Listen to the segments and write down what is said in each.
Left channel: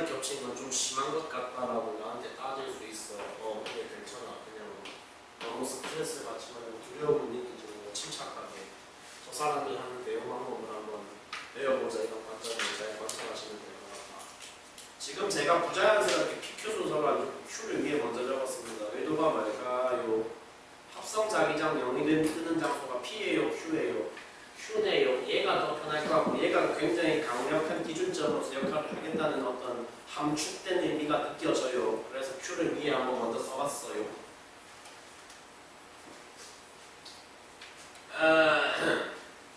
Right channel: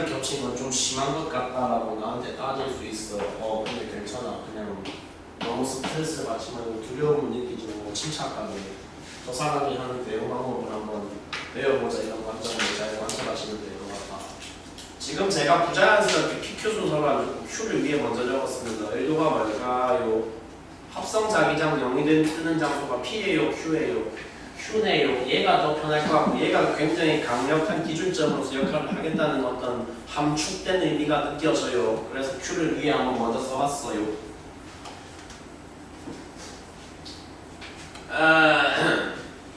가지 겹친 건 좀 심한 것 같다라고 나한테 따질 수 있어. 근데 괜찮아. 그냥 너무 스트레스 받지 말고 두려움을 느끼지 말고 침착하게 저 사람이 하는 대응 방법을 한번 배워보자 이런 관점으로 잘 관찰하시면 될 것 같아. 지금 제가 부자연스럽게 PQ 순서로 안 적고 Q를 위에 먼저 적었습니다. 의도가 뭘까요? 합성 자기장 0이 된 뜨는 장소가 P예요, Q예요? Q네요. 얘가 더 편할 것 같고 얘가 굉장히 강력한 기준점으로서 역할을 하겠다는 어떤 함축된 의미가 느껴져요. 그래서 Q를 위에 한번 먼저 써봤어요.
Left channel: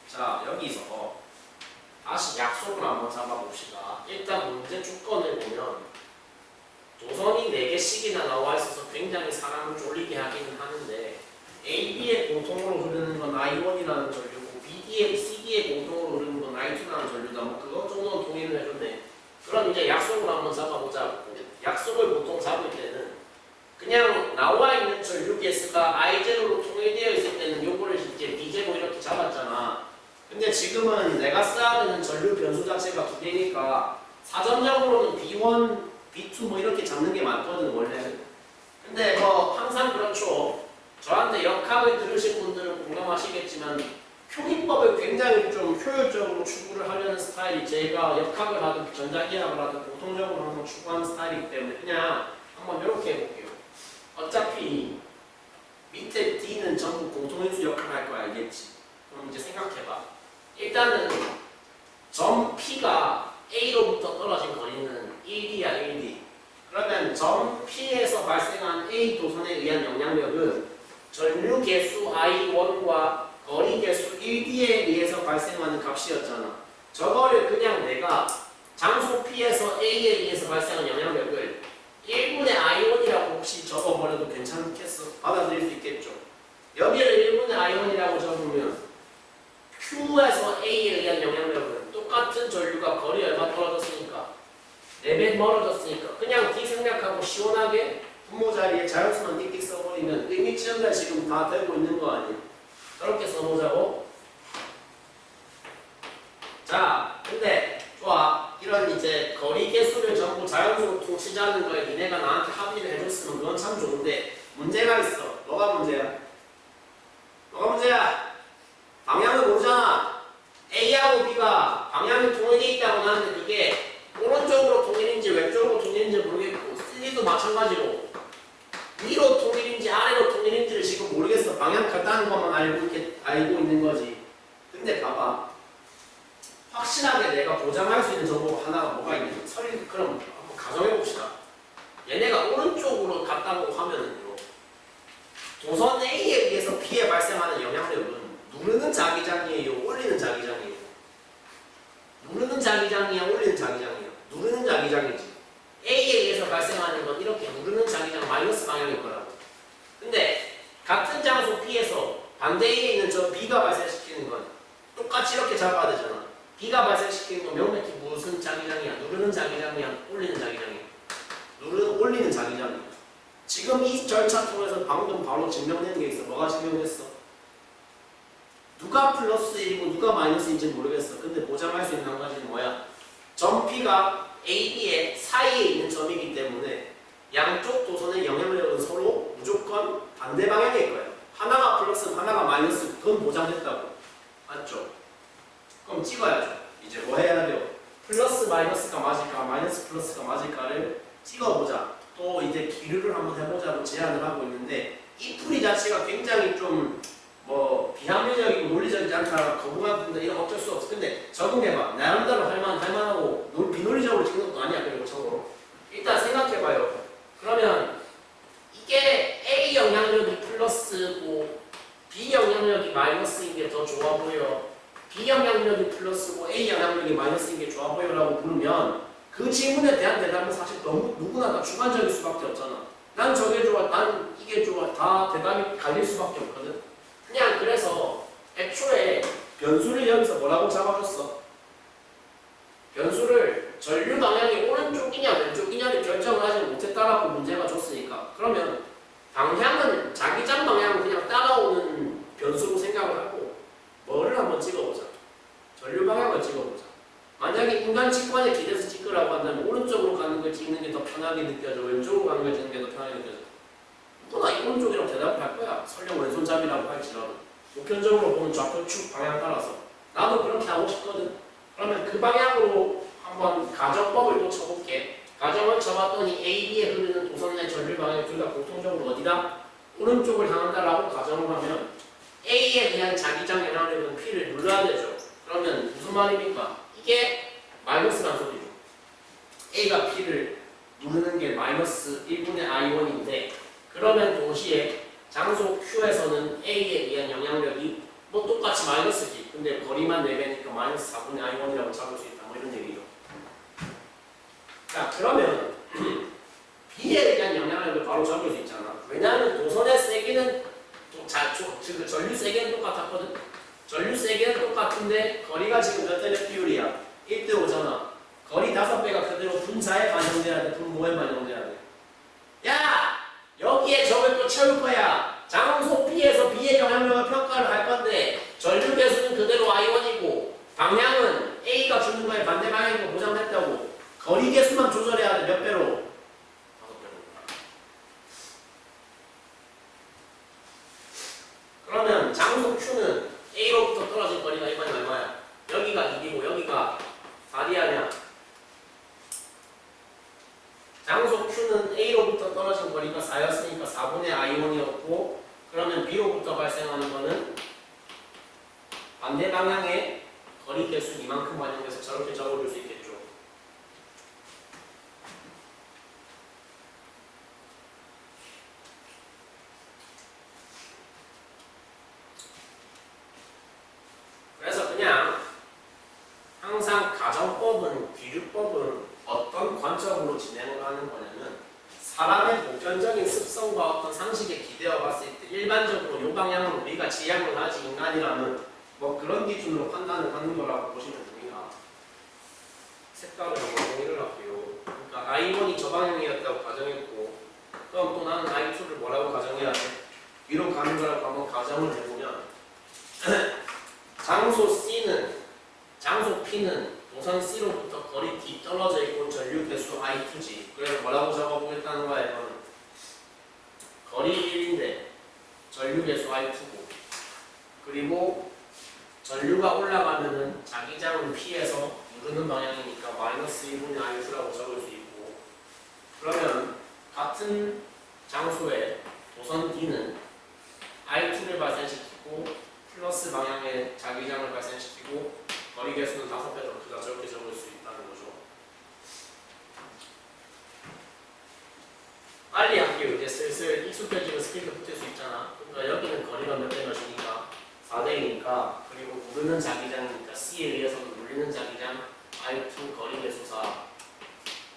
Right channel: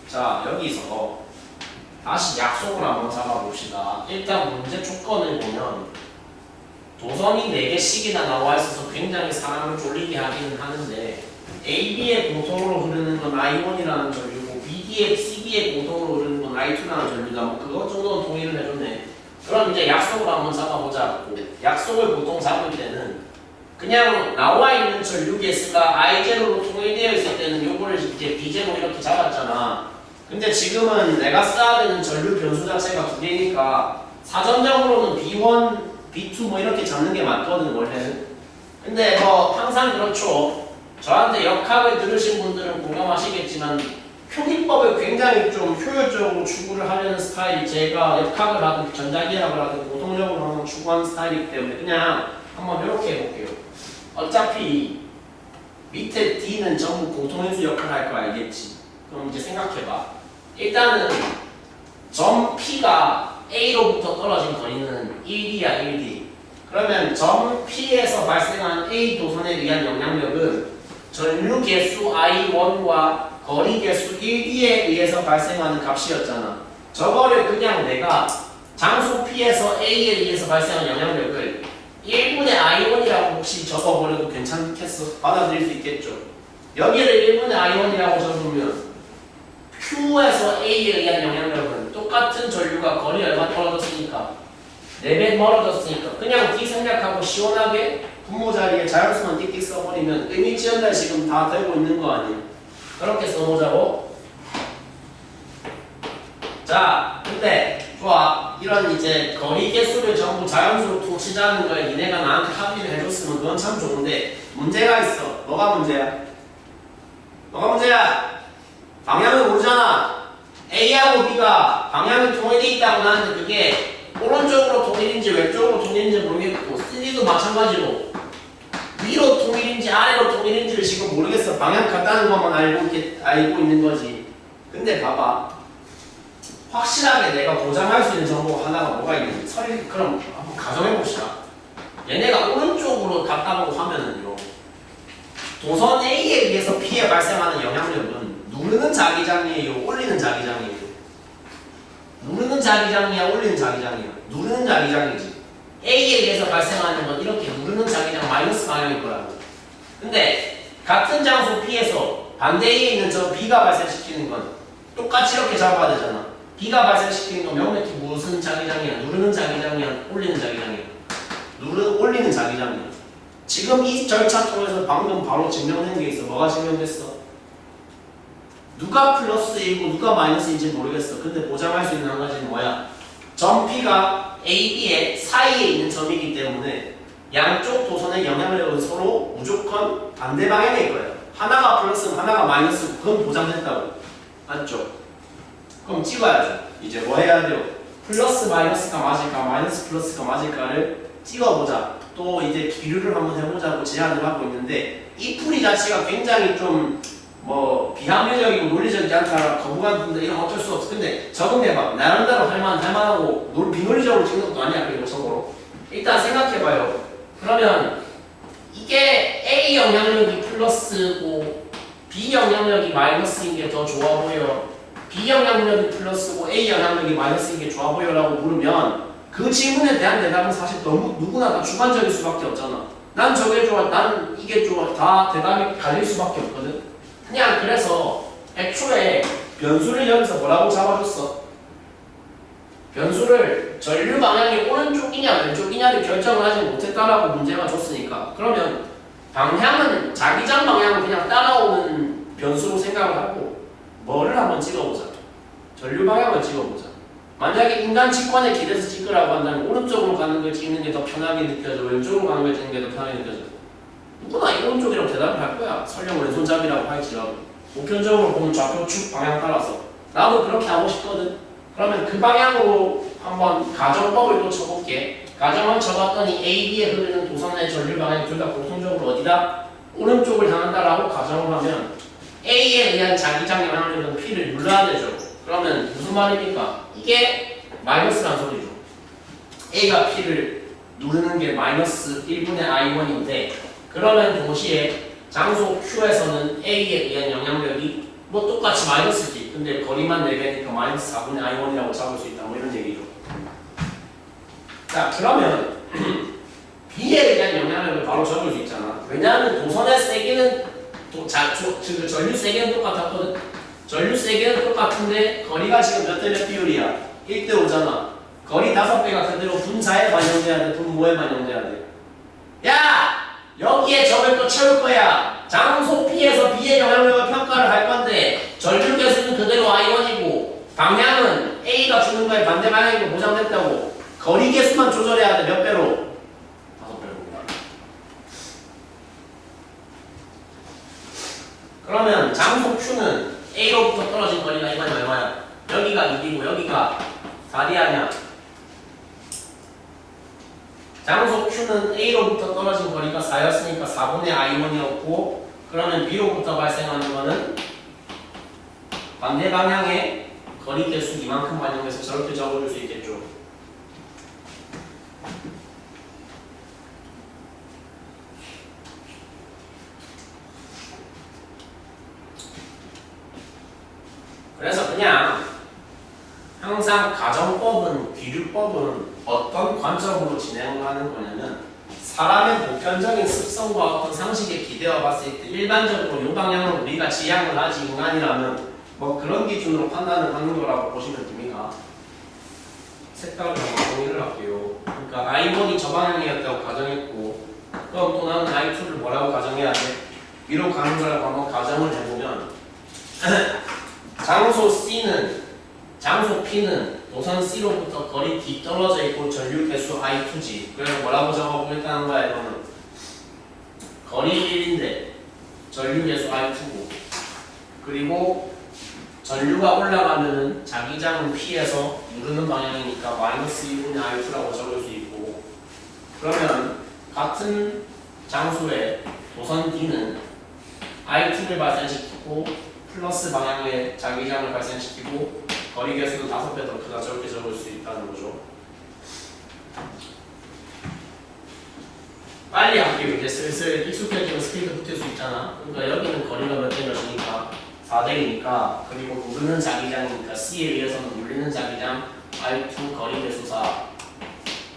자, 여기서 다시 약속을 한번 잡아봅시다. 일단 문제 조건을 보면 도선이 4개씩이나 나와 있어서 굉장히 사람을 쫄리게 하기는 하는데 AB의 공통으로 흐르는 건 I1이라는 전류고 BD의 CD의 공통으로 흐르는 건 I2라는 전류다. 뭐 그것 정도는 동의를 해줬네. 그럼 이제 약속을 한번 잡아보자고. 약속을 보통 잡을 때는 그냥 나와 있는 전류 개수가 I0로 통일되어 있을 때는 요거를 이제 B0 이렇게 잡았잖아. 근데 지금은 내가 써야 되는 전류 변수 자체가 2개니까 사전적으로는 B1, B2 뭐 이렇게 잡는 게 맞거든 원래는. 근데 뭐 항상 그렇죠. 저한테 역학을 들으신 분들은 공감하시겠지만 표기법을 굉장히 좀 효율적으로 추구를 하려는 스타일이 제가 역학을 하든 전자기학을 하든 고동적으로 항상 추구하는 스타일이기 때문에 그냥 한번 이렇게 해볼게요. 어차피 밑에 D는 전부 공통인수 역할을 할 거 알겠지? 그럼 이제 생각해봐. 일단은 점 P가 A로부터 떨어진 거리는 1D야 1D. 그러면 점 P에서 발생한 A 도선에 의한 영향력은 전류 개수 I1과 거리 개수 1D에 의해서 발생하는 값이었잖아. 저거를 그냥 내가 장소 P에서 A에 의해서 발생한 영향력을 1분의 I1이라고 혹시 적어버려도 괜찮겠어? 받아들일 수 있겠죠? 여기를 1분의 I1이라고 적으면 Q에서 A에 의한 영향력은 똑같은 전류가 거리 얼마 떨어졌으니까 4배 멀어졌으니까 그냥 D 생략하고 시원하게 분모 자리에 자연수만 띡띡 써버리면 의미 지연달 지금 다 되고 있는 거 아니에요? 그렇게 써보자고. 자, 근데 좋아. 이런 이제 거리 개수를 전부 자연수로 통치자는 걸 니네가 나한테 합의를 해줬으면 그건 참 좋은데 문제가 있어. 뭐가 문제야? 뭐가 문제야? 방향을 모르잖아. A하고 B가 방향이 통일되어 있다고 나는데 그게 오른쪽으로 통일인지 왼쪽으로 통일인지 모르겠고 C도 마찬가지로 위로 통일인지 아래로 통일인지를 지금 모르겠어. 방향 같다는 것만 알고 있는 거지. 근데 봐봐. 확실하게 내가 보장할 수 있는 정보가 하나가 뭐가 있는지 그럼 한번 가정해봅시다. 얘네가 오른쪽으로 갔다고 하면은요. 도선 A에 의해서 P에 발생하는 영향력은 누르는 자기장이에요? 올리는 자기장이에요? 누르는 자기장이야? 올리는 자기장이야? 누르는 자기장이지. A에 의해서 발생하는 건 이렇게 누르는 자기장 마이너스 방향일 거라고. 근데 같은 장소 P에서 반대에 있는 저 B가 발생시키는 건 똑같이 이렇게 잡아야 되잖아. B가 발생시키는 건 명백히 무슨 자기장이야? 누르는 자기장이야? 올리는 자기장이야? 올리는 자기장이야. 지금 이 절차 통해서 방금 바로 증명된 게 있어. 뭐가 증명됐어? 누가 플러스이고 누가 마이너스인지 모르겠어. 근데 보장할 수 있는 한 가지는 뭐야? 점 P가 A, B의 사이에 있는 점이기 때문에 양쪽 도선의 영향력은 서로 무조건 반대 방향일 거예요. 하나가 플러스면 하나가 마이너스, 그건 보장됐다고. 맞죠? 그럼 찍어야죠. 이제 뭐 해야 돼요? 플러스 마이너스가 맞을까, 마이너스 플러스가 맞을까를 찍어보자. 또 이제 기류를 한번 해보자고 제안을 하고 있는데 이 풀이 자체가 굉장히 좀 뭐 비합리적이고 논리적이지 않다 거부감 든다 이런 어쩔 수 없어. 근데 적응해봐. 나름대로 할만하고 비논리적으로 찍는 것도 아니야. 그리고 적으로 일단 생각해봐요. 그러면 이게 A 영향력이 플러스고 B 영향력이 마이너스인 게 더 좋아 보여? B 영향력이 플러스고 A 영향력이 마이너스인 게 좋아 보여라고 물으면 그 질문에 대한 대답은 사실 너무 누구나 다 주관적일 수밖에 없잖아. 난 저게 좋아, 난 이게 좋아, 다 대답이 갈릴 수밖에 없거든. 그냥 그래서 애초에 변수를 여기서 뭐라고 잡아줬어? 변수를 전류 방향이 오른쪽이냐 왼쪽이냐를 결정을 하지 못했다라고 문제가 줬으니까 그러면 방향은 자기장 방향은 그냥 따라오는 변수로 생각을 하고 뭐를 한번 찍어보자. 전류 방향을 찍어보자. 만약에 인간 직관에 기대서 찍으라고 한다면 오른쪽으로 가는 걸 찍는 게 더 편하게 느껴져, 왼쪽으로 가는 걸 찍는 게 더 편하게 느껴져. 누구나 이 오른쪽이라고 대답을 할 거야. 설령 왼손잡이라고 할지라도. 보편적으로 보면 좌표 축 방향 따라서. 나도 그렇게 하고 싶거든. 그러면 그 방향으로 한번 가정법을 또 쳐볼게. 가정을 쳐봤더니 A, B에 흐르는 도선의 전류 방향이 둘 다 공통적으로 어디다? 오른쪽을 향한다라고 가정을 하면 A에 의한 자기장 영향력은 P를 눌러야 되죠. 그러면 무슨 말입니까? 이게 마이너스란 소리죠. A가 P를 누르는 게 마이너스 1분의 I1인데 그러면 동시에 장소 Q에서는 A에 의한 영향력이 뭐 똑같이 마이너스지. 근데 거리만 4개니까 마이너스 4분의 I1이라고 잡을 수 있다. 뭐 이런 얘기죠. 자 그러면 B에 의한 영향력을 바로 적을 수 있잖아. 왜냐하면 도선의 세기는 전류 세기는 똑같았거든. 전류 세기는 똑같은데 거리가 지금 몇 대 몇 비율이야? 1대 5잖아. 거리 5배가 그대로 분자에 반영돼야 돼? 분모에 반영돼야 돼? 야! 여기에 점을 또 채울 거야. 장소 P에서 B의 영향력을 평가를 할 건데 전류 개수는 그대로 I1이고 방향은 A가 주는 거에 반대 방향이고 보장됐다고. 거리 개수만 조절해야 돼. 몇 배로? 5배로. 그러면 장소 Q는 A로부터 떨어진 거리가 이만이 얼마야? 여기가 2이고 여기가 4이 아니야. 장소 Q는 A로부터 떨어진 거리가 4였으니까 4분의 I1이었고 그러면 B로부터 발생하는 거는 반대 방향의 거리 개수 이만큼 반영해서 저렇게 적어줄 수 있겠죠. 그래서 그냥 항상 가정법은, 귀류법은 어떤 관점으로 진행을 하는 거냐면 사람의 보편적인 습성과 어떤 상식에 기대어 봤을 때 일반적으로 이 방향으로 우리가 지향을 하지 인간이라면 뭐 그런 기준으로 판단을 하는 거라고 보시면 됩니다. 색깔을 한번 정의를 할게요. 그러니까 I1이 저 방향이었다고 가정했고 그럼 또 나는 I2를 뭐라고 가정해야 돼? 위로 가는 거라고 한번 가정을 해보면 장소 P는 도선 C로부터 거리 D 떨어져 있고 전류 개수 I2지. 그래서 뭐라고 적어보겠다는 거야 이거는? 거리 1인데 전류 개수 I2고 그리고 전류가 올라가면은 자기장은 P에서 누르는 방향이니까 마이너스 2분의 I2라고 적을 수 있고 그러면 같은 장소에 도선 D는 I2를 발생시키고 플러스 방향의 자기장을 발생시키고 거리 개수는 5배 더 크다. 저렇게 적을 수 있다는 거죠. 빨리 할게요. 이제 슬슬 익숙해지면 스피드 붙일 수 있잖아. 그러니까 여기는 거리가 몇 대 몇이니까 4대이니까 그리고 누르는 자기장이니까 C에 의해서는 눌리는 자기장 I2 거리 개수 4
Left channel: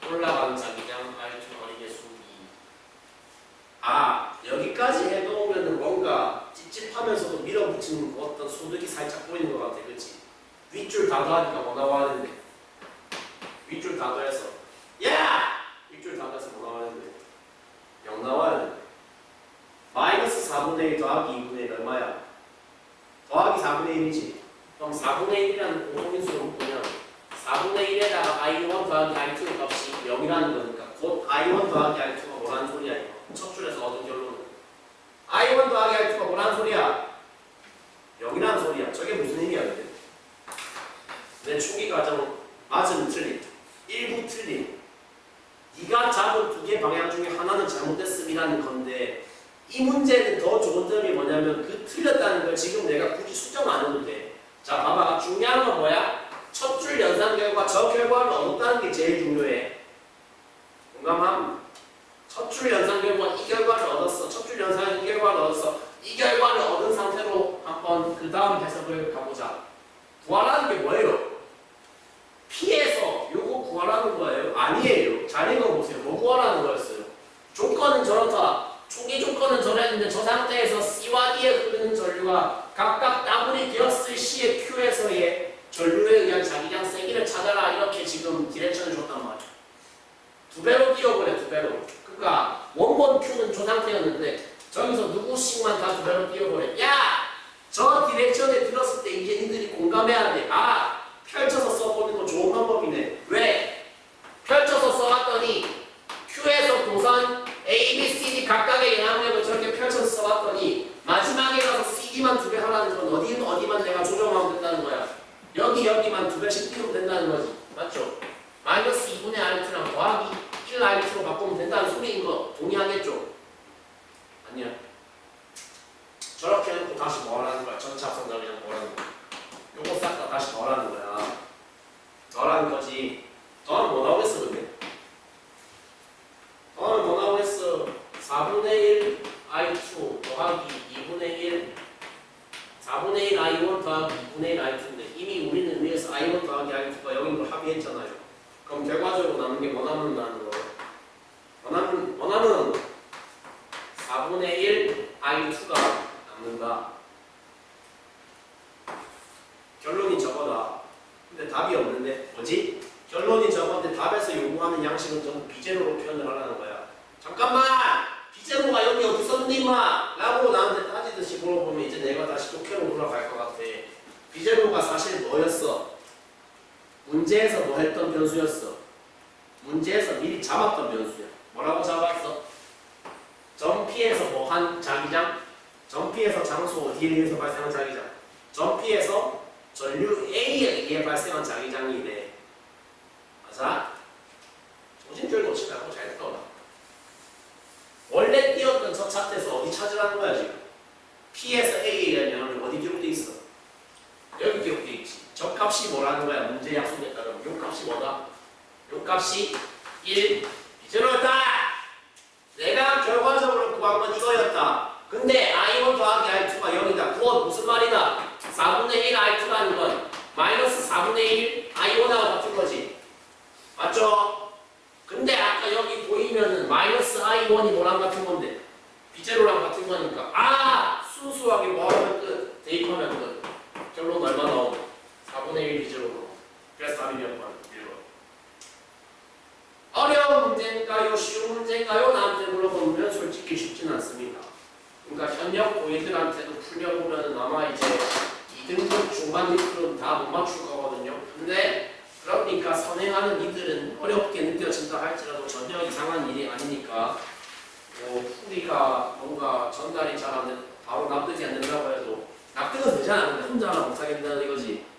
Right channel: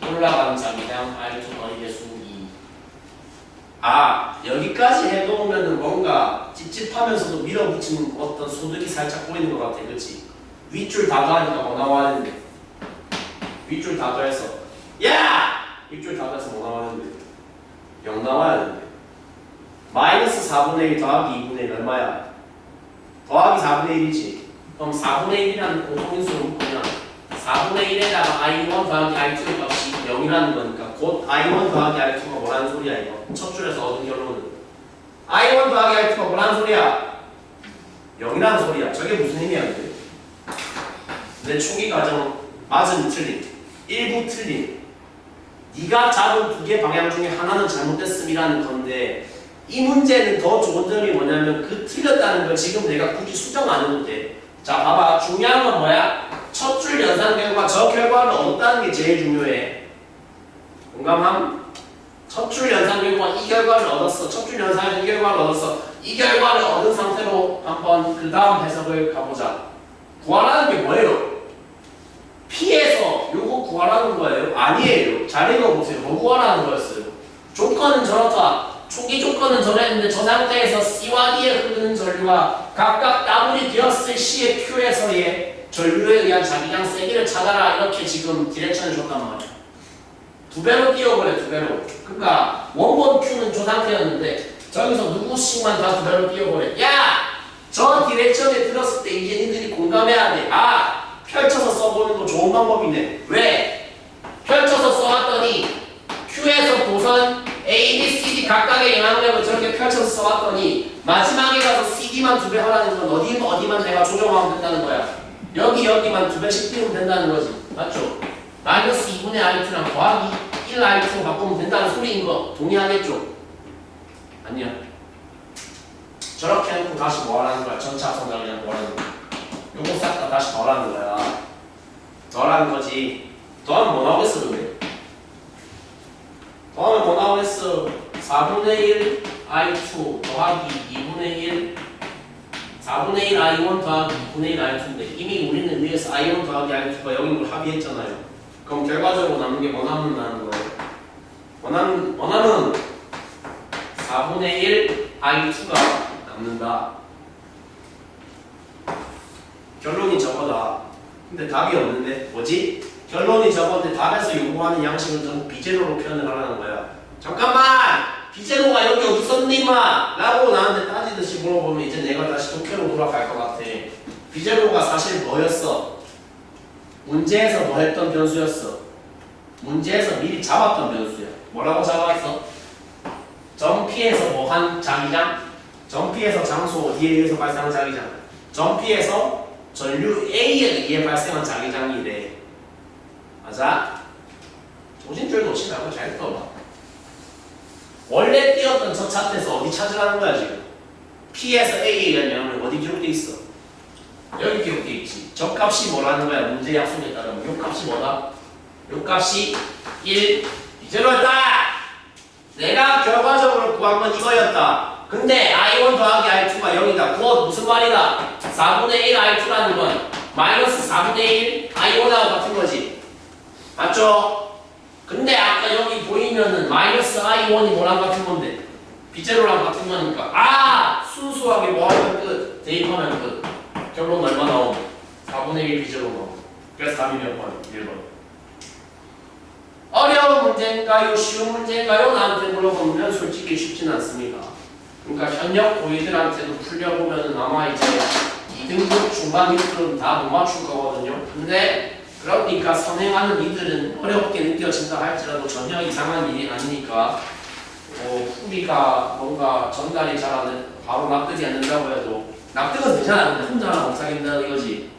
올라가는 자기장 I2 거리 개수 2. 아 여기까지 해놓으면 뭔가 찝찝하면서도 밀어붙이는 어떤 소득이 살짝 보이는 것 같아. 그치? 윗줄 다 더하니까 뭐 나와야 되는데 윗줄 다 더해서 야! 윗줄 다 더해서 뭐 나와야 되는데 0 나와야 되는데 마이너스 4분의 1 더하기 2분의 1 얼마야? 더하기 4분의 1이지. 그럼 4분의 1이라는 공통인수를 묶으면 4분의 1에다가 I1 더하기 I2의 값이 0이라는 거니까 곧 I1 더하기 I2가 뭐라는 소리야 이거. 첫 줄에서 얻은 결론은 I1 더하기 I2가 뭐라는 소리야? 0이라는 소리야. 저게 무슨 의미야 근데? 내 초기 과정 맞음 틀림, 일부 틀림. 네가 잡은 2개 방향 중에 하나는 잘못됐음이라는 건데 이 문제는 더 좋은 점이 뭐냐면 그 틀렸다는 걸 지금 내가 굳이 수정 안 해도 돼. 자 봐봐. 중요한 건 뭐야? 첫 줄 연산 결과 저 결과를 얻었다는 게 제일 중요해. 공감함? 첫 줄 연산 결과 이 결과를 얻었어. 첫 줄 연산에서 이 결과를 얻었어. 이 결과를 얻은 상태로 한번 그 다음 해석을 가보자. 구하라는 게 뭐예요? P에서 요거 구하라는 거예요? 아니에요. 잘 읽어보세요. 뭐 구하라는 거였어요? 조건은 저렇다. 초기 조건은 저랬는데 저 상태에서 C와 D에 흐르는 전류가 각각 더블이 되었을 시의 Q에서의 전류에 의한 자기장 세기를 찾아라. 이렇게 지금 디렉션을 줬단 말이야. 2배로 띄워버려. 2배로. 그러니까 원본 Q는 저 상태였는데 저기서 누구씩만 다 2배로 띄워버려. 야! 저 디렉션에 들었을 때 이제 니들이 공감해야 돼. 아! 펼쳐서 써보는 거 좋은 방법이네. 왜? 펼쳐서 써왔더니 Q에서 도선 A, B, C, D 각각의 영향력을 저렇게 펼쳐서 써왔더니 마지막에 가서 CD만 2배 하라는 건 어디만 내가 조정하면 된다는 거야. 여기만 2배씩 띄우면 된다는 거지. 맞죠? 마이너스 2분의 R2랑 더하기 1 R2로 바꾸면 된다는 소리인 거 동의하겠죠? 아니야. 저렇게 해놓고 다시 뭐 하라는 거야? 전체 합성자기장 뭐 하라는 거야? 요거 싹 다 다시 더하라는 거야. 더하라는 거지. 더하면 뭐 나오겠어 근데? 더하면 뭐 나오겠어? 4분의 1 I2 더하기 2분의 1 4분의 1 I1 더하기 2분의 1 I2인데 이미 우리는 위에서 I1 더하기 I2가 여긴 걸 합의했잖아요. 그럼 결과적으로 남는 게 뭐 남는 거예요? 원하는 4분의 1 I2가 남는다. 결론이 저거다. 근데 답이 없는데 뭐지? 결론이 저건데 답에서 요구하는 양식은 전부 비제로로 표현을 하라는 거야. 잠깐만! 비제로가 여기 어디 있었니 임마? 라고 나한테 따지듯이 물어보면 이제 내가 다시 독해로 돌아갈 것 같아. 비제로가 사실 뭐였어? 문제에서 뭐 했던 변수였어? 문제에서 미리 잡았던 변수야. 뭐라고 잡았어? 점피에서 뭐 한 자기장? 점피에서 장소 어디에 의해서 발생한 자기장? 점피에서 전류 A에 의해 발생한 자기장이래. 맞아? 정신줄 놓지 말고 잘 떠봐. 원래 띄었던 저 차트에서 어디 찾으라는 거야 지금? P에서 A에 의한 영향을 어디 기록돼 있어? 여기 기록돼 있지. 저 값이 뭐라는 거야? 문제 약속에 따르면 요 값이 뭐다? 요 값이 1 비제로였다. 내가 결과적으로 구한 건 이거였다. 근데 I1 더하기 I2가 0이다. 그거 무슨 말이다? 4분의 1 I2라는 건 마이너스 4분의 1 I1하고 같은 거지. 맞죠? 근데 아까 여기 보이면은 마이너스 I1이 뭐랑 같은 건데? 비제로랑 같은 거니까. 아! 순수하게 뭐 하면 끝. 대입하면 끝. 결론 얼마 나오면? 4분의 1 비제로 나오면. 그래서 답이 몇 번? 1번. 어려운 문제인가요? 쉬운 문제인가요? 나한테 물어보면 솔직히 쉽진 않습니다. 그러니까 현역 고이들한테도 풀려보면 아마 이제 2등급 중반이들은 다 못 맞출 거거든요. 근데 그러니까 선행하는 이들은 어렵게 느껴진다 할지라도 전혀 이상한 일이 아니니까 풀이가 뭔가 전달이 잘 안 돼, 바로 납득이 안 된다고 해도 납득은 되잖아. 근데 혼자 하나 못 하겠다는 이거지.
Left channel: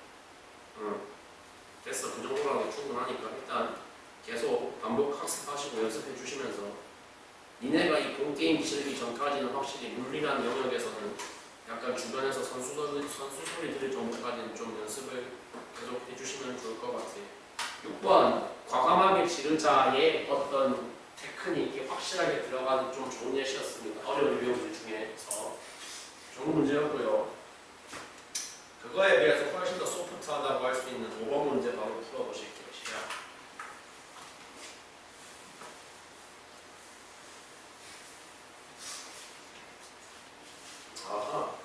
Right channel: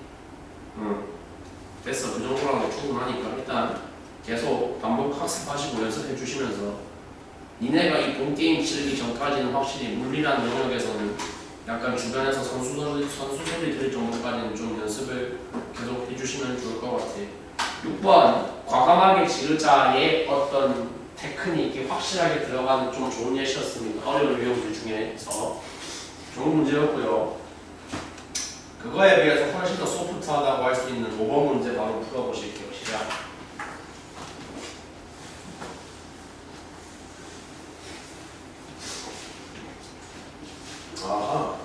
됐어. 그 정도라도 충분하니까 일단 계속 반복 학습하시고 연습해 주시면서 니네가 이 본게임 치르기 전까지는 확실히 물리라는 영역에서는 약간 주변에서 선수 소리 들을 정도까지는 좀 연습을 계속 해주시면 좋을 것 같아요. 6번 과감하게 지르자의 어떤 테크닉이 확실하게 들어가는 좀 좋은 예시였습니다. 어려운 유형들 중에서 좋은 문제였고요. 그거에 비해서 훨씬 더 소프트하다고 할 수 있는 5번 문제 바로 풀어보실게요. 시작. 아하.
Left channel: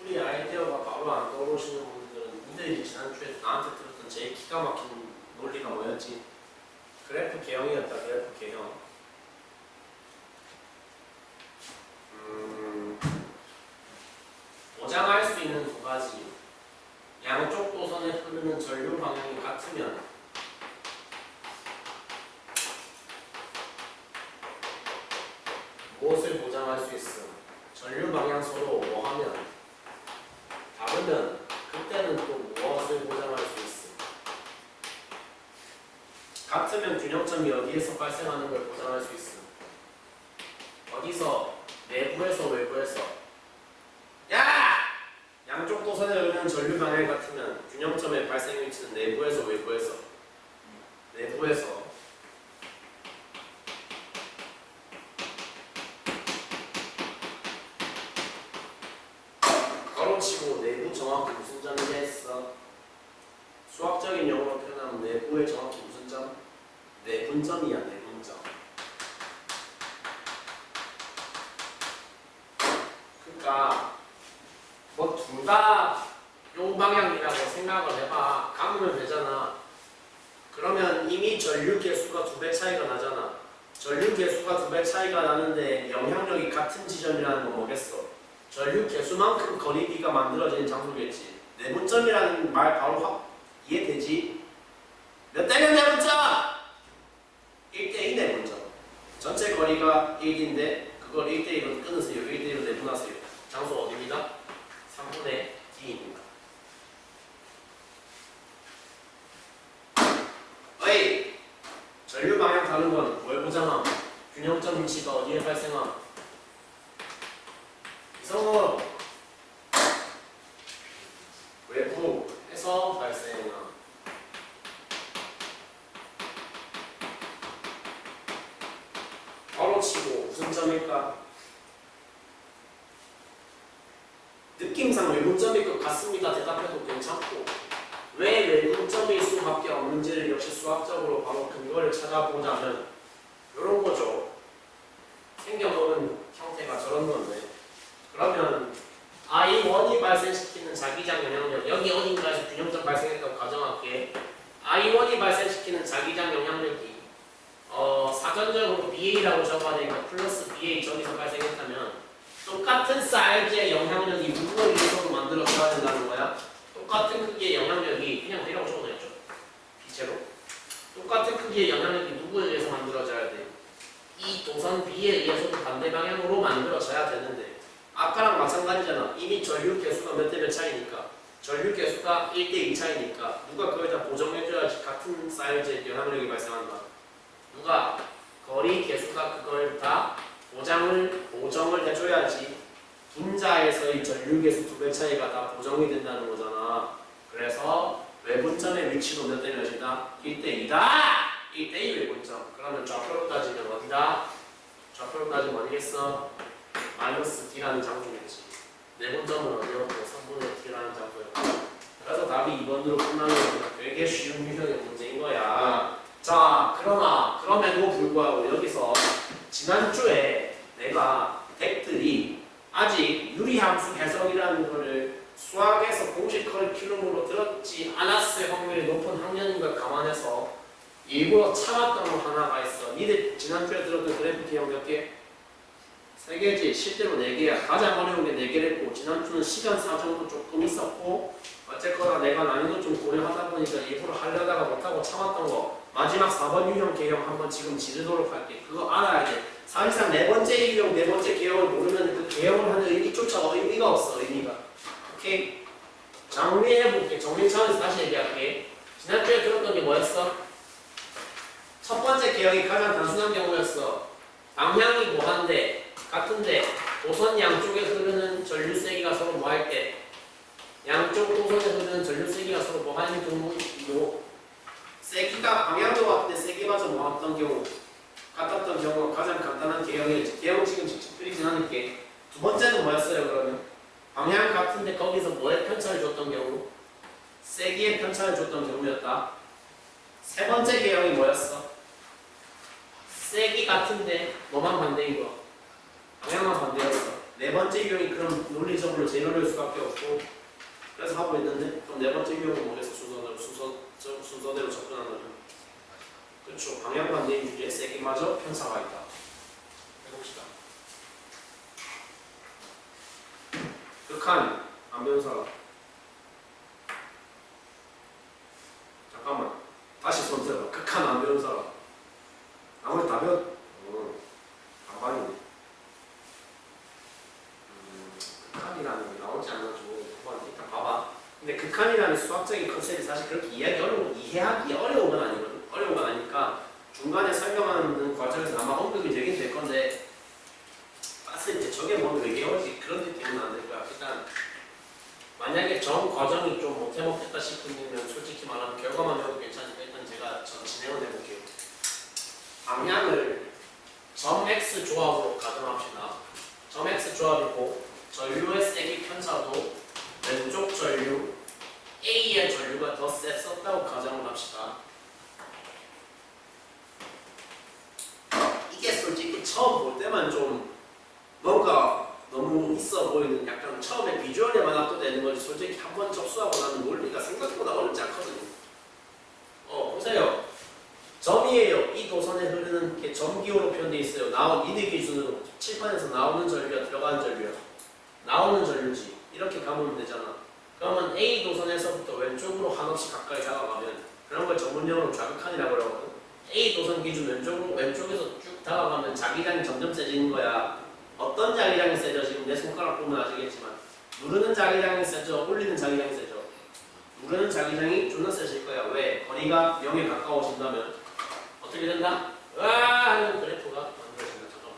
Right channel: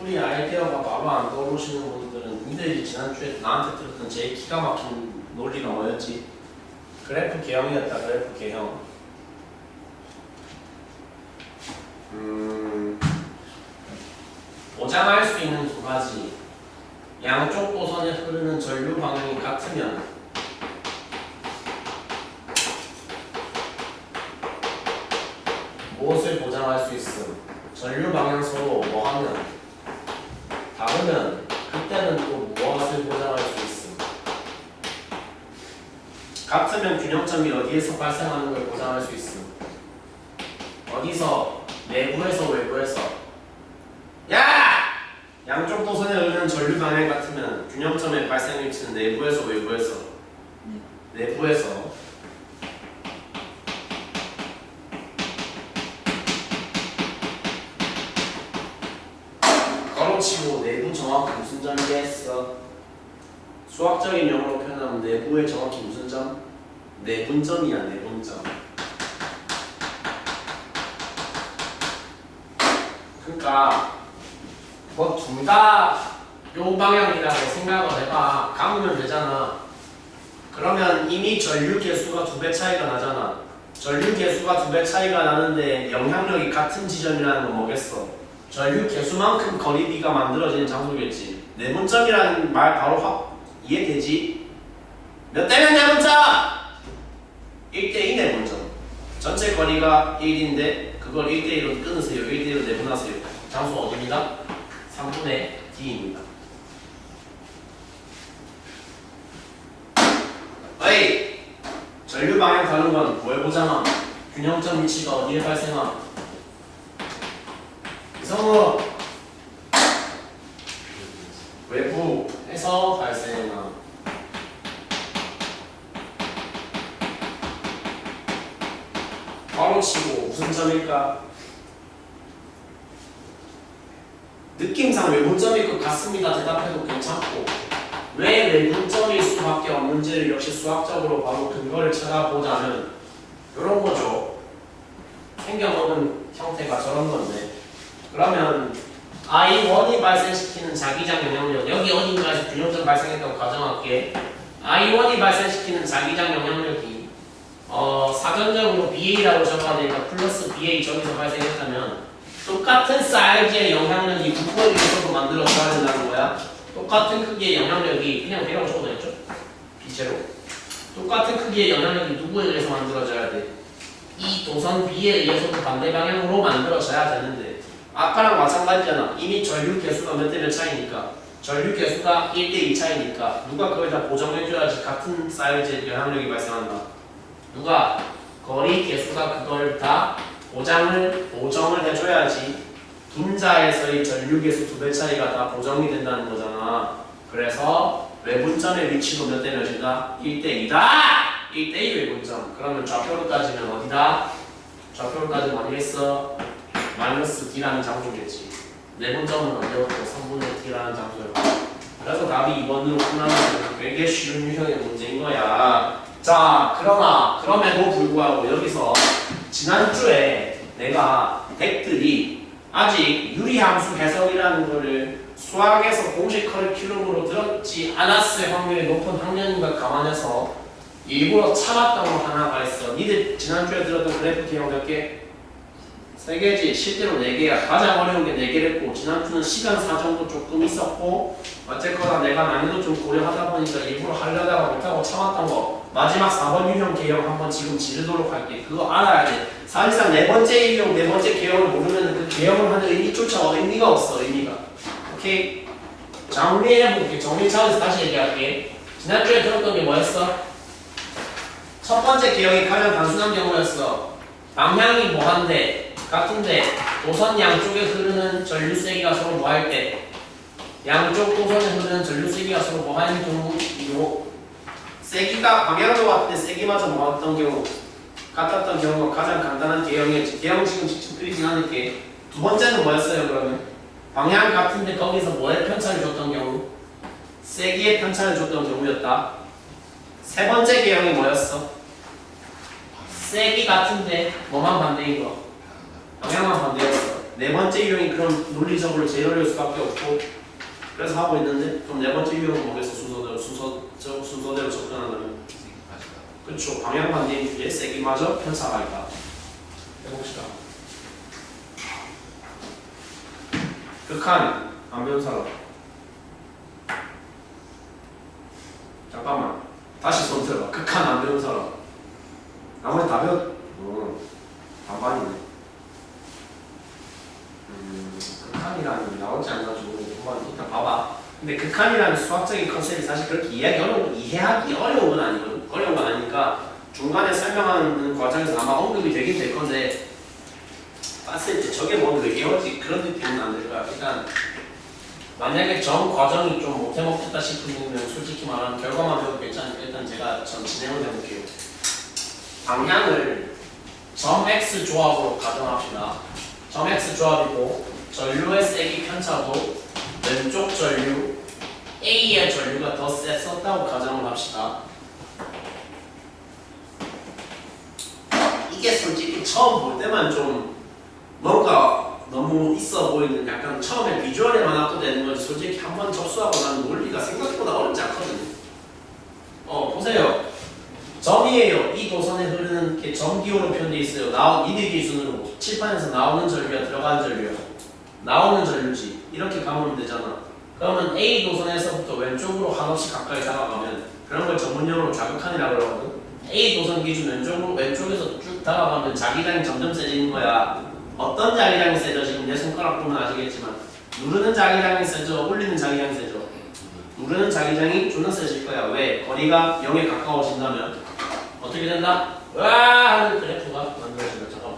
우리 아이디어가 바로 안 떠오르시는 분들은 이들이 지난주에 나한테 들었던 제일 기가 막힌 논리가 뭐였지? 그래프 개형이었다. 그래프 개형. 보장할 수 있는 두 가지. 양쪽 도선에 흐르는 전류 방향이 같으면 무엇을 보장할 수 있음? 전류 방향서로 뭐 하면 다르면 그때는 또 무엇을 보장할 수 있음? 같으면 균형점이 어디에서 발생하는 걸 보장할 수 있음? 어디서? 내부에서 외부에서? 야! 양쪽 도선에 흐르는 전류 방향 같으면 균형점의 발생 위치는 내부에서 외부에서? 내부에서. 구체적인 용어로 표현하면 내부의 정확히 무슨 점? 내분점이야, 내분점. 그러니까 뭐 둘 다 요 방향이라고 생각을 해봐. 감으면 되잖아. 그러면 이미 전류 개수가 2배 차이가 나잖아. 전류 개수가 2배 차이가 나는데 영향력이 같은 지점이라는 건 뭐겠어? 전류 개수만큼 거리비가 만들어지는 장소겠지. 내분점이라는 말 바로 확 이해되지? 몇 대면 내분점? 1대2 내분점. 전체 거리가 1인데 그걸 1대1로 끊으세요. 1대1로 내분하세요. 장소 어디입니다? 3분의 D입니다. 어이! 전류 방향 다른 건 뭘 보잖아? 균형점 위치가 어디에 발생함? 이성으로 외부에서 발생함. 바로 치고 무슨 점일까? 느낌상 외분점일 것 같습니다. 대답해도 괜찮고 왜 외분점일 수밖에 없는지를 역시 수학적으로 바로 근거를 찾아보자면 이런 거죠. 생겨먹은 형태가 저런 건데 그러면 I1이 발생시키는 자기장 영향력 여기 어딘가에서 균형점 발생했다고 가정할게. I1이 발생시키는 자기장 영향력이 사전적으로 BA라고 적어야 되니까 플러스 BA 저기서 발생했다면 똑같은 사이즈의 영향력이 누구에 의해서도 만들어져야 된다는 거야. 똑같은 크기의 영향력이 그냥 B라고 적어도 있죠? B제로 똑같은 크기의 영향력이 누구에 의해서 만들어져야 돼? 이 도선 B에 의해서도 반대 방향으로 만들어져야 되는데 아까랑 마찬가지잖아. 이미 전류 개수가 몇 대 몇 차이니까 전류 개수가 1대2 차이니까 누가 그걸 다 보정해줘야지 같은 사이즈의 영향력이 발생한다. 누가? 거리 개수가 그걸 다 보정을 해줘야지 분자에서의 전류 개수 2배 차이가 다 보정이 된다는 거잖아. 그래서 외분점의 위치도 몇 대 몇이다? 1대2다! 1대2 외분점. 그러면 좌표로 따지면 어디다? 좌표로 따지면 어디겠어? 마이너스 D라는 장소겠지. 내분점은 어디였고 3분의 D라는 장소였고. 그래서 답이 2번으로 끝나는 건 되게 쉬운 유형의 문제인 거야. 자, 그럼에도 불구하고 여기서 지난주에 내가 덱들이 아직 유리함수 해석이라는 거를 수학에서 공식 커리큘럼으로 들었지 않았을 확률이 높은 학년인 걸 감안해서 일부러 참았던 거 하나가 있어. 니들 지난주에 들었던 그래프 기억 몇 개? 3개지. 실제로 4개야. 가장 어려운 게 4개를 했고 지난주는 시간 사정도 조금 있었고 어쨌거나 내가 난이도 좀 고려하다 보니까 일부러 하려다가 못하고 참았던 거 마지막 4번 유형 개형 한번 지금 지르도록 할게. 그거 알아야 돼. 사실상 4번째 유형, 4번째 개형을 모르면 그 개형을 하는 의미조차 의미가 없어. 의미가. 오케이? 정리해볼게. 정리 차원에서 다시 얘기할게. 지난주에 들었던 게 뭐였어? 첫 번째 개형이 가장 단순한 경우였어. 방향이 뭐한데 같은데 도선 양쪽에 흐르는 전류 세기가 서로 뭐할 때 양쪽 도선에 흐르는 전류 세기가 서로 뭐하는 경우 세기가 방향도 같은데 세기마저 뭐했던 경우 같았던 경우가 가장 간단한 개형이었지. 개형 지금 직접 그리진 않을게. 두 번째는 뭐였어요 그러면? 방향 같은데 거기서 뭐에 편차를 줬던 경우? 세기의 편차를 줬던 경우였다. 세 번째 개형이 뭐였어? 세기 같은데 뭐만 반대인 거? 방향만 반대였어. 네 번째 유형이 그럼 논리적으로 제일 어려울 수밖에 없고 그래서 하고 있는데 그럼 네 번째 유형은 뭐겠어? 순서대로 접근하려면 그렇죠. 방향 반대인 주에 세기마저 편차가 있다. 해봅시다. 극한 안 배운 사람 잠깐만 다시 손 들어봐. 극한 안 배운 사람 나머지 다 배웠 반반이네. 극한이라는 게 나올지 안 나올지 모르겠는데 한번 일단 봐봐. 근데 극한이라는 수학적인 컨셉이 사실 그렇게 이해하기 어려운 건 아니거든. 어려운 건 아니니까 중간에 설명하는 과정에서 아마 언급이 되긴 될 건데 봤을 때 저게 뭔 외계어지 그런 느낌은 안 들 거야. 일단 만약에 전 과정이 좀 못해먹겠다 싶으면 솔직히 말하면 결과만 배워도 괜찮으니까 일단 제가 전 진행을 해볼게요. 방향을 점 X 조합으로 가정합시다. 점 X 조합이고 전류의 세기 편차도 왼쪽 전류 A의 전류가 더 셌었다고 가정을 합시다. 이게 솔직히 처음 볼 때만 좀 뭔가 너무 있어 보이는 약간 처음에 비주얼에만 압도되는 거지 솔직히 한번 접수하고 나면 논리가 생각보다 어렵지 않거든요. 보세요. 점이에요. 이 도선에 흐르는 게 점기호로 표현되어 있어요. 미드 기준으로 칠판에서 나오는 전류야 들어가는 전류야. 나오는 전류지. 이렇게 가면 되잖아. 그러면 A 도선에서부터 왼쪽으로 한없이 가까이 다가가면 그런 걸 전문용어로 좌극한이라고 그러거든. A 도선 기준 왼쪽에서 쭉 다가가면 자기장이 점점 세지는 거야. 어떤 자기장이 세져? 지금 내 손가락 보면 아시겠지만 누르는 자기장이 세져? 올리는 자기장이 세져? 누르는 자기장이 존나 세질 거야. 왜? 거리가 0에 가까워진다면 어떻게 된다? 와 하는 그래프가 만들어진다. 잠깐만.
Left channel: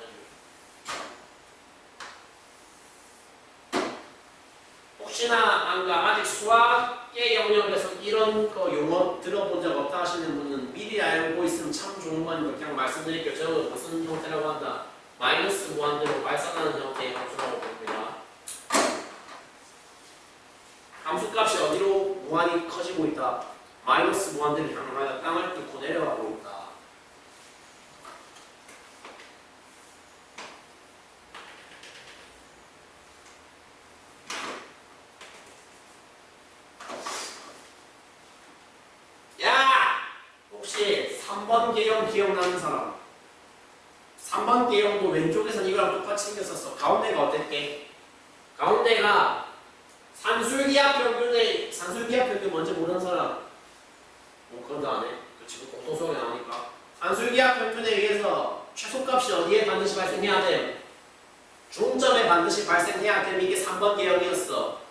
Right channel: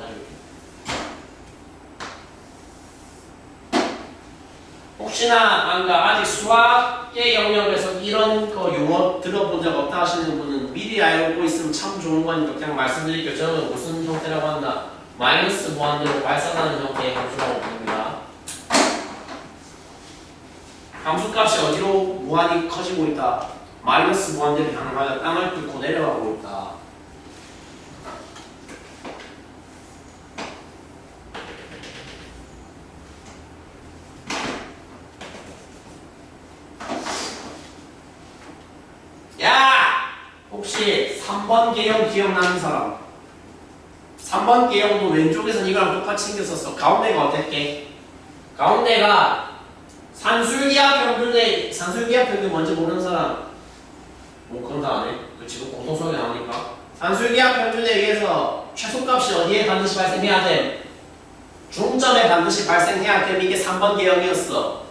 혹시나 아직 수학의 영역에서 이런 거 용어 들어본 적 없다 하시는 분은 미리 알고 있으면 참 좋은 거니까 그냥 말씀드릴게요. 저는 무슨 형태라고 한다? 마이너스 무한대로 발산하는 형태의 함수라고 부릅니다. 함수값이 어디로 무한히 커지고 있다? 마이너스 무한대로 향하여 땅을 뚫고 내려가고 있다. 혹시 3번 개형 기억나는 사람? 3번 개형도 왼쪽에서 이거랑 똑같이 생겼었어. 가운데가 어땠게? 가운데가 산술기압 평균 뭔지 모르는 사람? 뭐 그런 거 안 해? 그 지금 공통소리 나오니까. 산술기압 평균에 의해서 최소값이 어디에 반드시 발생해야 돼? 중점에 반드시 발생해야 돼. 이게 3번 개형이었어.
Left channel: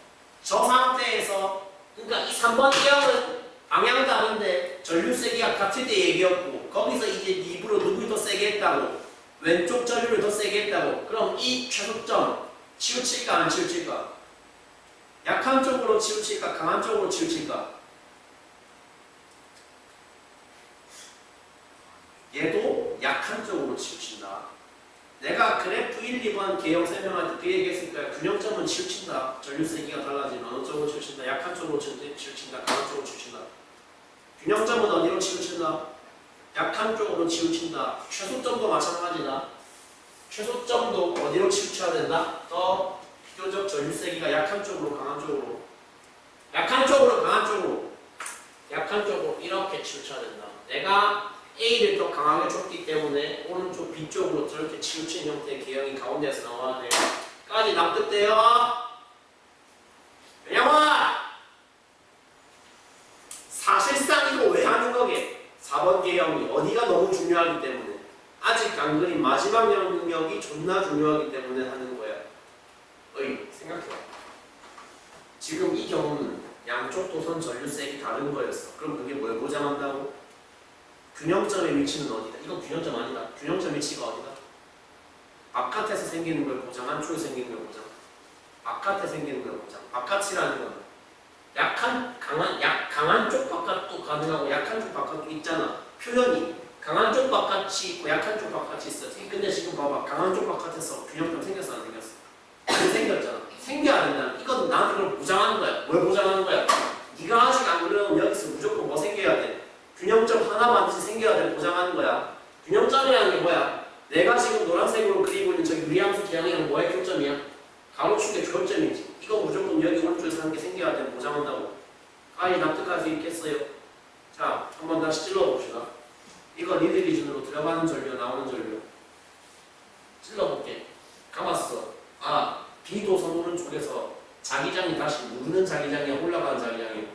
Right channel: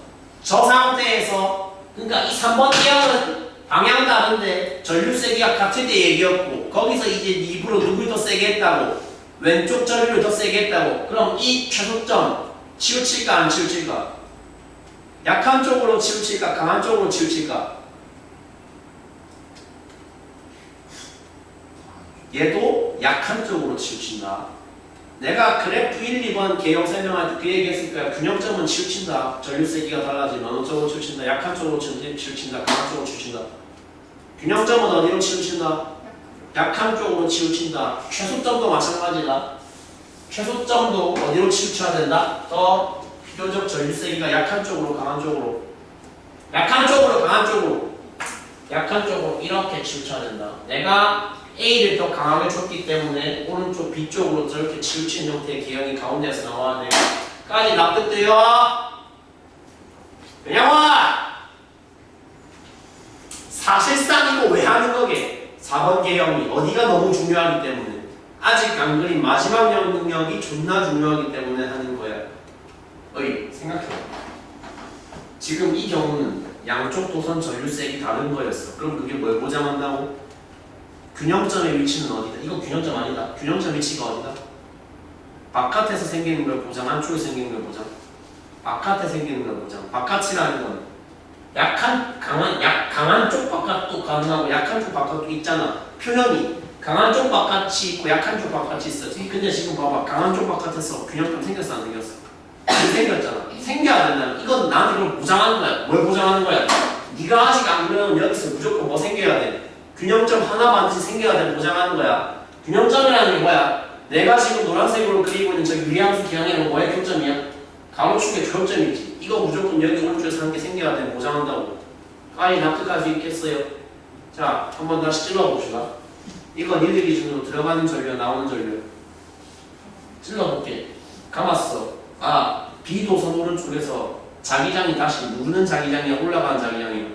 저 상태에서 그러니까 이 3번 개형은 방향 다른데 전류 세기가 같을 때 얘기였고 거기서 이제 입으로 누굴 더 세게 했다고 왼쪽 전류를 더 세게 했다고 그럼 이 최소점 치우칠까 안 치우칠까? 약한 쪽으로 치우칠까 강한 쪽으로 치우칠까? 얘도 약한 쪽으로 치우친다. 내가 그래프 1, 2번 개형 설명할 때 그 얘기 했을 거야. 균형점은 치우친다. 전류 세기가 달라지면 어느 쪽으로 치우친다. 약한 쪽으로 치우친다. 강한 쪽으로 치우친다. 균형점은 어디로 치우친다? 약한 쪽으로 치우친다. 최소점도 마찬가지다. 최소점도 어디로 치우쳐야 된다? 더 비교적 전류 세기가 약한 쪽으로 강한 쪽으로 약한 쪽으로 강한 쪽으로 약한 쪽으로 이렇게 치우쳐야 된다. 내가 A를 더 강하게 줬기 때문에 오른쪽 B쪽으로 저렇게 치우친 형태의 개형이 가운데에서 나와야 돼. 까지 납득돼요? 왜냐면 사실상 이거 왜 하는 거게? 4번 개형이 어디가 너무 중요하기 때문에 아직 안 그린 마지막 영역이 존나 중요하기 때문에 하는 거야. 생각해봐. 지금 이 경우는 양쪽 도선 전류색이 다른 거였어. 그럼 그게 뭘 보장한다고? 균형점의 위치는 어디다? 이거 균형점 아니다. 균형점 위치가 어디다? 바깥에서 생기는 걸 보장, 안쪽에 생기는 걸 보장. 바깥에 생기는 걸 보장. 바깥이라는 건 강한 쪽 바깥도 가능하고 약한 쪽 바깥도 있잖아. 표현이 강한 쪽 바깥이 있고 약한 쪽 바깥이 있어. 근데 지금 봐봐. 강한 쪽 바깥에서 균형점 생겼어 안 생겼어? 안 생겼잖아. 생겨야 된다면 이건 나한테 그걸 보장하는 거야. 뭘 보장하는 거야? 네가 아직 안 그러면 여기서 무조건 뭐 생겨야 돼? 균형점 하나 반드시 생겨야 돼. 보장하는 거야. 균형점이라는 게 뭐야? 내가 지금 노란색으로 그리고 있는 저 유리함수 기형이랑 뭐의 교점이야? 가로축의 교점이지. 이거 무조건 여기 오른쪽에서 한 개 생겨야 돼. 보장한다고. 까지 납득할 수 있겠어요? 자, 한번 다시 찔러봅시다. 이건 니들 기준으로 들어가는 전류와 나오는 전류. 찔러볼게. 감았어. B도선 오른쪽에서 자기장이 다시 누르는 자기장이야? 올라가는 자기장이야?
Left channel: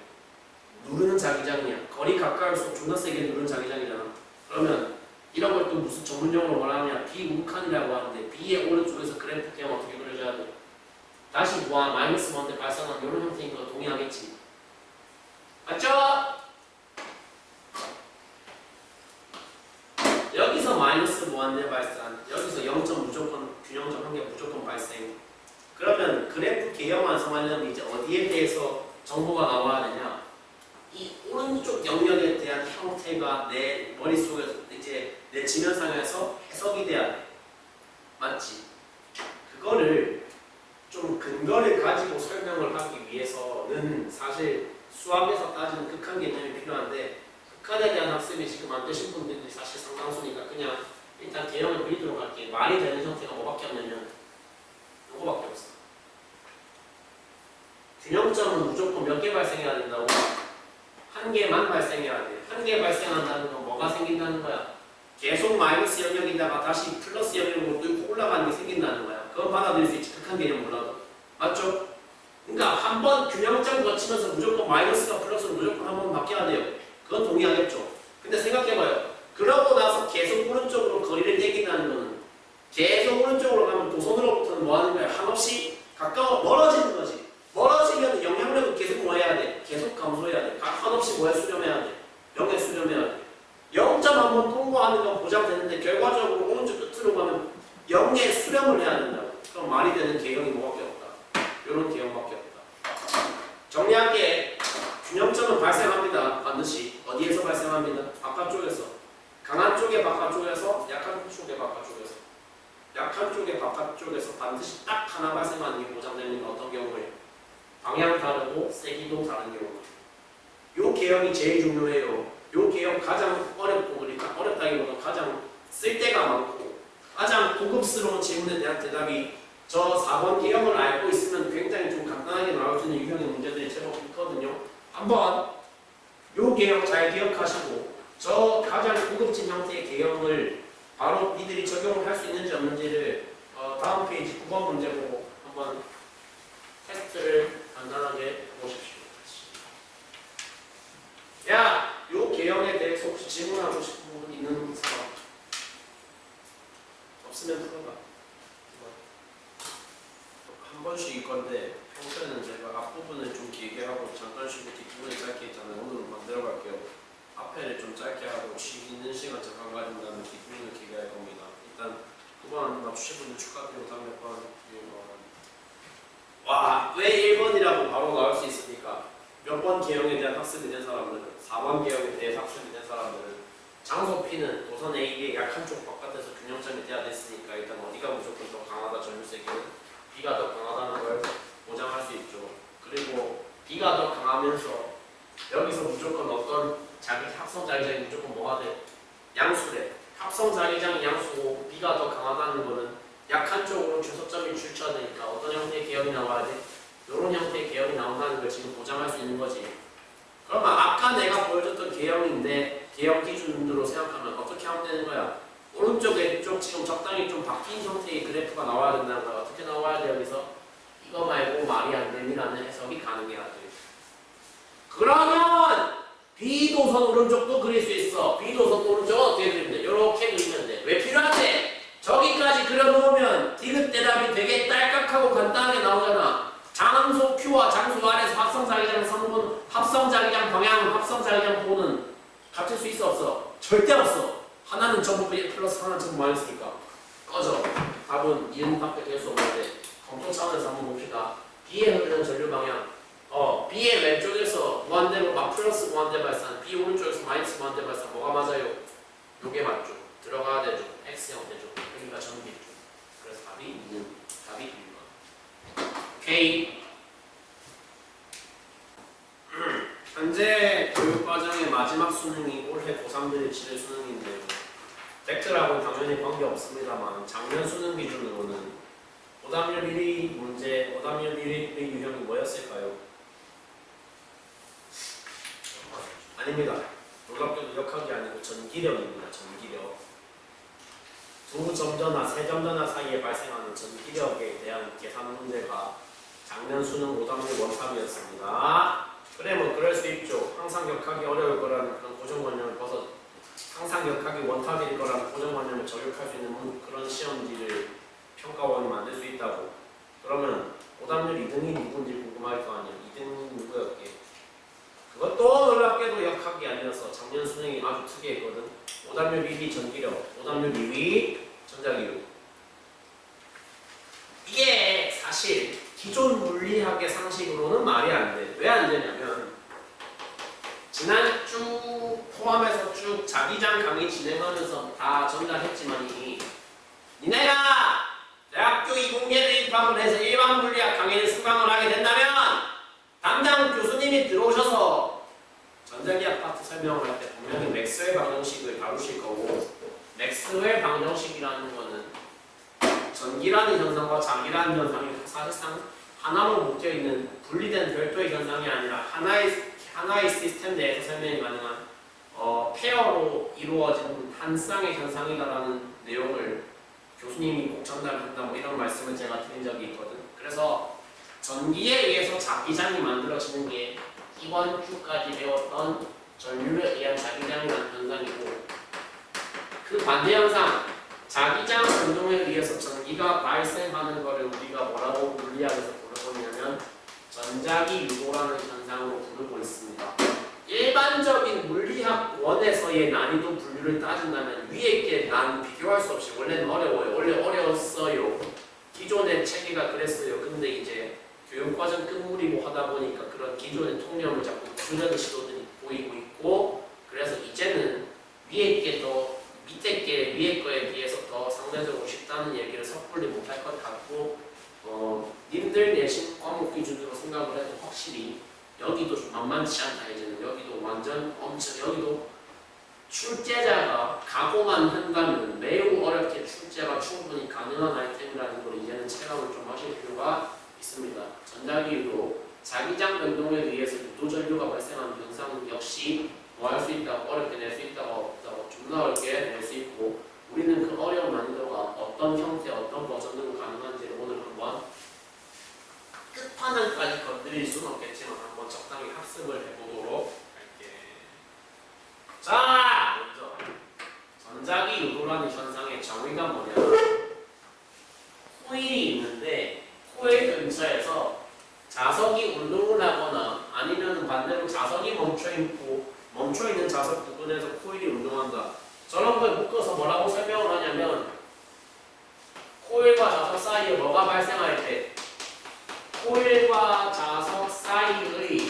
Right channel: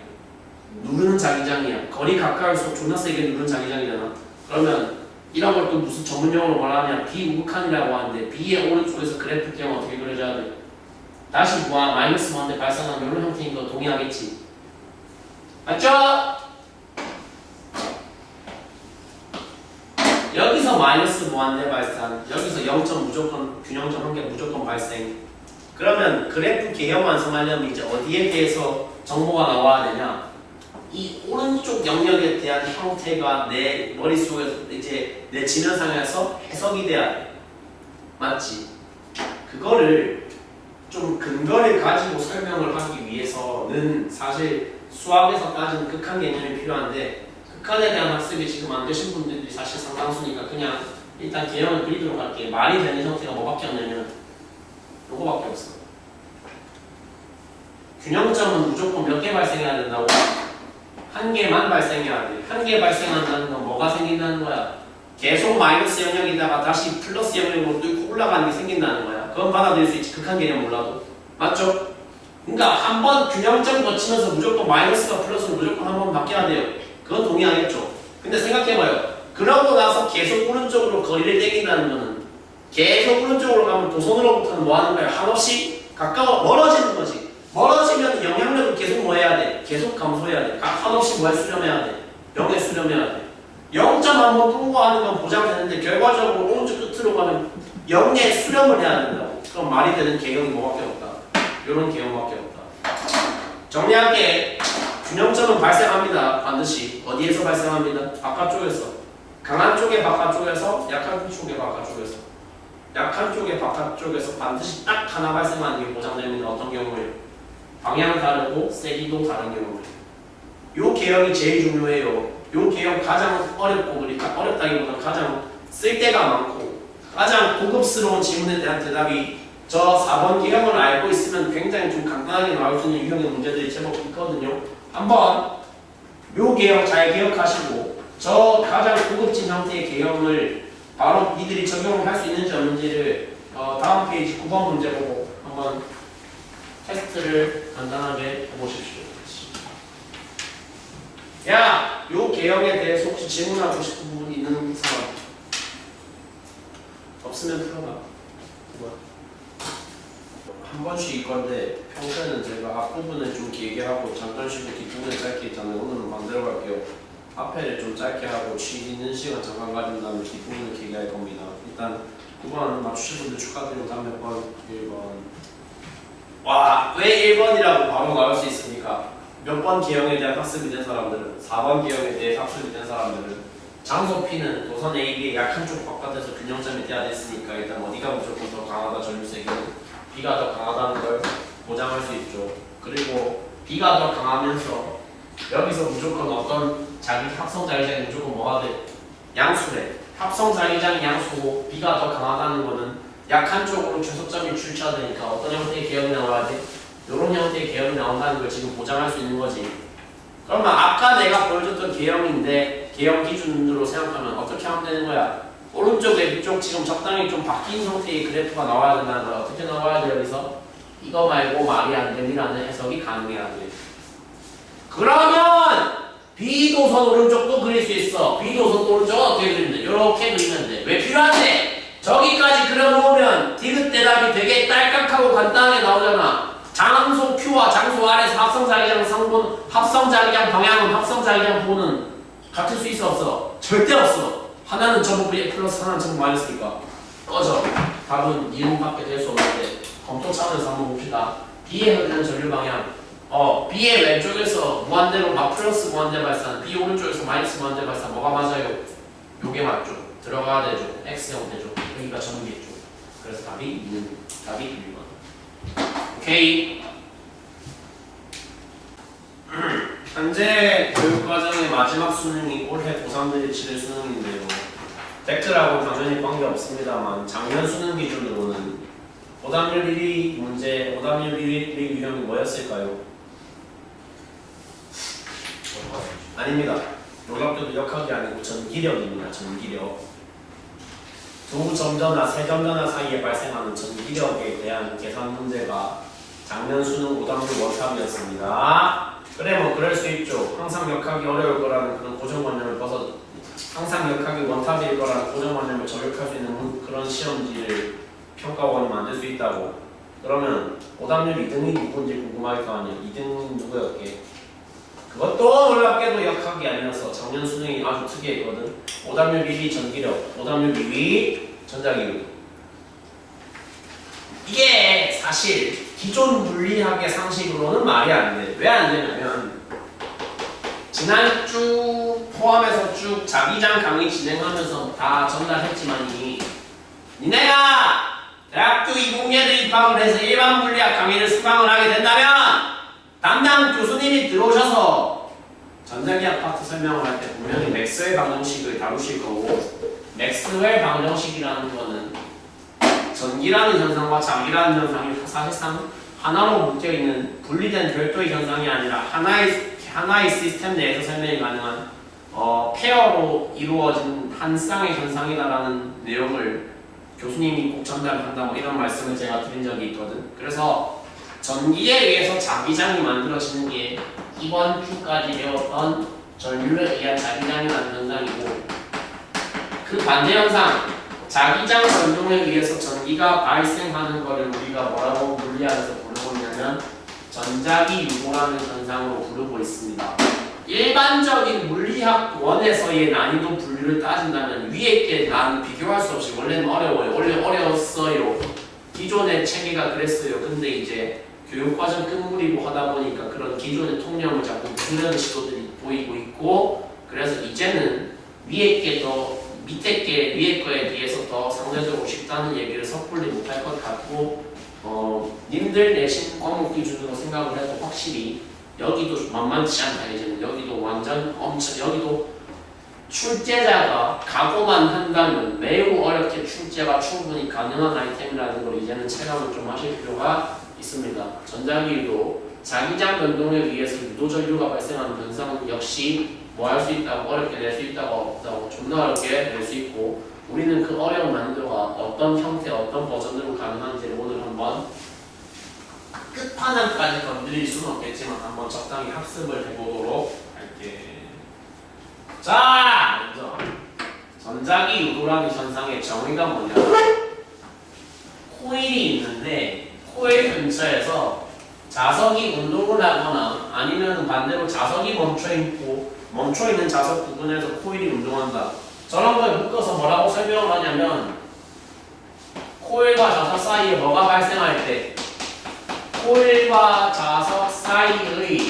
누르는 자기장이야. 거리 가까울수록 존나 세게 누르는 자기장이잖아. 그러면 이런 걸 또 무슨 전문용어로 뭐라 하냐? 비우극한이라고 하는데 B의 오른쪽에서 그래프 개형 어떻게 그려줘야 돼? 다시 마이너스 무한대 발산하는 이런 형태인 거 동의하겠지? 맞죠? 여기서 마이너스 무한대 발산, 여기서 0점 무조건 균형점 한 개 무조건 발생. 그러면 그래프 개형 완성하려면 이제 어디에 대해서 정보가 나와야 되냐? 이 오른쪽 영역에 대한 형태가 내 머릿속에서 이제 내 지면상에서 해석이 돼야 돼. 맞지? 그거를 좀 근거를 가지고 설명을 하기 위해서는 사실 수학에서 따지는 극한 개념이 필요한데 극한에 대한 학습이 지금 안 되신 분들이 사실 상당수니까 그냥 일단 개형을 그리도록 할게요. 말이 되는 형태가 뭐밖에 없냐면 요거밖에 없어. 균형점은 무조건 몇 개 발생해야 된다고? 한 개만 발생해야 돼. 한 개 발생한다는 건 뭐가 생긴다는 거야? 계속 마이너스 영역이다가 다시 플러스 영역으로 뚫고 올라가는 게 생긴다는 거야. 그건 받아들일 수 있지. 극한 개념 몰라도. 맞죠? 그러니까 한 번 균형점 거치면서 무조건 마이너스가 플러스로 무조건 한 번 바뀌어야 돼요. 그건 동의하겠죠. 근데 생각해봐요. 그러고 나서 계속 오른쪽으로 거리를 땡긴다는 거는 계속 오른쪽으로 가면 도선으로부터는 뭐 하는 거야? 한없이 가까워 멀어지는 거지. 멀어지면 영향력을 계속 뭐 해야 돼? 계속 감소해야 돼. 한없이 뭐에 수렴해야 돼? 0에 수렴해야 돼. 0점 한번 통과하는 건 보장되는데 결과적으로 오른쪽 끝으로 가면 0에 수렴을 해야 된다고. 그럼 말이 되는 개형이 뭐밖에 없다. 이런 개형밖에 없다. 정리할게. 균형점은 발생합니다. 반드시. 어디에서 발생합니다? 바깥쪽에서. 강한 쪽의 바깥쪽에서, 약한 쪽의 바깥쪽에서. 약한 쪽의 바깥쪽에서 반드시 딱 하나 발생하는 게 보장됩니다. 어떤 경우에? 방향 다르고 세기도 다른 경우에. 요 개형이 제일 중요해요. 요 개형 가장 어렵고, 그러니까 어렵다기보다 가장 쓸데가 많고 가장 고급스러운 질문에 대한 대답이 저 4번 개형을 알고 있으면 굉장히 좀 간단하게 나올 수 있는 유형의 문제들이 제법 있거든요. 한번 요 개형 잘 기억하시고 저 가장 고급진 형태의 개형을 바로 니들이 적용을 할 수 있는지 없는지를 다음 페이지 9번 문제 보고 한번 테스트를 간단하게 해보십시오. 야! 요 개형에 대해서 혹시 질문하고 싶은 부분 있는 사람? 없으면 풀어봐. 한 번씩 이건데 평소에는 제가 앞부분을 좀 길게 하고 잠깐 쉬고 뒷부분을 짧게 있잖아요. 오늘은 반대로 갈게요. 앞에를 좀 짧게 하고 쉬는 시간 잠깐 가진 다음에 뒷부분을 길게 할 겁니다. 일단 9번 맞추신 분들 축하드리고 다음 몇 번? 1번. 와, 왜 1번이라고 바로 나올 수 있습니까? 몇 번 개형에 대한 학습이 된 사람들은 4번 개형에 대해 학습이 된 사람들은 장소 P는 도선 AB의 약한 쪽 바깥에서 균형점이 돼야 됐으니까 일단 어디가 무조건 더 강하다 전류세기는 B가 더 강하다는 걸 보장할 수 있죠. 그리고 B가 더 강하면서 여기서 무조건 어떤 합성 자기장이 무조건 뭐가 돼? 양수래. 합성 자기장이 양수고 B가 더 강하다는 거는 약한 쪽으로 최소점이 출처되니까 어떤 형태의 개형이 나와야 돼? 이런 형태의 개형이 나온다는 걸 지금 보장할 수 있는 거지. 그러면 아까 내가 보여줬던 개형인데 개형 기준으로 생각하면 어떻게 하면 되는 거야? 오른쪽 왼쪽 지금 적당히 좀 바뀐 형태의 그래프가 나와야 된다는 거야. 어떻게 나와야 돼 여기서? 이거 말고 말이 안 되니라는 해석이 가능해야 돼. 그러면 B도선 오른쪽도 그릴 수 있어. B도선 오른쪽 어떻게 그리면 돼? 이렇게 그리면 돼. 왜 필요한데? 저기까지 그려놓으면 디귿 대답이 되게 딸깍하고 간단하게 나오잖아. 장소 Q와 장소 R에서 합성자기장 성분, 합성자기장 방향은 합성자기장 보는 같을 수 있어 없어? 절대 없어. 하나는 전부 V 플러스 하나는 전부 마이너스니까 꺼져. 답은 니은밖에 될 수 없는데 검토 차원에서 한번 봅시다. B에 흐르는 전류 방향 B의 왼쪽에서 무한대로 플러스 무한대 발산, B 오른쪽에서 마이너스 무한대 발산 뭐가 맞아요? 요게 맞죠. 들어가야 되죠. X 형태죠. 여기가 전기죠. 그래서 답이 2는 답이 1번. 오케이. 현재 교육과정의 마지막 수능이 올해 고3들이 치를 수능인데요. 팩트라고 당연히 관계없습니다만 작년 수능 기준으로는 오답률 1위 문제, 오답률 1위 유형이 뭐였을까요? 아닙니다. 놀랍게도 역학이 아니고 전기력입니다. 전기력. 두 점전화, 세 점전화 사이에 발생하는 전기력에 대한 계산 문제가 작년 수능 오답률 원탑이었습니다. 그래 뭐 그럴 수 있죠. 항상 역학이 어려울 거라는 그런 고정관념을 벗어 항상 역학이 원탑일 거라는 고정관념을 저격할 수 있는 그런 시험지를 평가원이 만들 수 있다고. 그러면 오답률 2등이 누군지 궁금할 거 아니야. 2등 누구였게? 그것도 놀랍게도 역학이 아니어서 작년 수능이 아주 특이했거든. 오답률 1위 전기력, 오답률 2위 전자기능. 이게 사실 기존 물리학의 상식으로는 말이 안 돼. 왜 안 되냐면 지난 주 포함해서 쭉 자기장 강의 진행하면서 다 전달했지만이 니네가 대학교 20년에 입학을 해서 일반 물리학 강의를 수강을 하게 된다면 담당 교수님이 들어오셔서 전자기학 파트 설명을 할 때 분명히 맥스웰 방정식을 다루실 거고, 맥스웰 방정식이라는 거는 전기라는 현상과 자기라는 현상이 사실상 하나로 묶여있는 분리된 별도의 현상이 아니라 하나의 시스템 내에서 설명이 가능한 페어로 이루어진 한 쌍의 현상이다라는 내용을 교수님이 꼭 전달한다 뭐 이런 말씀을 제가 드린 적이 있거든. 그래서 전기에 의해서 자기장이 만들어지는 게 이번 주까지 배웠던 전류에 의한 자기장이라는 현상이고, 그 반대 현상 자기장 변동에 의해서 전기가 발생하는 것을 우리가 뭐라고 물리학에서 부르고 있냐면 전자기 유도라는 현상으로 부르고 있습니다. 일반적인 물리학 원에서의 난이도 분류를 따진다면 위에 게 난 비교할 수 없이 원래는 어려워요. 원래 어려웠어요. 기존의 체계가 그랬어요. 근데 이제 교육과정 끝물이고 하다 보니까 그런 기존의 통념을 자꾸 부수려는 시도들이 보이고 있고, 그래서 이제는 위에 게 더 밑에 게 위에 거에 비해서 더 상대적으로 쉽다는 얘기를 섣불리 못할 것 같고, 님들 내신 과목 기준으로 생각을 해도 확실히 여기도 만만치 않다. 이제는 여기도 완전 여기도 출제자가 각오만 한다면 매우 어렵게 출제가 충분히 가능한 아이템이라는 걸 이제는 체감을 좀 하실 필요가 있습니다. 전자기 유도, 자기장 변동에 의해서 유도 전류가 발생하는 현상은 역시 뭐 할 수 있다고, 어렵게 낼 수 있다고 없다고, 존나 어렵게 낼 수 있고, 우리는 그 어려운 난이도가 어떤 형태, 어떤 버전으로 가능한지를 오늘 한번 끝판왕까지 건드릴 수는 없겠지만 한번 적당히 학습을 해보도록 할게. 자, 먼저 전자기 유도라는 현상의 정의가 뭐냐? 코일이 있는데 코일 근처에서 자석이 운동을 하거나 아니면 반대로 자석이 멈춰있는 자석 부분에서 코일이 운동한다. 저런 걸 묶어서 뭐라고 설명을 하냐면, 코일과 자석 사이에 뭐가 발생할 때 코일과 자석 사이의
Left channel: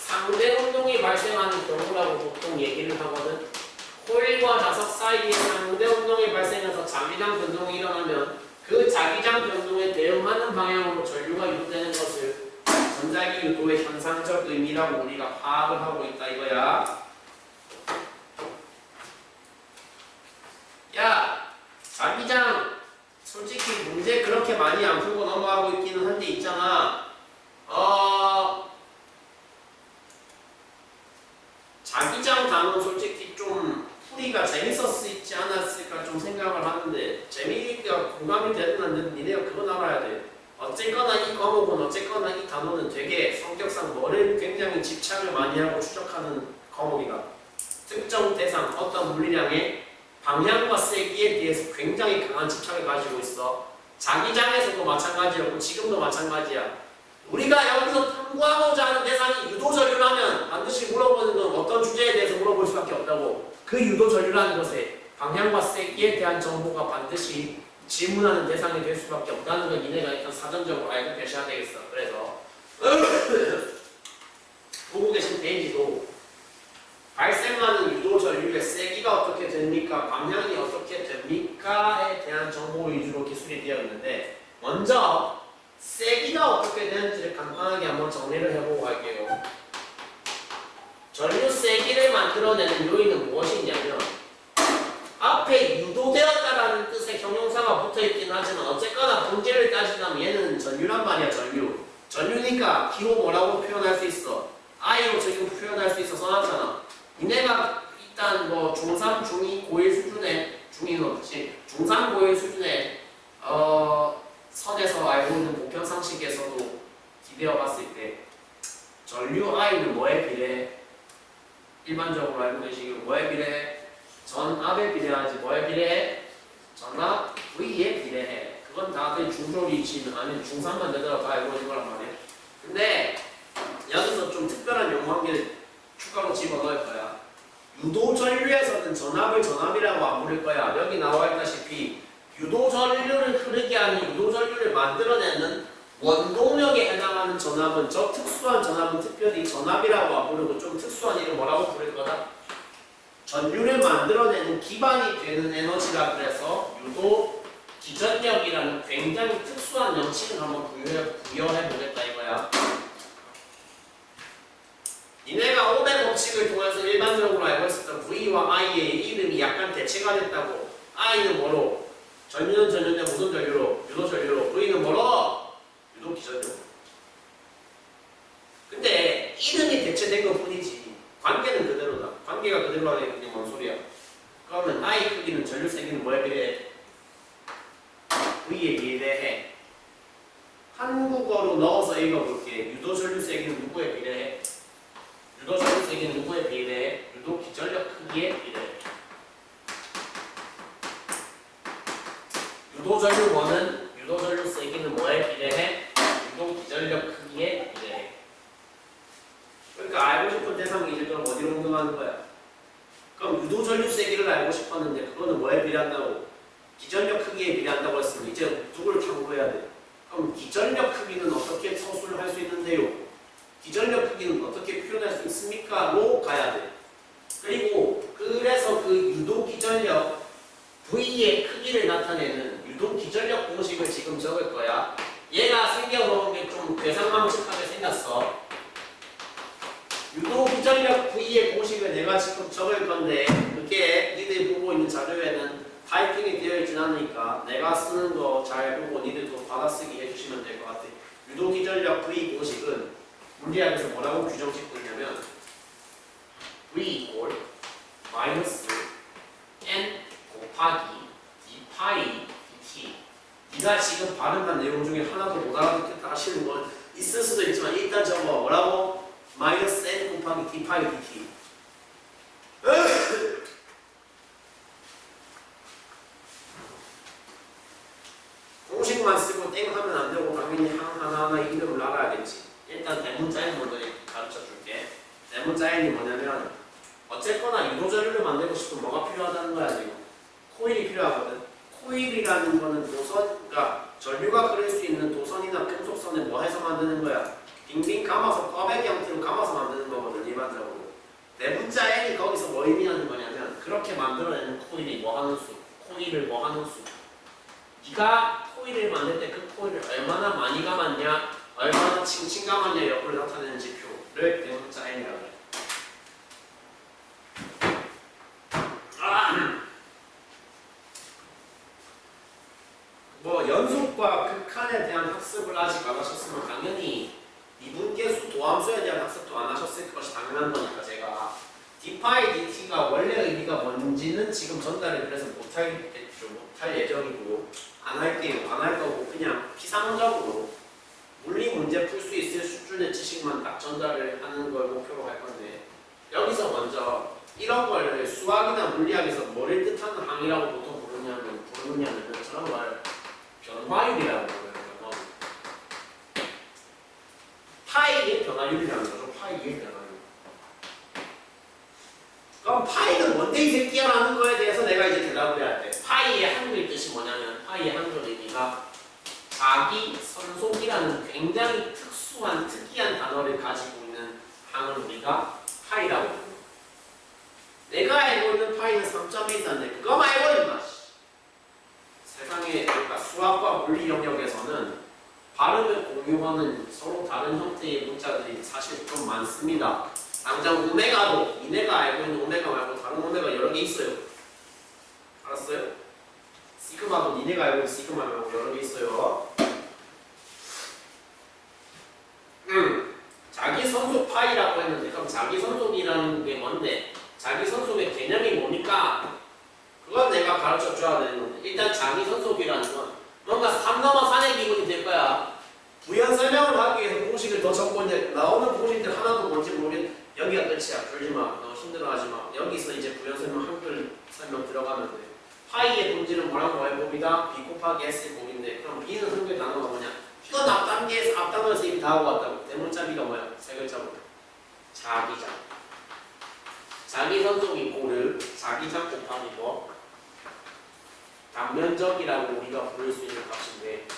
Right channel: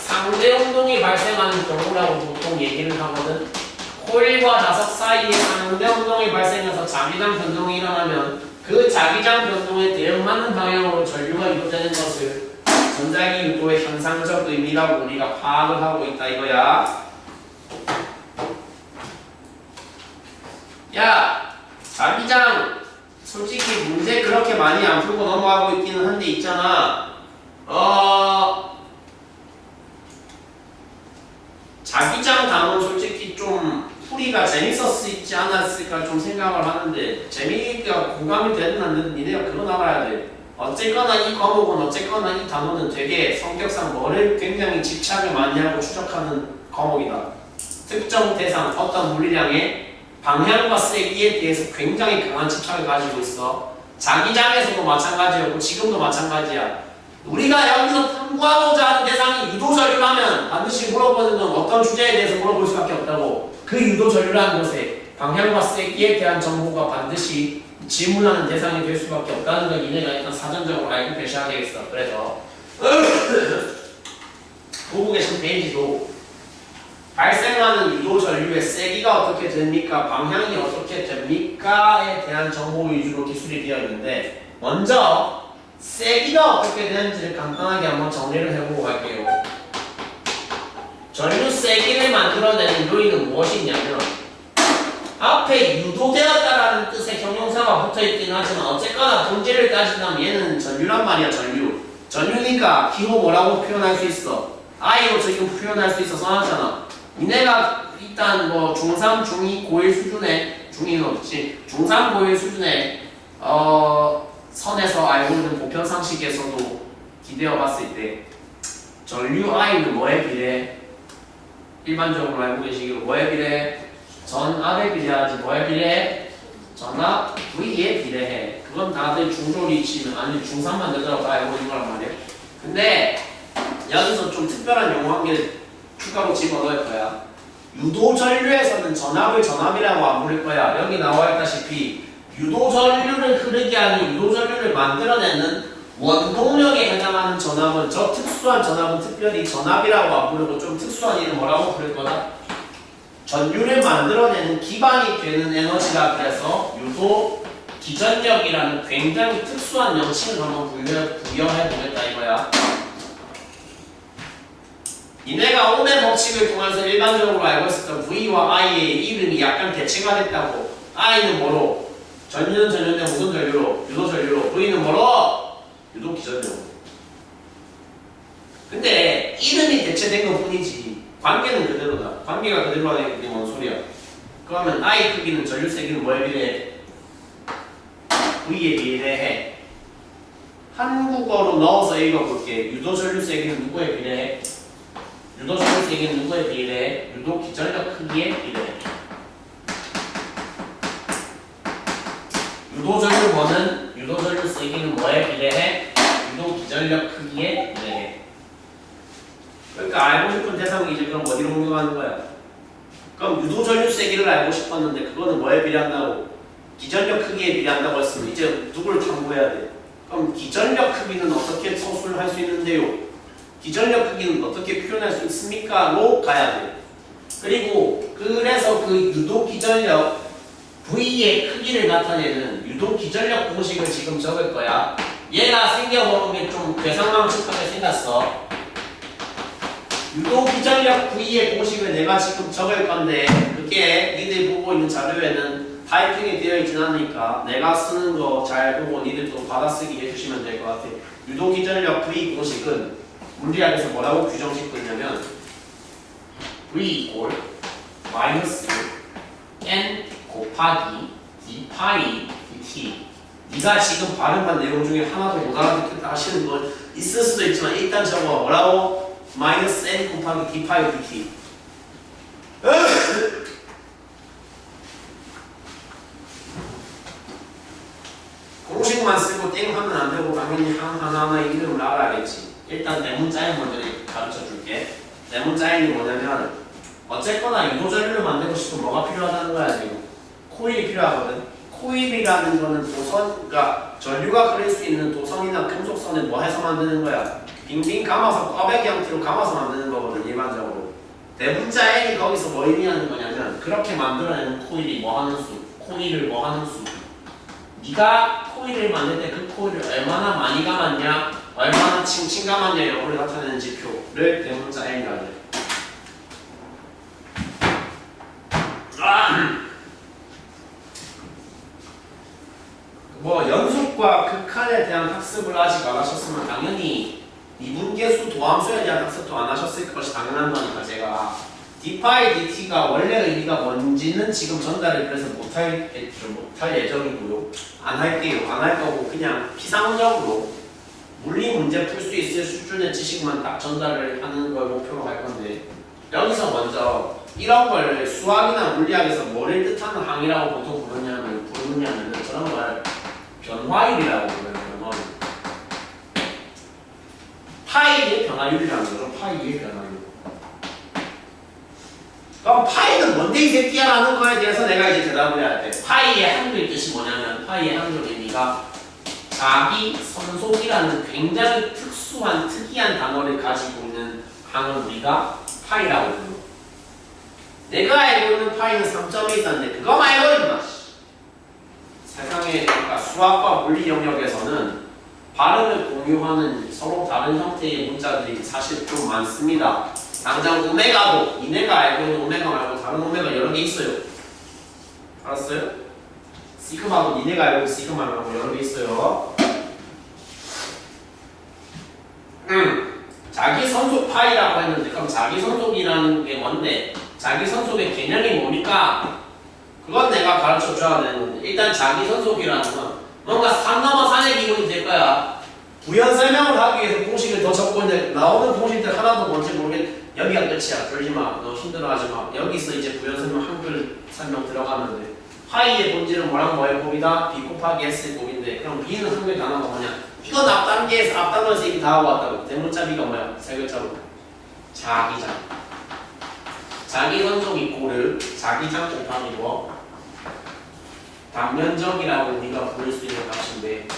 상대 운동이 발생하는 경우라고 보통 얘기를 하거든. 코일과 자석 사이에 상대 운동이 발생해서 자기장 변동이 일어나면 그 자기장 변동에 대응하는 방향으로 전류가 유도되는 것을 전자기 유도의 현상적 의미라고 우리가 파악을 하고 있다 이거야. 야, 자기장 솔직히 문제 그렇게 많이 안 풀고 넘어가고 있기는 한데 있잖아. 자기장 단어 솔직히 좀 풀이가 재밌었지 않았을까 좀 생각을 하는데, 재미가 공감이 되든 안 되든 니네가 그건 알아야 돼. 어쨌거나 이 과목은 어쨌거나 이 단어는 되게 성격상 뭐를 굉장히 집착을 많이 하고 추적하는 과목이다. 특정 대상, 어떤 물리량의 방향과 세기에 대해서 굉장히 강한 집착을 가지고 있어. 자기장에서도 마찬가지였고 지금도 마찬가지야. 우리가 여기서 탐구하고자 하는 대상이 유도전류라면 반드시 물어보는 건 어떤 주제에 대해서 물어볼 수밖에 없다고. 그 유도전류라는 것에 방향과 세기에 대한 정보가 반드시 질문하는 대상이 될 수밖에 없다는 걸 니네가 일단 사전적으로 알고 계셔야 되겠어. 그래서 보고 계신 페이지도 발생하는 유도전류의 세기가 어떻게 됩니까? 방향이 어떻게 됩니까?에 대한 정보 위주로 기술이 되어 있는데, 먼저 세기가 어떻게 되는지를 간단하게 한번 정리를 해보고 갈게요. 전류 세기를 만들어내는 요인은 무엇이 있냐면, 앞에 유도되었다라는 뜻의 형용사가 붙어있긴 하지만 어쨌거나 본질을 따진다면 얘는 전류란 말이야. 전류니까 기호 뭐라고 표현할 수 있어? I로 지금 표현할 수 있어 써놨잖아. 니네가 일단 뭐 중3, 중2, 고1 수준의, 중2는 없지, 중3, 고1 수준의 선에서 알고 있는 보편 상식에서도 기대어 봤을 때 전류 I는 뭐에 비례해? 일반적으로 알고 계시기로 뭐에 비례해? 전압에 비례하지. 뭐에 비례해? 전압 V에 비례해. 그건 다들 중졸이 치면 아니 중3만 되더라도 알고 있는 거란 말이야. 근데 여기서 좀 특별한 용어 한 개 추가로 집어넣을 거야. 유도전류에서는 전압을 전압이라고 안 부를 거야. 여기 나와 있다시피 유도전류를 흐르게 하는, 유도전류를 만들어내는 원동력에 해당하는 전압은, 저 특수한 전압은 특별히 전압이라고 안 부르고 좀 특수한 이름 뭐라고 부를 거다? 전류를 만들어내는 기반이 되는 에너지라 그래서 유도 기전력이라는 굉장히 특수한 명칭을 한번 부여해 보겠다 이거야. 니네가 오메 법칙을 통해서 일반적으로 알고 있었던 V와 I의 이름이 약간 대체가 됐다고. I는 뭐로? 전류는 전류인데 무슨 전류로? 유도 전류로. V는 뭐로? 유도 기전류. 근데 이름이 대체된 것 뿐이지 관계는 그대로다. 관계가 그대로라는 게 뭔 소리야? 그러면 I 크기는 전류 세기는 뭐에 비례해? V에 비례해. 한국어로 넣어서 읽어볼게. 유도 전류 세기는 누구에 비례해? 유도 전류 세기는 누구에 비례해? 유도 기전력 크기에 비례해. 유도 전류원은 유도 전류 세기는 뭐에 비례해? 유도 기전력 크기에 비례해. 그러니까 알고 싶은 대상이 이제 그럼 어디로 옮겨가는 거야? 그럼 유도 전류 세기를 알고 싶었는데 그거는 뭐에 비례한다고? 기전력 크기에 비례한다고 했으면 이제 누구를 탐구해야 돼? 그럼 기전력 크기는 어떻게 서술을 할 수 있는데요? 기전력 크기는 어떻게 표현할 수 있습니까? 로 가야 돼. 그리고 그래서 그 유도 기전력 V의 크기를 나타내는 유도 기전력 공식을 지금 적을 거야. 얘가 생겨보는 게 좀 괴상망측하게 생겼어. 유도 기전력 V의 공식을 내가 지금 적을 건데 그게 니들 보고 있는 자료에는 타이핑이 되어 있진 않으니까 내가 쓰는 거 잘 보고 니들도 받아쓰기 해주시면 될 것 같아. 유도 기전력 V 공식은 물리학에서 뭐라고 규정짓고 있냐면 V 이꼴 마이너스 N 곱하기 d 파이 dt. 네가 지금 발음한 내용 중에 하나도 못 알아듣겠다 하시는 건 있을 수도 있지만 일단 적어. 뭐라고? 마이너스 N 곱하기 d 파이 dt. 공식만 쓰고 땡 하면 안 되고 당연히 하나하나 이름을 알아야겠지. 일단 대문자인 먼저 가르쳐 줄게. 대문자인이 뭐냐면 어쨌거나 유도 전류를 만들고 싶으면 뭐가 필요하다는 거야 지금. 코일이 필요하거든. 코일이라는 거는 도선, 그러니까 전류가 그릴 수 있는 도선이나 금속선을 뭐 해서 만드는 거야? 빙빙 감아서 꽈배기 형태로 감아서 만드는 거거든 일반적으로. 대문자 N이 거기서 뭐 의미하는 거냐면 그렇게 만들어내는 코일이 뭐 하는 수? 코일을 뭐 하는 수? 네가 코일을 만들 때 그 코일을 얼마나 많이 감았냐, 얼마나 칭칭 감았냐 여부를 나타내는 지표를 대문자 N이라고 해. 뭐 연속과 극한에 대한 학습을 아직 안 하셨으면 당연히 미분계수 도함수에 대한 학습도 안 하셨을 것이 당연한 거니까 제가 d파이 dt가 원래 의미가 뭔지는 지금 전달을 그래서 못할 예정이고요. 안 할게요. 안 할 거고 그냥 피상적으로 물리 문제 풀 수 있을 수준의 지식만 딱 전달을 하는 걸 목표로 할 건데 여기서 먼저 이런 걸 수학이나 물리학에서 뭐를 뜻하는 항이라고 보통 부르냐면 저런 걸 변화율이라고 불러요. 변화율. 파이의 변화율이라는 거죠. 파이의 변화율. 그럼 파이는 뭔데 이 새끼야라는 거에 대해서 내가 이제 대답을 해야 돼. 파이의 한글 뜻이 뭐냐면 파이의 한글 의미가 자기 선속이라는 굉장히 특이한 단어를 가지고 있는 항을 우리가 파이라고 부르는. 내가 알고 있는 파이는 3점이 있었는데 그거 말고 임마. 세상에 그러니까 수학과 물리 영역에서는 발음을 공유하는 서로 다른 형태의 문자들이 사실 좀 많습니다. 당장 오메가도 니네가 알고 있는 오메가 말고 다른 오메가 여러 개 있어요. 알았어요? 시그마도 니네가 알고 있는 시그마 말고 여러 개 있어요. 자기 선속 파이라고 했는데 그럼 자기 선속이라는 게 뭔데? 자기 선속의 개념이 뭡니까? 그건 내가 가르쳐 줘야 되는 건데 일단 자기 선속이라는 건 뭔가 산 넘어 산의 기분이 될 거야. 부연 설명을 하기 위해서 공식을 더 적고 이제 나오는 공식들 하나도 뭔지 모르겠. 여기가 끝이야. 졸지마. 너 힘들어하지마. 여기서 이제 부연 설명 한글 설명 들어가면 돼. 파이의 본질은 뭐랑 뭐의 곱이다? b 곱하기 s의 곱인데 그럼 b는 한글 단어가 뭐냐? 이건 앞단어에서 이미 다 하고 왔다고. 대문자 b가 뭐야? 세 글자로 자기장. 자기 선속 이꼬르 자기장 곱하기 뭐? 단면적이라고 우리가 부를 수 있는 값인데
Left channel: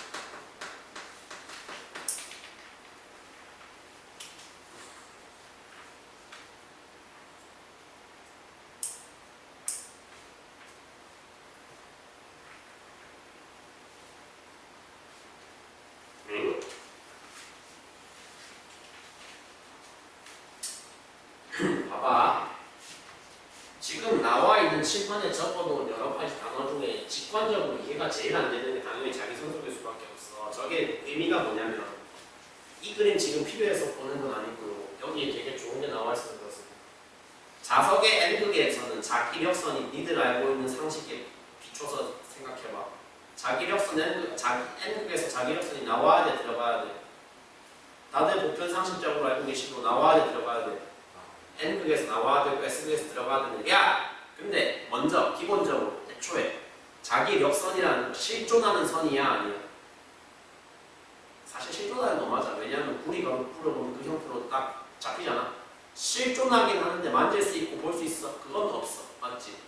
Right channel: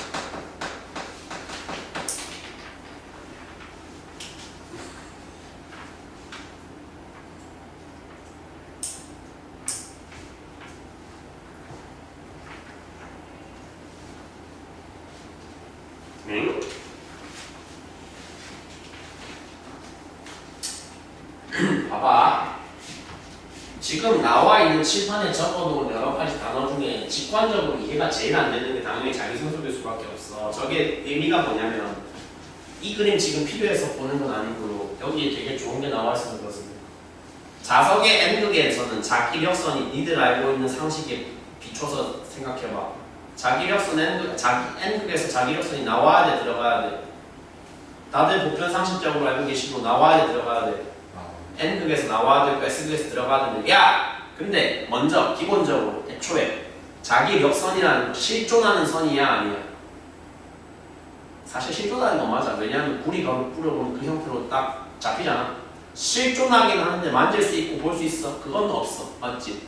지금 나와 있는 칠판에 적어놓은 여러 가지 단어 중에 직관적으로 이해가 제일 안 되는 게 당연히 자기 선속일 수밖에 없어. 저게 의미가 뭐냐면 이 그림 지금 필요해서 보는 건 아니고 여기에 되게 좋은 게 나와 있는 것은 자석의 N극에서는 자기력선이 니들 알고 있는 상식에 비춰서 생각해봐. 자기력선 N극에서 자기력선이 나와야 돼, 들어가야 돼? 다들 보편 상식적으로 알고 계시고 나와야 돼, 들어가야 돼? N극에서 나와야 되고 S극에서 들어가야 되는. 야! 근데 먼저 기본적으로 애초에 자기력선이라는 실존하는 선이야, 아니야? 사실 실존하는 건 맞아. 왜냐하면 구리가 뿌려보면 그 형태로 딱 잡히잖아. 실존하긴 하는데 만질 수 있고 볼 수 있어? 그건 없어. 맞지?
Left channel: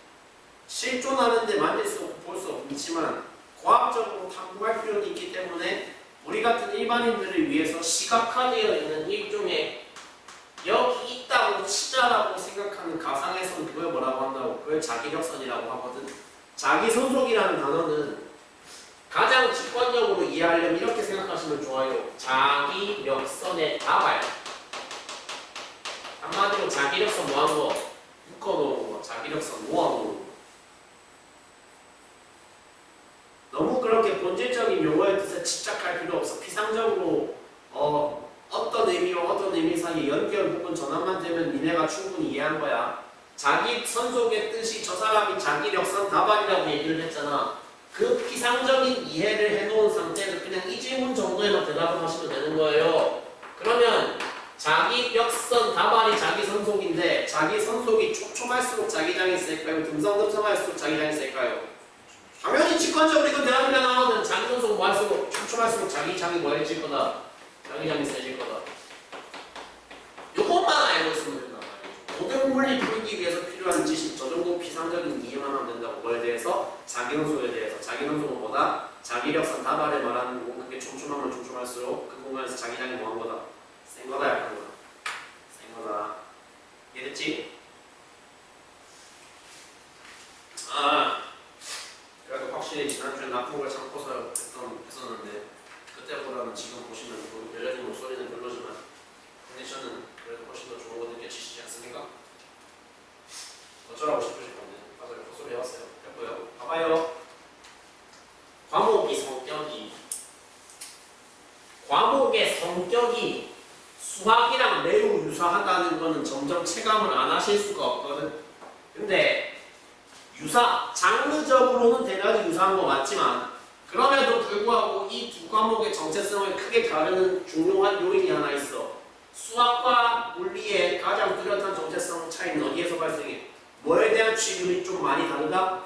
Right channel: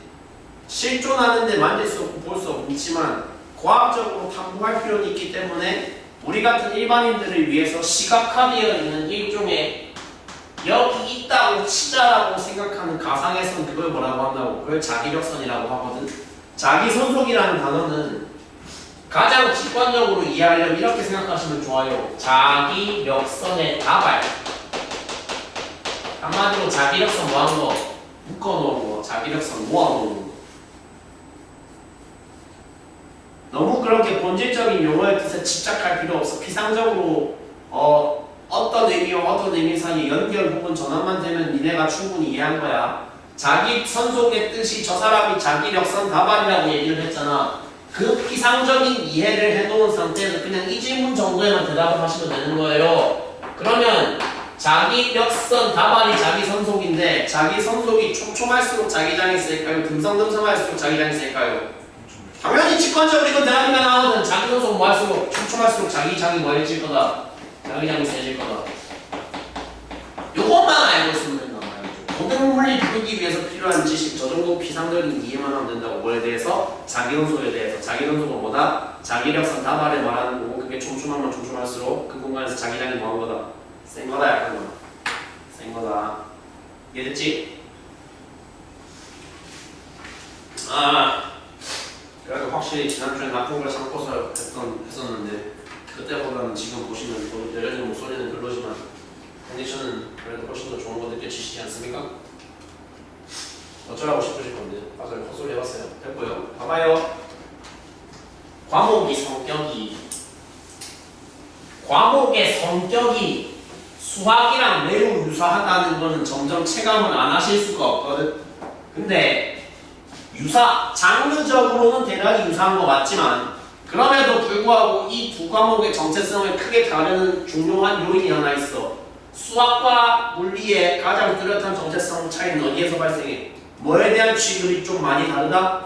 실존하는데 만질 수 없고 볼 수 없지만 과학적으로 탐구할 필요는 있기 때문에 우리 같은 일반인들을 위해서 시각화되어 있는 일종의 여기 있다고 치자라고 생각하는 가상의 선, 그걸 뭐라고 한다고? 그걸 자기력선이라고 하거든. 자기선속이라는 단어는 가장 직관적으로 이해하려면 이렇게 생각하시면 좋아요. 자기력선의 다발. 한마디로 자기력선 뭐하는 거? 묶어놓은 거. 자기력선 모아놓은 거. 너무 그렇게 본질적인 용어의 뜻에 집착할 필요 없어. 피상적으로 어떤 의미와 어떤 의미 사이 연결 혹은 전환만 되면 니네가 충분히 이해한 거야. 자기 선속의 뜻이 저 사람이 자기력선 다발이라고 얘기를 했잖아. 그 피상적인 이해를 해놓은 상태에서 그냥 이 질문 정도에만 대답을 하시면 되는 거예요. 그러면 자기력선 다발이 자기 선속인데 자기 선속이 촘촘할수록 자기장이 셀까요? 듬성듬성할수록 자기장이 셀까요? 당연히 직관적으로 이건 대답이가 나오거든. 자기 선속 뭐 할수록 촘촘할수록 자기장이 뭐 해질 거다? 자기장이 세질 거다. 요것만 알고 있으면 된단 말이죠. 고등 물리 풀기 위해서 필요한 지식, 저 정도 피상적인 이해만 하면 된다고. 뭐에 대해서? 자기 선속에 대해서. 자기 선속은 뭐다? 자기력선 다발을 말하는 거고 그게 촘촘하면 촘촘할수록 그 공간에서 자기장이 뭐한 거다? 센 거다, 약한 거다? 센 거다. 이해됐지? 그래도 확실히 지난주에 나쁜 걸 참고서 했었는데 그때보다는 지금 보시면 또 여전히 목소리는 별로지만 컨디션은 그래도 훨씬 더 좋은 거 느껴지시지 않습니까? 어쩌라고 싶으실 건데 맞아요. 헛소리 해봤어요. 됐고요. 봐봐요. 과목의 성격이 수학이랑 매우 유사하다는 거는 점점 체감을 안 하실 수가 없거든. 근데 장르적으로는 대략 유사한 거 맞지만 그럼에도 불구하고 이 두 과목의 정체성을 크게 다루는 중요한 요인이 하나 있어. 수학과 물리의 가장 뚜렷한 정체성 차이는 어디에서 발생해? 뭐에 대한 취급이 좀 많이 다르다?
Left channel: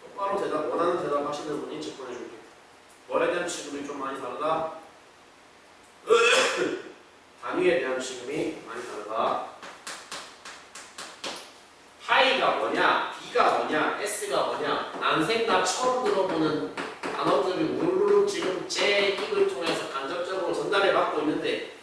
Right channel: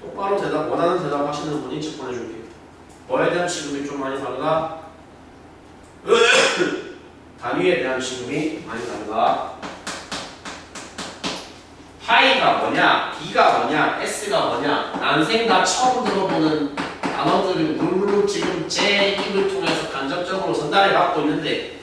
똑바로 원하는 대답 하시는 분이 집 보내줄게. 뭐에 대한 취급이 좀 많이 다르다? 단위에 대한 취급이 많이 다르다. 파이가 뭐냐, B가 뭐냐, S가 뭐냐, 난생 다 처음 들어보는 단어들을 우르르 지금 제 입을 통해서 간접적으로 전달해 받고 있는데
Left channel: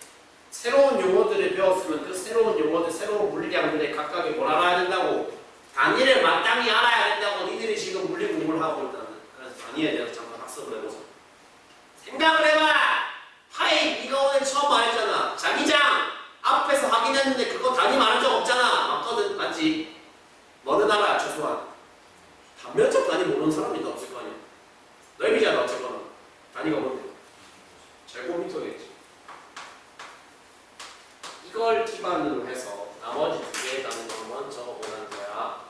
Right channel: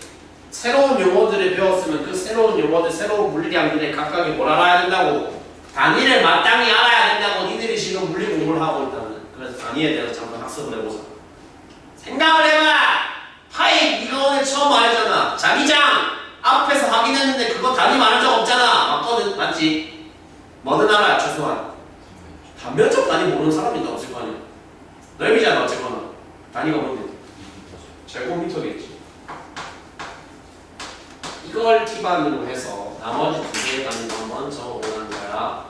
새로운 용어들을 배웠으면 그 새로운 용어들, 새로운 물리량들에 각각이 뭘 알아야 된다고? 단위를 마땅히 알아야 된다고 니들이 지금 물리 공부를 하고 있다는. 그래서 단위에 대해서 잠깐 학습을 해보자. 생각을 해봐! 파이 네가 오늘 처음 말했잖아. 자기장 앞에서 확인했는데 그거 단위 말한 적 없잖아. 맞거든? 맞지? 뭐든 알아야 최소한. 단면적 단위 모르는 사람이 다 없을 거 아니야. 넓이잖아 어쨌거나. 단위가 뭔데? 제곱미터겠지. 이걸 기반으로 해서 나머지 두 개의 단위를 한번 적어보는 거야.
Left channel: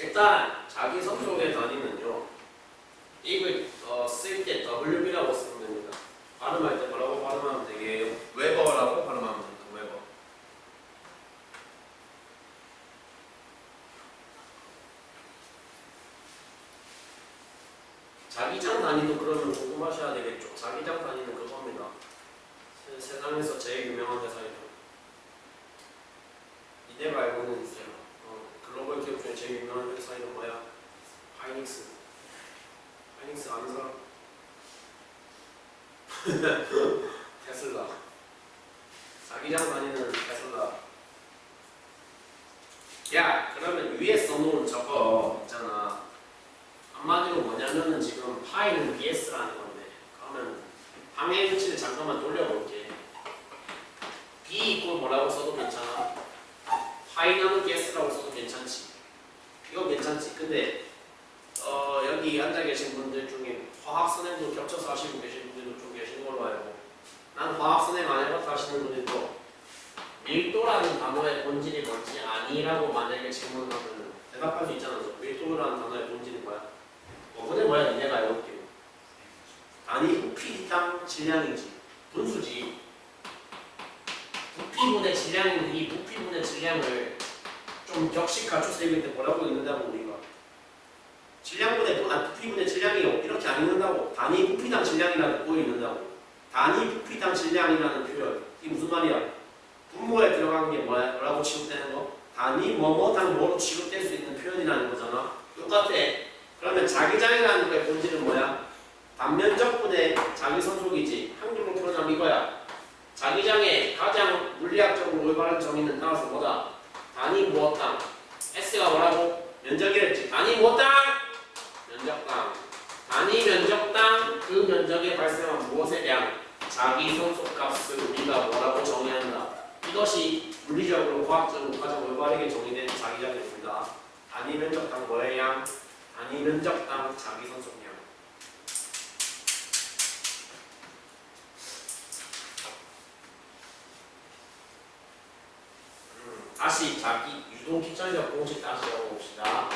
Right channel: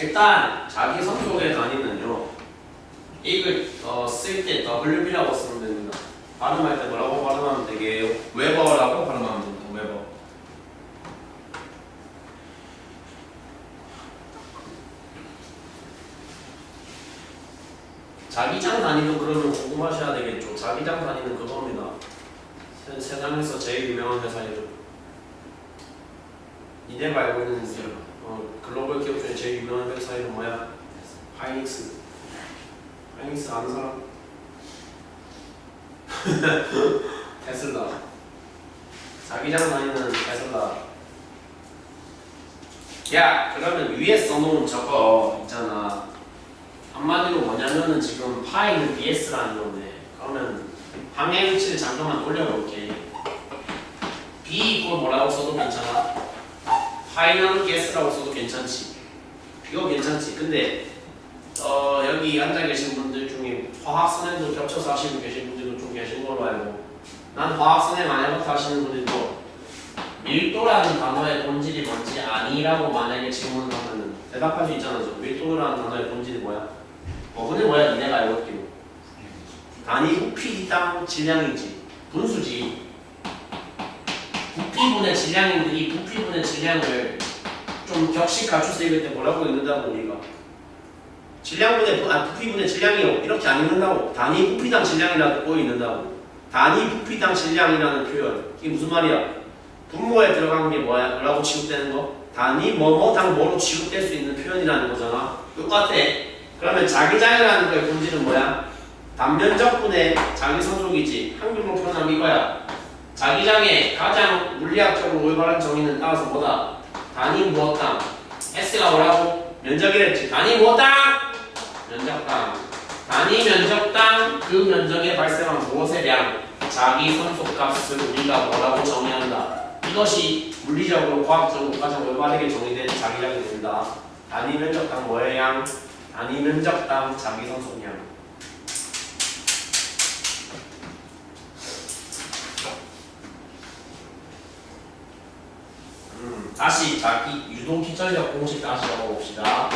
일단 자기 성격의 단위는요. 이걸 쓸 때 WB라고 쓰면 됩니다. 발음할 때 뭐라고 발음하면 되게요? 웨버라고 발음하면 됩니다. 웨버. 자기장 단위도 그러면 궁금하셔야 되겠죠. 자기장 단위는 그겁니다. 세상에서 제일 유명한 회사 이름. 니네가 알고 있는 글로벌 기업 중에 제일 유명한 회사 이름 뭐야? 하이닉스. 하이닉스 아는 사람? 테슬라. 자기장 다니는 테슬라. 야, 그러면 위에 써놓은 저거 있잖아. 한마디로 뭐냐면은 지금 파이는 BS라는 건데, 그러면 방향 위치를 잠깐만 돌려볼게. B 이꼴 뭐라고 써도 괜찮아. 파이널 게스라고 써도 괜찮지. 이거 괜찮지. 근데 여기 앉아 계신 분들 중에 화학 선행도 겹쳐서 하시고 계신 분들도 좀 계신 걸로 알고, 난 화학 선행 안 해봤다 하시는 분들도 밀도라는 단어의 본질이 뭔지 아니라고 만약에 질문을 하면 대답할 수 있잖아. 밀도라는 단어의 본질이 뭐야? 근데 뭐야? 니네가 알고 있기로 단위 부피당 질량이지. 분수지. 부피분의 질량인데 이 부피분의 질량을 좀 격식 갖춰서 읽을 때 뭐라고 읽는다고 우리가? 부피분의 질량이요. 이렇게 안 읽는다고. 단위 부피당 질량이라고 읽는다고. 단위 부피당 질량이라는 표현. 이게 무슨 말이야? 분모에 들어간 게 뭐라고 취급되는 거? 단위 뭐뭐당 뭐로 취급될 수 있는 표현이라는 거잖아. 똑같아. 그러면 자기장이라는 거의 본질은 뭐야? 단면적분의 자기선속이지. 한글로 표현하면 이거야. 자기장의 가장 물리학적으로 올바른 정의는 따라서 뭐다? 단위 무엇당? S가 뭐라고? 면적이랬지. 단위 무엇당? 면적당. 단위 면적당 그 면적에 발생한 무엇의 량? 자기 선속값을 우리가 뭐라고 정의한다. 이것이 물리적으로 과학적으로 가장 올바르게 정의된 자기장이 된다. 단위 면적당 뭐의 양? 단위 면적당 자기 선속량. 다시 자기 유도 기전력 공식 다시 적어봅시다.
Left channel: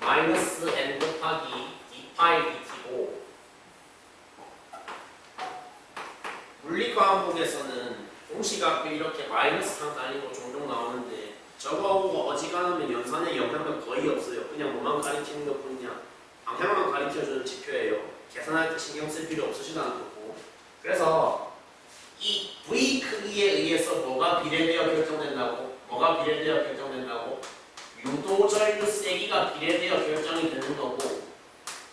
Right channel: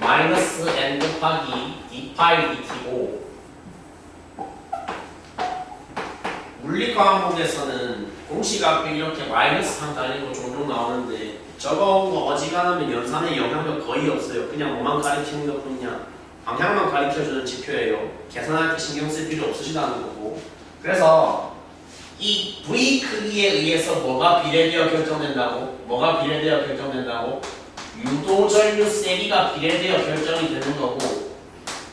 마이너스 n 곱하기 d 파이 dt고, 물리과목에서는 공식 앞에 이렇게 마이너스 상 달리고 종종 나오는데 저거 어지간하면 연산에 영향도 거의 없어요. 그냥 뭐만 가리키는 것 뿐이야. 방향만 가리켜주는 지표예요. 계산할 때 신경 쓸 필요 없으시다는 거고. 그래서 이 V 크기에 의해서 뭐가 비례되어 결정된다고? 뭐가 비례되어 결정된다고? 유도 전류 세기가 비례되어 결정이 되는 거고.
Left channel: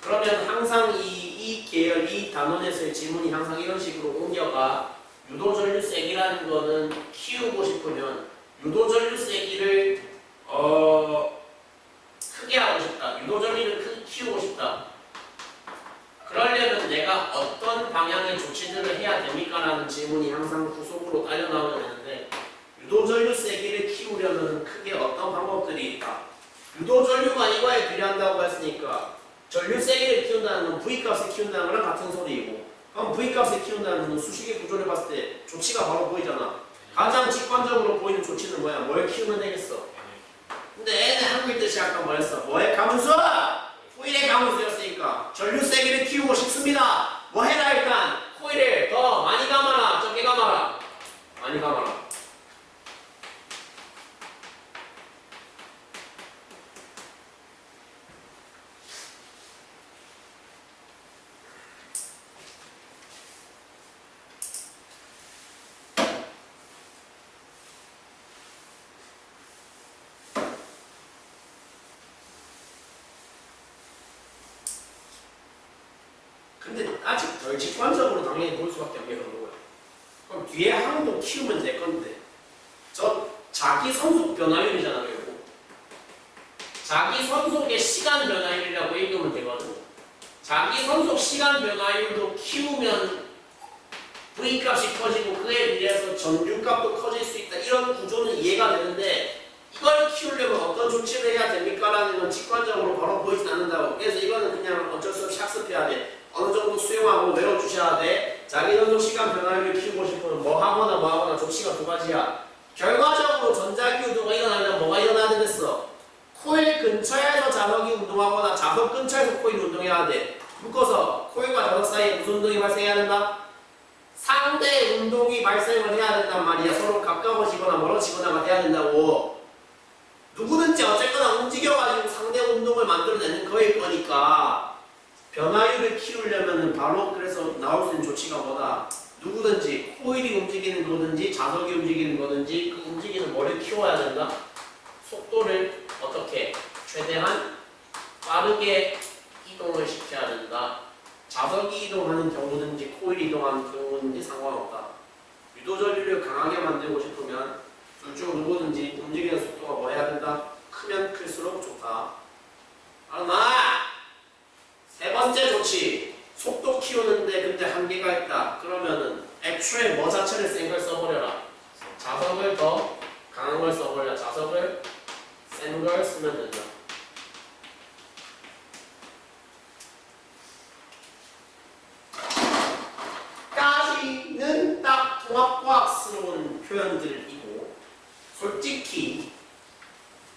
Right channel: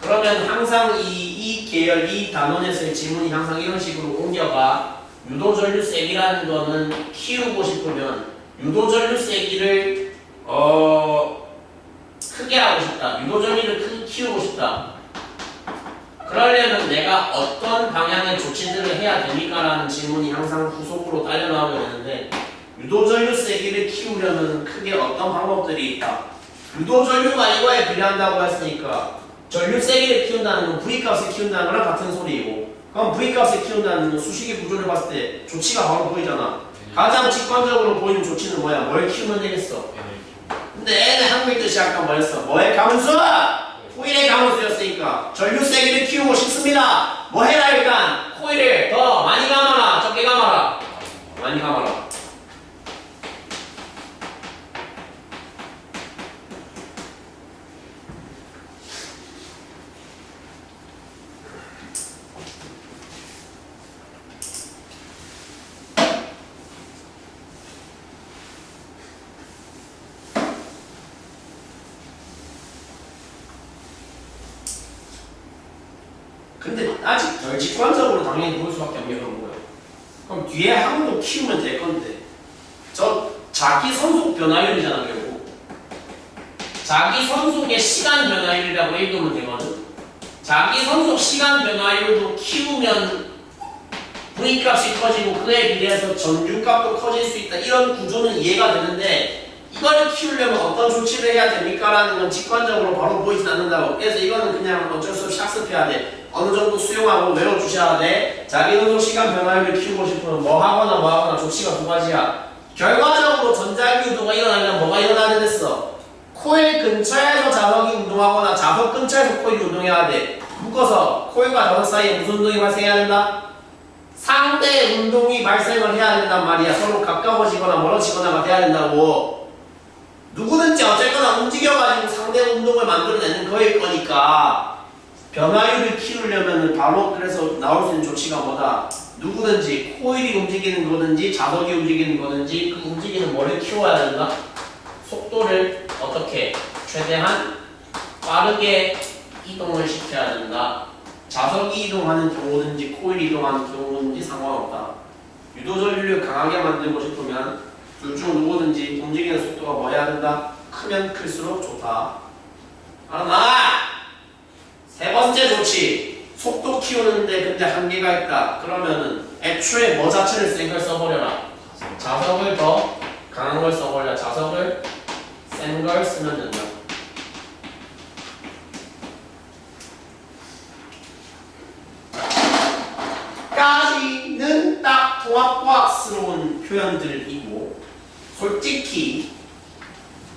그러면 항상 이 계열, 이 단원에서의 지문이 항상 이런 식으로 옮겨가. 유도 전류 세기라는 거는 키우고 싶으면 유도 전류 세기를 크게 하고 싶다. 유도 전류를 크게 키우고 싶다. 그러려면 내가 어떤 방향의 조치들을 해야 됩니까? 라는 질문이 항상 후속으로 딸려 나오게 되는데, 유도전류 세기를 키우려면 크게 어떤 방법들이 있다. 유도전류가 이거에 비례한다고 했으니까 전류 세기를 키운다는 건 V값을 키운다는 거랑 같은 소리이고, 그럼 V값을 키운다는 건 수식의 구조를 봤을 때 조치가 바로 보이잖아. 가장 직관적으로 보이는 조치는 뭐야? 뭘 키우면 되겠어? 근데 애는 한국인 뜻이 아까 뭐였어? 뭐의 가문수? 코일의 가문수였으니까 전류 세기를 키우고 싶습니다. 뭐 해라 일단? 코일을 더 많이 감아라? 적게 감아라? 많이 감아라. 근데 아직 덜 직관적으로 당연히 보일 수밖에 없는 거예요. 그럼 뒤에 항도 키우면 될 건데, 저 자기 선속 변화율이잖아 결국. 자기 선속의 시간 변화율이라고 읽으면 되거든. 자기 선속 시간 변화율도 키우면 V 값이 커지고 그에 비례해서 전류 값도 커질 수 있다. 이런 구조는 이해가 되는데, 이걸 키우려면 어떤 조치를 해야 됩니까? 라는 건 직관적으로 바로 보이진 않는다고. 그래서 이거는 그냥 어쩔 수 없이 학습해야 돼. 어느 정도 수용하고 외워주셔야 돼. 자기 선속 시간 변화율을 키우고 싶으면 뭐 하거나 조치가 두 가지야. 결과적으로 전자기 유도가 일어나면 뭐가 일어나야 됐어? 코일 근처에서 자석이 운동하거나 자석 근처에서 코일이 운동해야 돼. 묶어서 코일과 자석 사이에 무슨 운동이 발생해야 된다? 상대 운동이 발생을 해야 된단 말이야. 서로 가까워지거나 멀어지거나가 돼야 된다고. 누구든지 어쨌거나 움직여가지고 상대 운동을 만들어내는 거일 거니까 변화율을 키우려면 바로 그래서 나올 수 있는 조치가 뭐다? 누구든지 코일이 움직이는 거든지 자석이 움직이는 거든지 그 움직이는 뭐를 키워야 된다? 속도를 어떻게 최대한 빠르게 이동을 시켜야 된다. 자석이 이동하는 경우든지 코일이 이동하는 경우든지 상관없다. 유도전류를 강하게 만들고 싶으면 둘 중 누구든지 움직이는 속도가 뭐 해야 된다? 크면 클수록 좋다. 알았나? 세 번째 조치. 속도 키우는데 근데 한계가 있다. 그러면은 애초에 뭐 자체를 센 걸 써버려라. 자석을 더 강한 걸 써버려. 자석을 센 걸 쓰면 된다. 까지는 딱 통합과학스러운 표현들이고 솔직히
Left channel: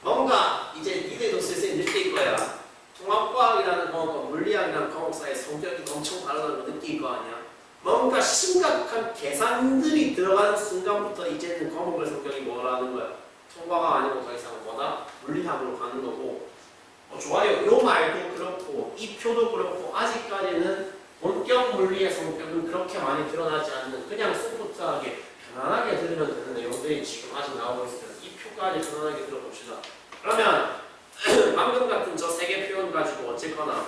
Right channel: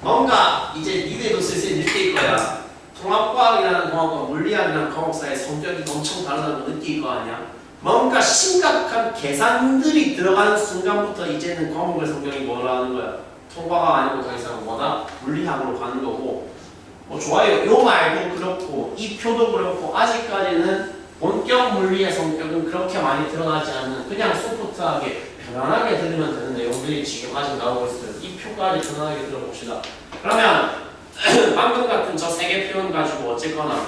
뭔가 이제 니네도 슬슬 느낄 거야. 통합과학이라는 과목과 물리학이라는 과목사의 성격이 엄청 다르다는 거 느낄 거 아니야. 뭔가 심각한 계산들이 들어가는 순간부터 이제는 과목의 성격이 뭐라는 거야. 통과가 아니고 더 이상 뭐다? 물리학으로 가는 거고. 좋아요. 요 말도 그렇고 이 표도 그렇고 아직까지는 본격 물리의 성격은 그렇게 많이 드러나지 않는 그냥 소프트하게 편안하게 들으면 되는 내용들이 지금 아직 나오고 있어요. 이 표까지 편안하게 들어봅시다. 그러면 방금 같은 저 세 개 표현 가지고 어쨌거나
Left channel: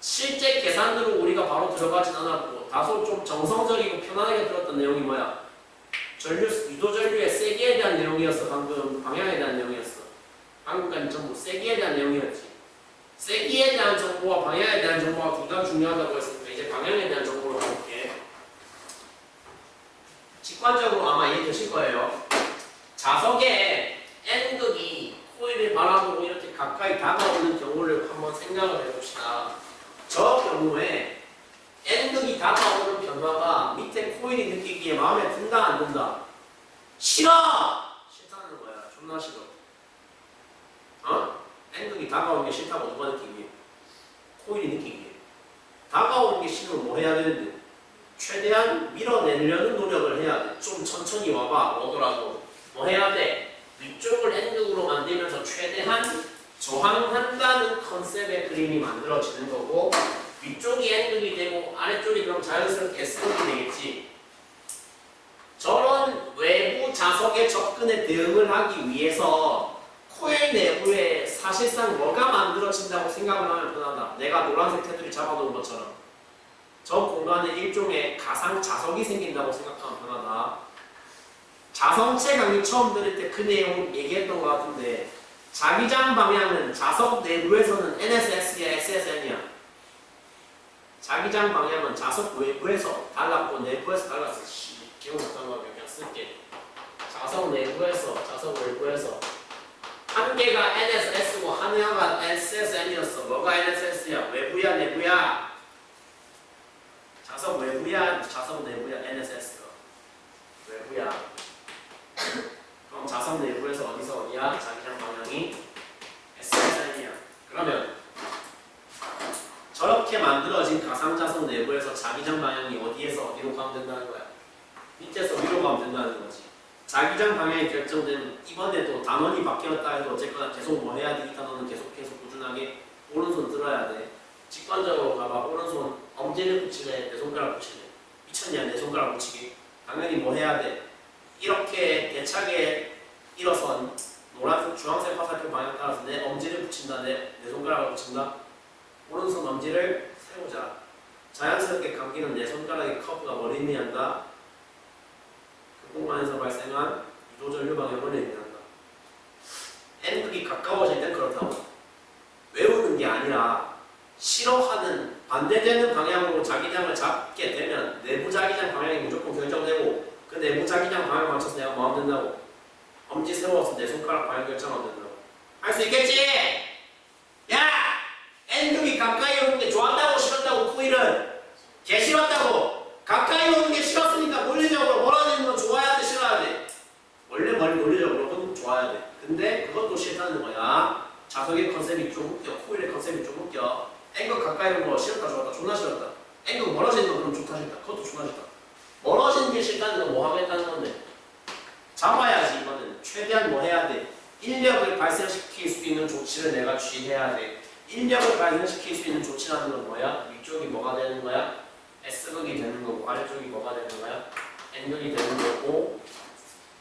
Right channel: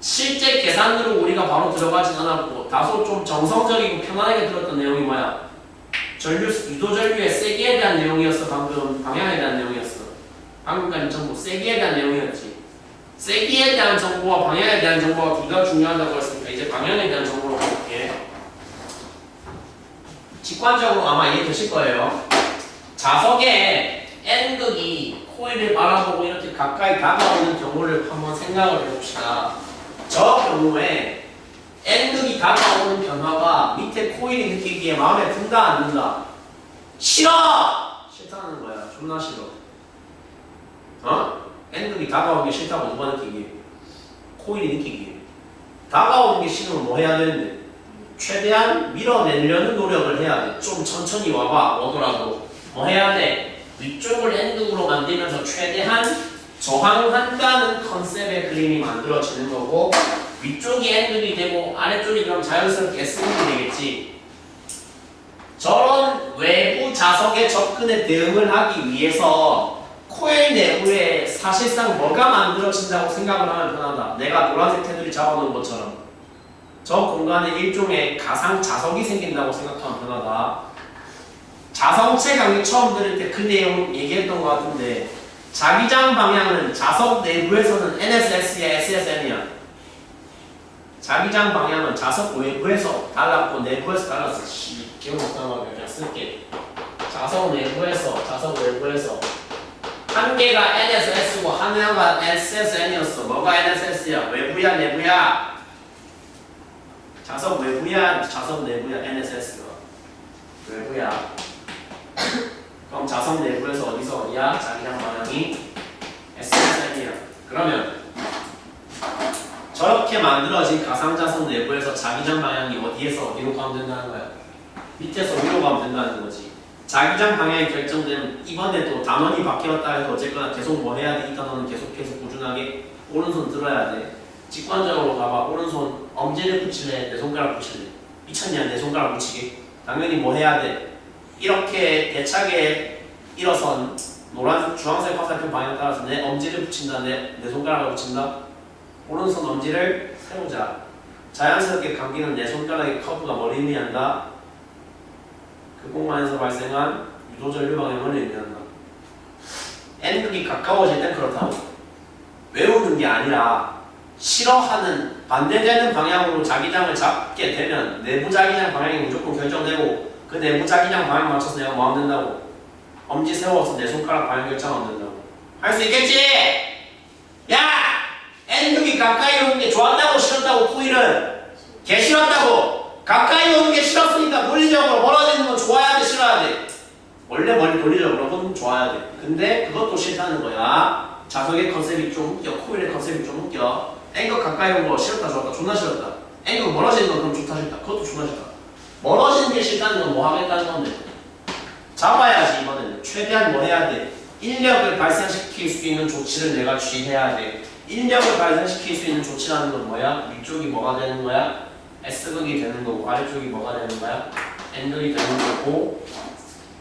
실제 계산으로 우리가 바로 들어가진 않았고 다소 좀 정성적이고 편안하게 들었던 내용이 뭐야? 유도전류의 세기에 대한 내용이었어. 방금 방향에 대한 내용이었어. 방금까지 전부 세기에 대한 내용이었지. 세기에 대한 정보와 방향에 대한 정보가 둘 다 중요하다고 했으니까 이제 방향에 대한 정보로 가볼게. 직관적으로 아마 이해되실 거예요. 자석의 N극이 코일을 바라보고 이렇게 가까이 다가오는 경우를 한번 생각을 해봅시다. 저 경우에 N극이 다가오는 변화가 밑에 코일이 느끼기에 마음에 든다 안 든다? 싫어! 싫다는 거야. 존나 싫어. N극이 다가오는 게 싫다고 누가 느끼기에? 코일이 느끼기에. 다가오는 게 싫으면 뭐 해야 되는데? 최대한 밀어내려는 노력을 해야 돼. 좀 천천히 와봐. 오더라도 뭐 해야 돼? 위쪽을 N극으로 만들면서 최대한 저항한다는 컨셉의 그림이 만들어지는 거고 위쪽이 N극이 되고 아래쪽이 그럼 자연스럽게 S극이 되겠지. 저런 외부 자석의 접근에 대응을 하기 위해서 코일 내부에 사실상 뭐가 만들어진다고 생각을 하면 편하다. 내가 노란색 테두리 잡아놓은 것처럼 저 공간에 일종의 가상 자석이 생긴다고 생각하면 편하다. 자성체 강의 처음 들을 때 그 내용 얘기했던 것 같은데 자기장 방향은 자석 내부에서는 NSS야 SSN이야. 자기장 방향은 자석 외부에서 달랐고 내부에서 달랐어. 기억 못하는 거 그냥 쓸게. 자석 내부에서 자석 외부에서 한 개가 NSS고 하나가 SSN이었어. 뭐가 NSS야? 외부야 내부야? 자석 외부야 자석 내부야? NSS가 외부야. 그럼 자석 내부에서 어디서 어디야? 자기장 방향이 SSN이야. 그러면 저렇게 만들어진 가상자석 내부에서 자기장 방향이 어디에서 어디로 가면 된다는 거야? 밑에서 위로 가면 된다는 거지. 자기장 방향이 결정되면 이번에도 단원이 바뀌었다 해도 어쨌거나 계속 뭐 해야 돼? 이 단원은 계속 꾸준하게 오른손 들어야 돼. 직관적으로 가봐. 오른손 엄지를 붙일래? 내 손가락 붙일래? 미쳤냐? 내 손가락 붙이게? 당연히 뭐 해야 돼? 이렇게 대차게 일어선 노란색, 주황색 화살표 방향 따라서 내 엄지를 붙인다, 내 손가락을 붙인다. 오른손 엄지를 세우자. 자연스럽게 감기는 내 손가락의 커브가 뭘 의미한다? 그 공간에서 발생한 유도전류 방향을 의미한다. N극이 가까워질 땐 그렇다고. 외우는 게 아니라 싫어하는 반대되는 방향으로 자기장을 잡게 되면 내부 자기장 방향이 무조건 결정되고 그 내부 자기장 방향 맞춰서 내가 뭐 하면 된다고? 엄지 세워서 내 손가락 방향 결정하면 된다고. 할 수 있겠지? 야! N극이 가까이 오는 게 좋았다고 싫었다고 코일은? 개 싫었다고! 가까이 오는 게 싫었으니까 논리적으로 멀어지는 건 좋아야 돼 싫어야 돼? 원래 논리적으로는 좋아야 돼. 근데 그것도 싫다는 거야. 자석의 컨셉이 좀 웃겨. 코일의 컨셉이 좀 웃겨. N극 가까이 오는 거 싫었다 좋았다 존나 싫었다. N극 멀어지는 건 그럼 좋다 싫다. 그것도 존나 싫다. 멀어지는 게 싫다는 건 뭐 하겠다는 건데? 잡아야지 이번에는. 최대한 뭐 해야 돼? 인력을 발생시킬 수 있는 조치를 내가 취해야 돼. 인력을 발생시킬 수 있는 조치라는 건 뭐야? 위쪽이 뭐가 되는 거야? S극이 되는 거고 아래쪽이 뭐가 되는 거야? N극이 되는 거고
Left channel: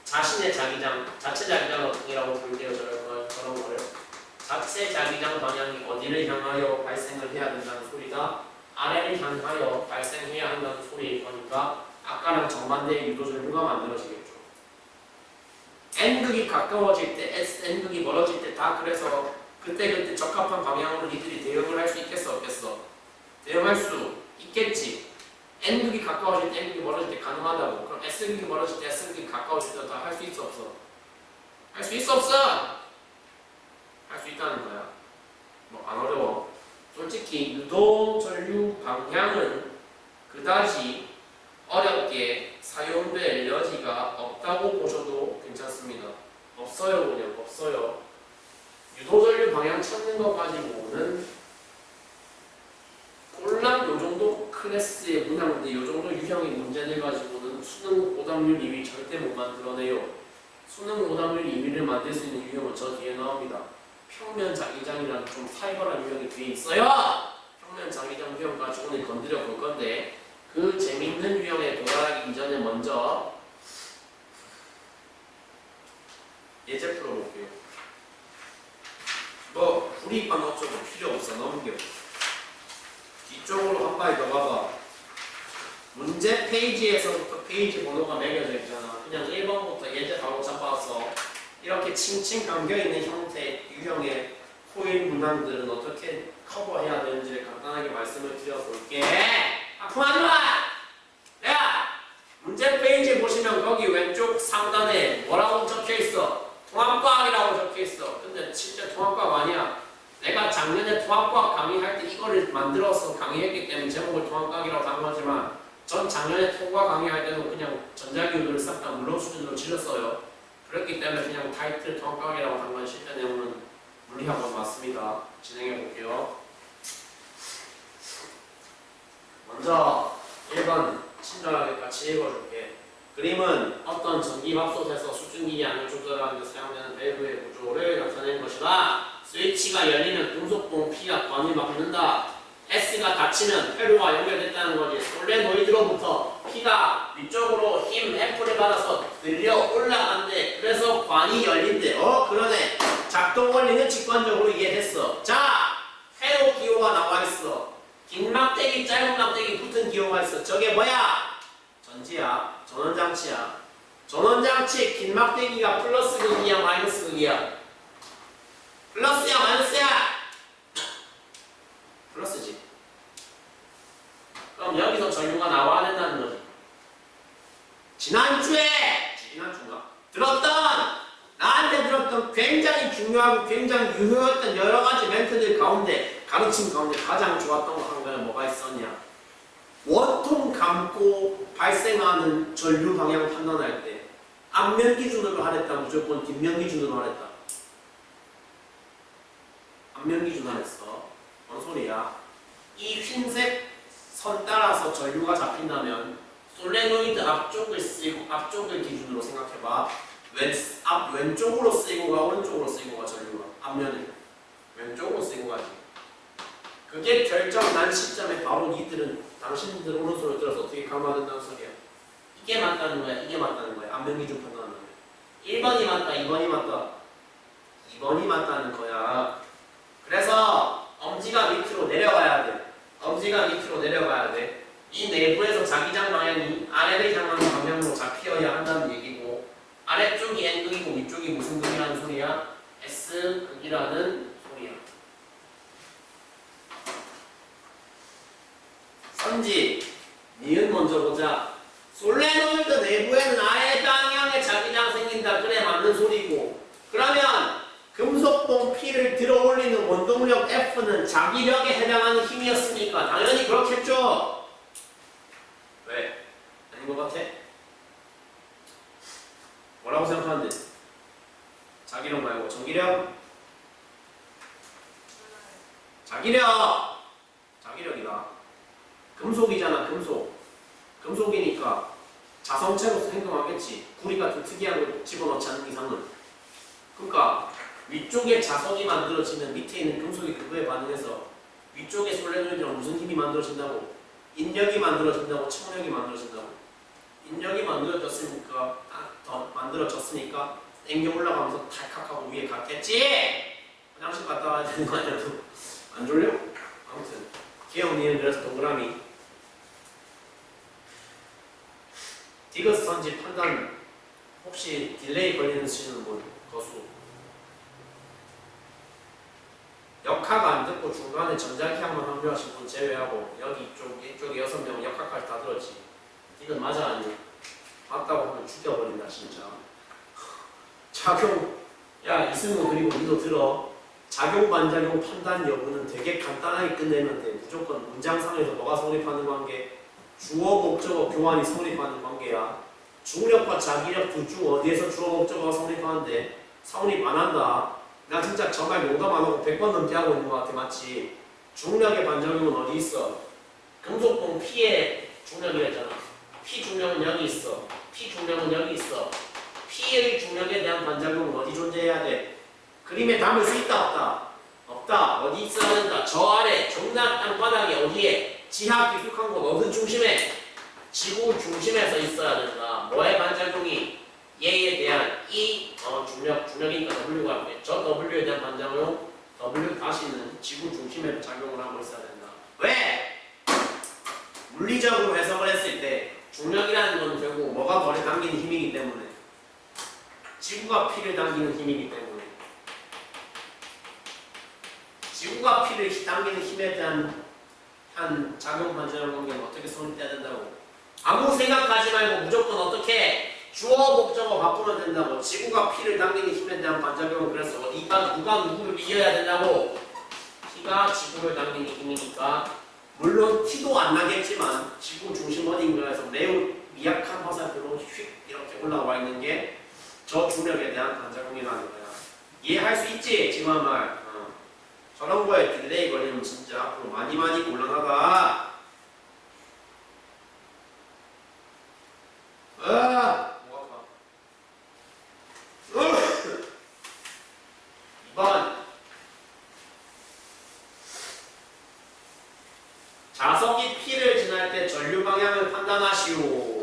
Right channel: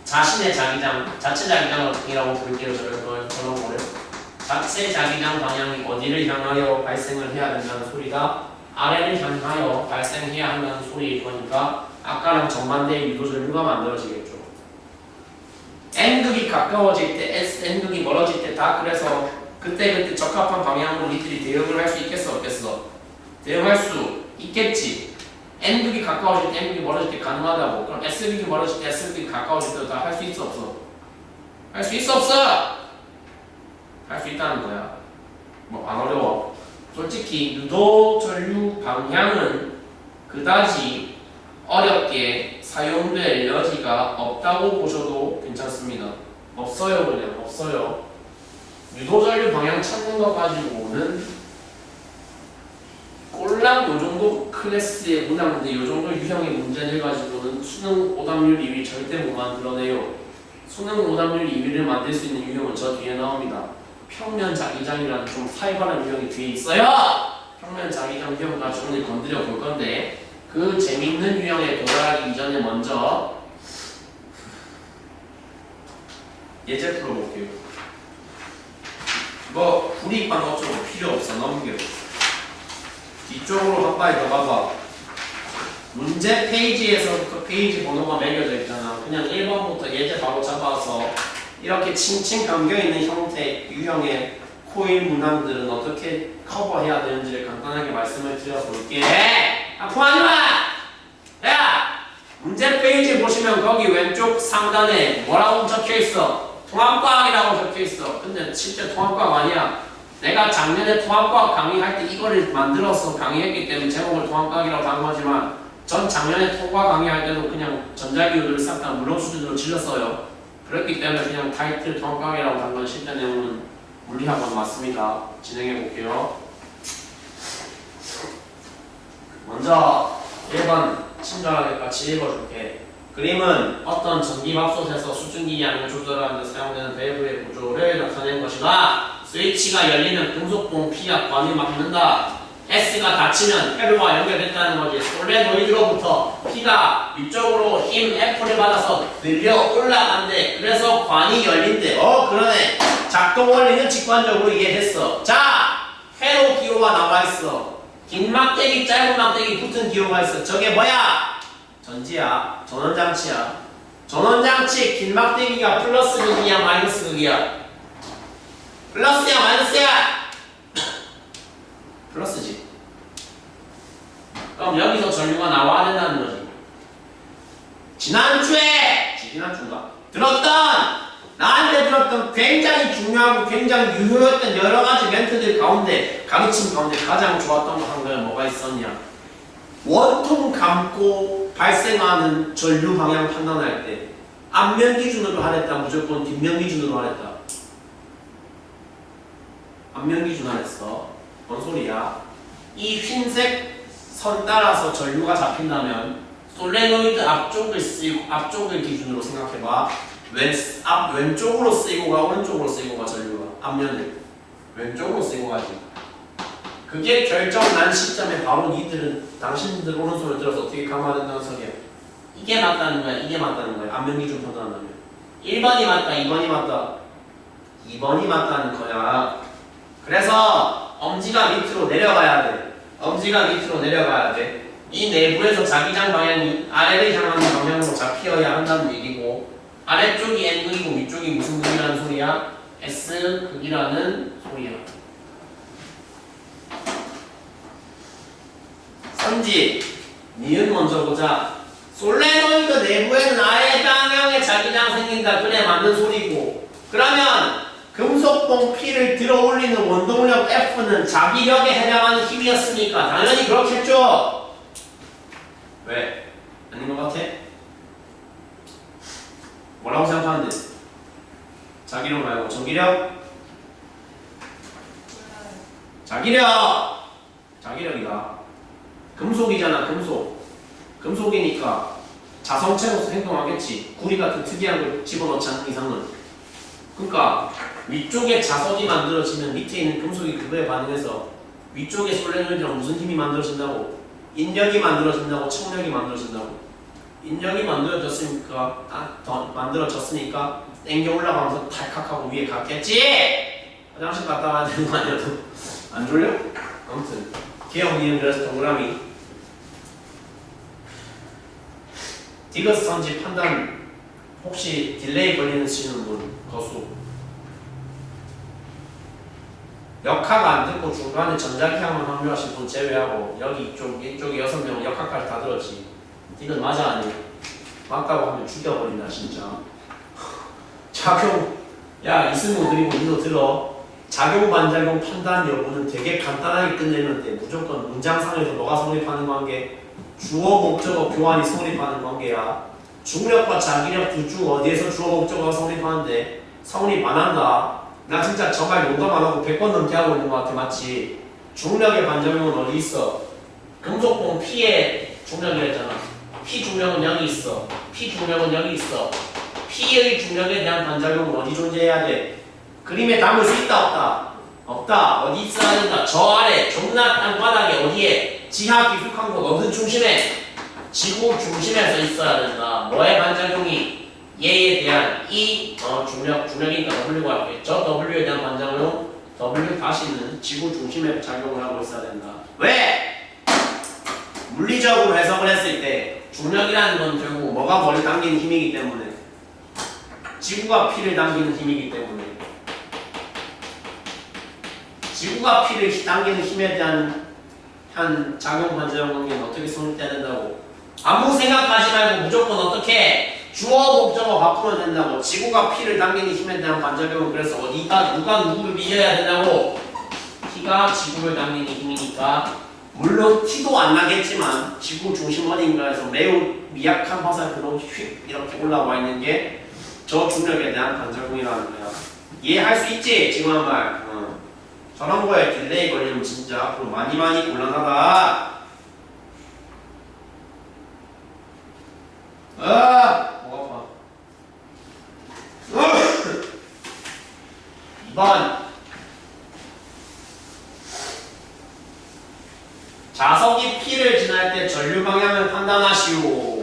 자신의 자기장, 자체 자기장이라고 부를게요. 저런 거를. 자체 자기장 방향이 어디를 향하여 발생을 해야 된다는 소리다. 아래를 향하여 발생해야 한다는 소리일 거니까 아까랑 정반대의 유도전류가 만들어지겠죠. N극이 가까워질 때, N극이 멀어질 때 다 그래서 그때 적합한 방향으로 니들이 대응을 할 수 있겠어 없겠어? 대응할 수 있겠지. N극이 가까워질 때 N극이 멀어질 때 가능하다고. 그럼 S극이 멀어질 때 S극이 가까워질 때도 다 할 수 있어 없어? 할 수 있어 없어? 할 수 있다는 거야. 뭐 안 어려워. 솔직히 유도 전류 방향은 그다지 어렵게 사용될 여지가 없다고 보셔도 괜찮습니다. 없어요. 그냥 없어요. 유도 전류 방향 찾는 거 가지고는 꼴랑 요정도 클래스의 문항인데 요정도 유형의 문제들 가지고는 수능 오답률 2위 절대 못 만들어내요. 수능 오답률 2위를 만들 수 있는 유형은 저 뒤에 나옵니다. 평면 자기장이라는 좀 살벌한 유형이 뒤에 있어요. 평면 자기장 유형 가지고 오늘 건드려 볼 건데 그 재밌는 유형에 도달하기 이전에 먼저 예제 풀어볼게요. 뭐 불이익반 어쩌고 필요 없어. 넘겨. 뒤쪽으로 한 발이 더 가봐. 문제 페이지에서부터 페이지 번호가 매겨져 있잖아. 그냥 1번부터 예제 바로 잡아서 이렇게 칭칭 감겨있는 형태 유형의 코일 문항들은 어떻게 커버해야 되는지를 간단하게 말씀을 드려볼게. 아프하지 마! 야! 문제 페이지 보시면 거기 왼쪽 상단에 뭐라고 적혀있어? 통합과학이라고 적혀있어. 근데 실제 통합과학 아니야. 내가 작년에 통합과학 강의할 때 이거를 만들어서 강의했기 때문에 제목을 통합과학이라고 단거지만 전 작년에 통과 강의할 때도 그냥 전자기호들을 싹 다 물론 수준으로 질렀어요. 그렇기 때문에 그냥 타이틀 통합과학이라고 단건 실제 내용은 물리학원 맞습니다. 진행해 볼게요. 먼저 1번 친절하게 같이 읽어줄게. 그림은 어떤 전기밥솥에서 수증기 양을 조절하는 데 사용되는 밸브의 구조를 나타낸 것이다. 스위치가 열리면 금속봉 P가 관을 막는다. S가 닫히면 회로와 연결됐다는 거지. 솔레노이드로부터 P가 위쪽으로 힘 F를 받아서 들려 올라간대. 그래서 관이 열린대. 그러네. 작동 원리는 직관적으로 이해됐어. 자, 회로 기호가 나와 있어. 긴 막대기, 짧은 막대기 붙은 기호가 있어. 저게 뭐야? 전지야. 전원장치야. 전원장치 긴 막대기가 플러스 극이야, 마이너스 극이야? 플러스야, 마이너스야? 플러스지. 그럼 여기서 전류가 나와야 된다는 거지. 지난주인가? 나한테 들었던 굉장히 중요하고 굉장히 유효했던 여러 가지 멘트들 가운데 가르침 가운데 가장 좋았던 거 한 거에 뭐가 있었냐? 원통 감고 발생하는 전류 방향 판단할 때 앞면 기준으로 하랬다, 무조건 뒷면 기준으로 하랬다. 앞면 기준 하랬어. 뭔 소리야? 이 흰색 선 따라서 전류가 잡힌다면 솔레노이드 앞쪽을 기준으로 생각해봐. 왼쪽으로 쓰이고 가, 오른쪽으로 쓰이고 가. 전류가 앞면을 왼쪽으로 쓰이고 가지. 그게 결정 난 시점에 바로 당신들 오른손을 들어서 어떻게 감아야 된다는 소리야. 이게 맞다는 거야, 이게 맞다는 거야. 앞면 기준 판단한다면 1번이 맞다, 2번이 맞다. 2번이 맞다는 거야. 그래서 엄지가 밑으로 내려가야 돼. 이 내부에서 자기장 방향이 아래를 향하는 방향으로 잡히어야 한다는 얘기고, 아래쪽이 N극이고 위쪽이 무슨 극이라는 소리야? S극이라는 소리야. 선지, 니은 먼저 보자. 솔레노이드 내부에는 아래 방향의 자기장 생긴다. 그래, 맞는 소리고. 그러면 금속봉 P를 들어 올리는 원동력 F는 자기력에 해당하는 힘이었으니까 당연히 그렇겠죠? 왜? 아닌 것 같아? 뭐라고 생각하는데? 자기력 말고 전기력? 자기력이다. 금속이잖아, 금속이니까 자성체로서 행동하겠지. 구리 같은 특이한 걸 집어넣지 않는 이상은. 그러니까 위쪽에 자석이 만들어지면 밑에 있는 금속이 그거에 반응해서 위쪽에 솔레노이드랑 무슨 힘이 만들어진다고? 인력이 만들어진다고? 청력이 만들어진다고? 인력이 만들어졌으니까 더 만들어졌으니까 땡겨 올라가면서 탈칵하고 위에 갔겠지. 화장실 갔다 와야 되는 거 아니야? 안 졸려? 아무튼 개혁니은 그래서 동그라미 디귿 선지 판단 혹시 딜레이 걸리는 쓰시는 분 거수 역학 안 듣고 중간에 전자기항만 합류하신 분 제외하고 여기 이쪽에 6명 역학까지 다 들었지. 이건 맞아 아니? 맞다고 하면 죽여버린다 진짜. 작용 야 이승우 그리고 니도 들어. 작용 반작용 판단 여부는 되게 간단하게 끝내는데 무조건 문장상에서 뭐가 성립하는 관계? 주어 목적어 교환이 성립하는 관계야. 중력과 자기력 둘 중 어디에서 주어 목적어가 성립하는데 성립 안 한다. 나 진짜 정말 농담 안 하고 100번 넘게 하고 있는 것 같아. 맞지? 중력의 반작용은 어디 있어? 금속봉 P의 중력이랬잖아. P 중력은 여기 있어. P 중력은 여기 있어. P의 중력에 대한 반작용은 어디 존재해야 돼? 그림에 담을 수 있다 없다? 없다. 어디 있어야 된다? 저 아래 존나 땅바닥에 어디에? 지하 깊숙한 곳 어느 중심에? 지구 중심에서 있어야 된다. 뭐의 반작용이? 얘에 대한 이 중력이니까 W가 있고 저 W에 대한 반작용 W 다시는 지구 중심에 작용을 하고 있어야 된다. 왜? 물리적으로 해석을 했을 때 중력이라는 건 결국 뭐가 뭐를 당기는 힘이기 때문에 지구가 P를 당기는 힘이기 때문에 지구가 P를 당기는 힘에 대한 한 작용 반작용 관계는 어떻게 성립돼야 된다고? 아무 생각하지 말고 무조건 어떻게 주어 목적어 바꾸면 된다고. 지구가 P를 당기는 힘에 대한 반작용은 그래서 어디가 누가 누구를 이겨야 된다고? P가 지구를 당기는 힘이니까 물론 티도 안 나겠지만 지구 중심 어딘가에서 매우 미약한 화살표로 휙 이렇게 올라와 있는 게 저 중력에 대한 반작용이라는 거야. 이해할 수 있지? 지금 한 말. 저런 거에 딜레이 걸리면 진짜 앞으로 많이 곤란하다. 목 아파. 2번 자석이 P를 지날 때 전류 방향을 판단하시오.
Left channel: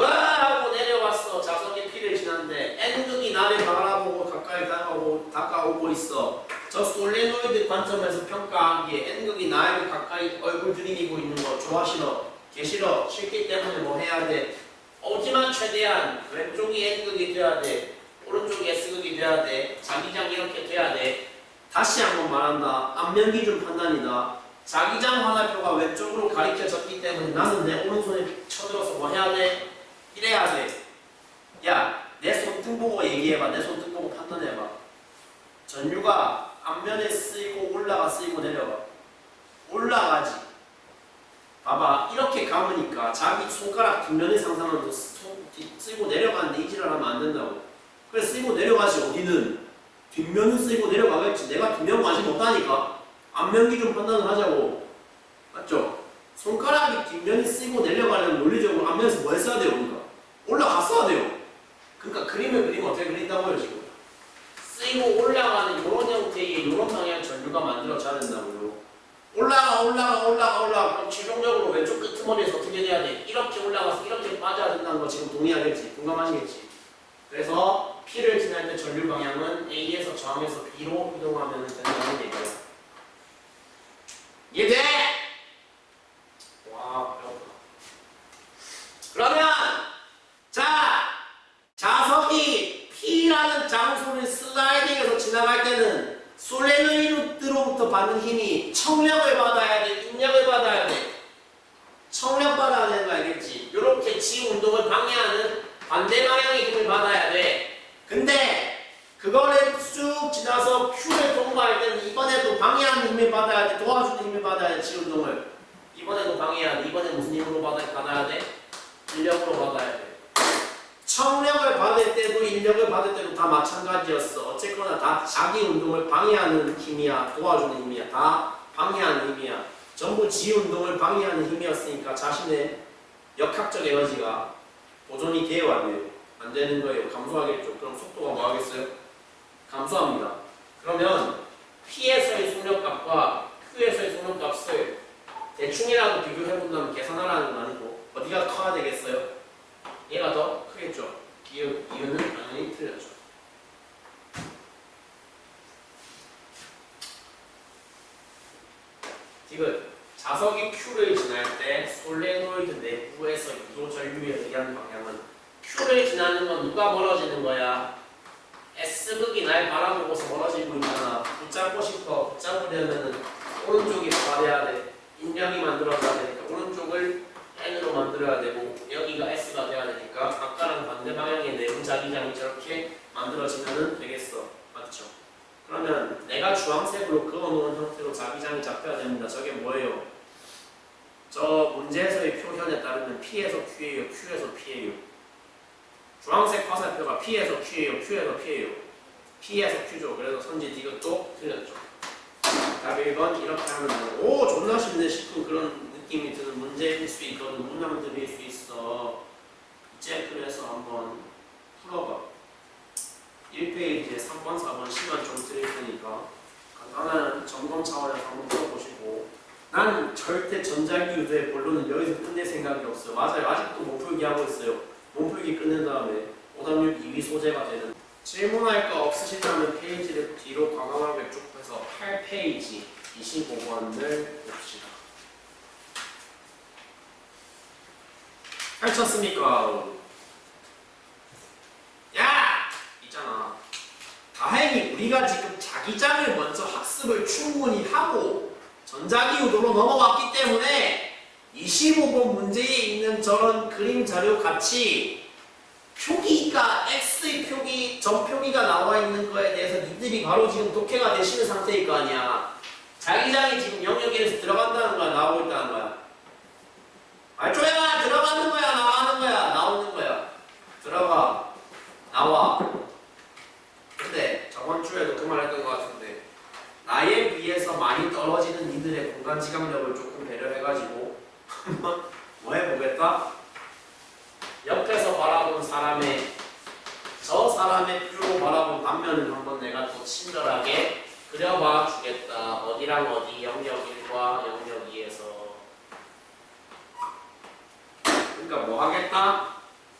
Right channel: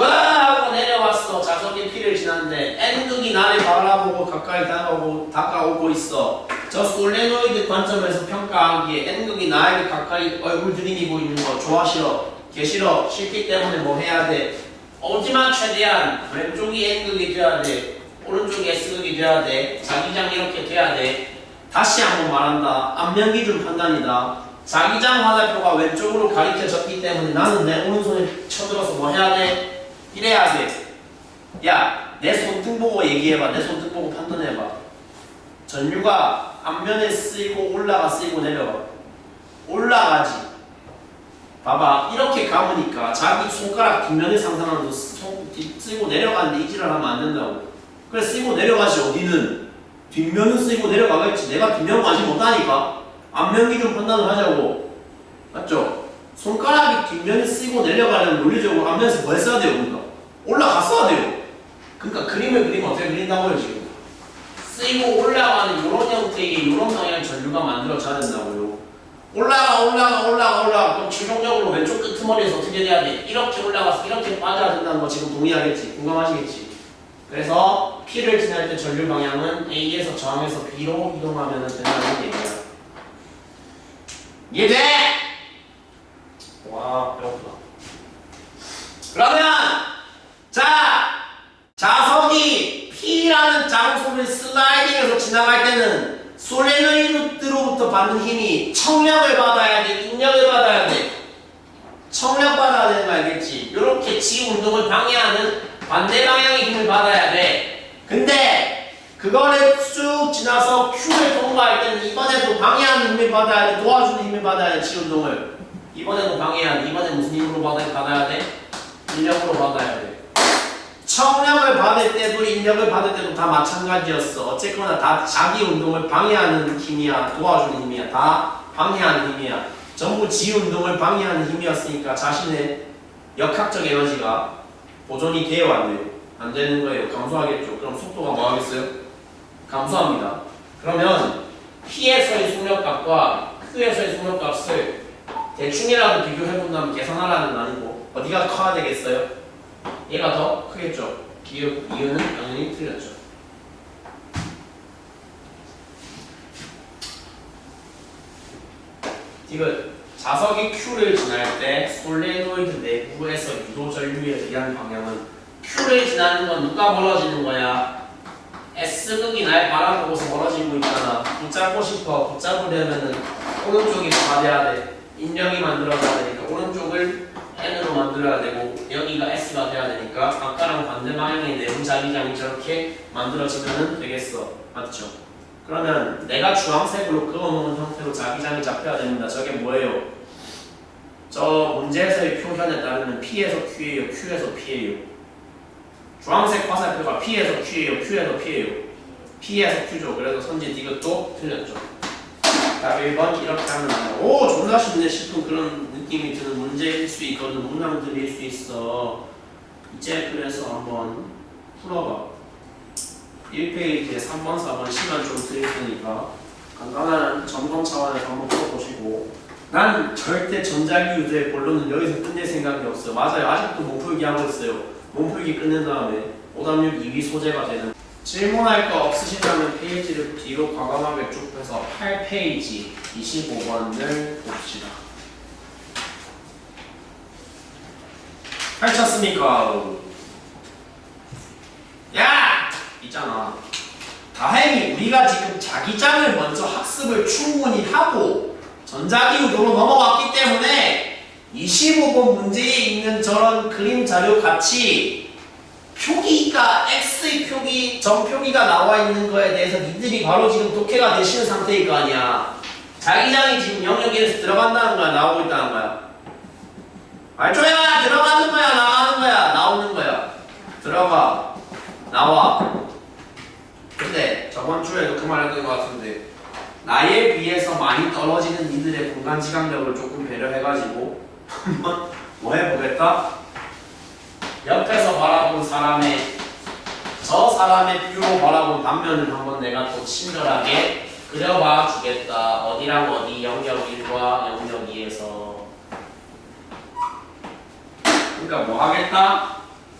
하고 내려왔어. 자석이 P를 지났는데 N극이 나를 바라보고 가까이 다가오고 있어. 저 솔레노이드 관점에서 평가하기에 N극이 나에게 가까이 얼굴 들이미고 있는 거 좋아 싫어? 개 싫어? 싫기 때문에 뭐 해야 돼? 오지만 최대한 왼쪽이 N극이 돼야 돼. 오른쪽이 S극이 돼야 돼. 자기장 이렇게 돼야 돼. 다시 한번 말한다. 앞면기준 판단이다. 자기장 화살표가 왼쪽으로 가리켜졌기 때문에 나는 내 오른손에 쳐들어서 뭐 해야 돼? 이래야 돼. 야, 내 손등 보고 얘기해봐. 내 손등 보고 판단해봐. 전류가 앞면에 쓰이고 올라가 쓰이고 내려가. 올라가지. 봐봐. 이렇게 감으니까 자기 손가락 뒷면을 상상하면서 쓰이고 내려가는데 이 지랄 하면 안 된다고. 그래 쓰이고 내려가지. 어디는 뒷면은 쓰이고 내려가겠지. 내가 뒷면 관심 없다니까. 앞면 기준 판단을 하자고. 맞죠? 손가락이 뒷면에 쓰이고 내려가려면 논리적으로 앞면에서 뭐 했어야 돼요? 그러니까 올라갔어야 돼요. 그러니까 그림을 그리면 어떻게 그린다고요 지금? 쓰이고 올라가는 이런 형태의 이런 방향 전류가 만들어져야 된다고요. 올라가 그럼 최종적으로 왼쪽 끄트머리에서 어떻게 돼야 돼? 이렇게 올라가서 이렇게 빠져야 된다는 거 지금 동의하겠지? 공감하시겠지? 그래서 P를 지날 때 전류 방향은 A에서 저항에서 B로 이동하면 된다는 얘기예요. 이해돼? 와 배고프다. 그러면 자 자석이 P라는 장소를 슬라이딩해서 지나갈 때는 솔레노이드로부터 받는 힘이 청력을 받아야 돼? 인력을 받아야 돼? 청력 받아야 되는 거 알겠지? 이렇게 지구 운동을 방해하는 반대 방향의 힘을 받아야 돼. 근데 그거를 쭉 지나서 Q를 통과할 때는 이번에도 방해하는 힘을 받아야 돼? 도와주는 힘을 받아야 돼? 지구 운동을 이번에도 방해해야 돼. 이번에 무슨 힘으로 받아야 돼? 인력으로 받아야 돼. 청력을 받을 때도 인력을 받을 때도 다 마찬가지였어. 어쨌거나 다 자기 운동을 방해하는 힘이야. 도와주는 힘이야. 다 방해하는 힘이야. 전부 지 운동을 방해하는 힘이었으니까 자신의 역학적 에너지가 보존이 돼요 안 돼요? 안 되는 거예요. 감소하겠죠. 그럼 속도가 뭐 하겠어요? 감소합니다. 그러면 P에서의 속력값과 Q에서의 속력값을 대충이라도 비교해본다면 계산하라는 거 아니고 어디가 커야 되겠어요? 얘가 더 크겠죠. 이유는 당연히 틀렸죠. 이거 자석이 Q를 지날 때 솔레노이드 내부에서 유도 전류에 의한 방향은 Q를 지나는 건 누가 멀어지는 거야? S극이 날 바라보고서 멀어지고 있잖아. 붙잡고 싶어. 붙잡으려면은 오른쪽이 뭐가 돼야 돼? 인력이 만들어져야 되니까 오른쪽을 N으로 만들어야 되고 여기가 S가 돼야 되니까 아까랑 반대 방향의 내부 자기장이 저렇게 만들어지면 되겠어. 맞죠? 그러면 내가 주황색으로 그어놓은 형태로 자기장이 잡혀야 됩니다. 저게 뭐예요? 저 문제에서의 표현에 따르면 P에서 Q예요. Q에서 P예요. 주황색 화살표가 P에서 Q예요. Q에서 P예요. P에서 Q죠. 그래서 선지 이것도 틀렸죠. 자, 1번 이렇게 하면 안 돼. 오, 존나 쉽네 싶은 그런 느낌이 드는 문제일 수 있거든. 문항들일 수 있어. 이제 그래서 한번 풀어봐. 1페이지에 3번, 4번 시간 좀 드릴 테니까 간단한 점검 차원에서 한번 풀어보시고 난 절대 전자기 유도의 본론은 여기서 끝낼 생각이 없어요. 맞아요. 아직도 몸풀기 하고 있어요. 몸풀기 끝낸 다음에 오답률 2위 소재가 되는 질문할 거 없으시다면 페이지를 뒤로 과감하게 쭉 해서 8페이지 25번을 봅시다. 펼쳤습니까? 야! 있잖아. 다행히 우리가 지금 자기장을 먼저 학습을 충분히 하고 전자기 유도로 넘어왔기 때문에 25번 문제에 있는 저런 그림 자료 같이 표기가 X의 표기, 점 표기가 나와 있는 거에 대해서 니들이 바로 지금 독해가 되시는 상태일 거 아니야. 자기장이 지금 영역에서 들어간다는 거야, 나오고 있다는 거야. 알조야, 들어가는 거야, 나가는 거야, 나오는 거야. 들어가, 나와. 근데 저번 주에도 그 말 했던 것 같은데 나에 비해서 많이 떨어지는 니들의 공간 지각력을 조금 배려해가지고 한번 뭐 해보겠다? 옆에서 바라본 사람의 저 사람의 뷰로 바라본 단면을 한번 내가 또 친절하게 그려봐 주겠다. 어디랑 어디 영역 1과 영역 2에서 그러니까 뭐 하겠다?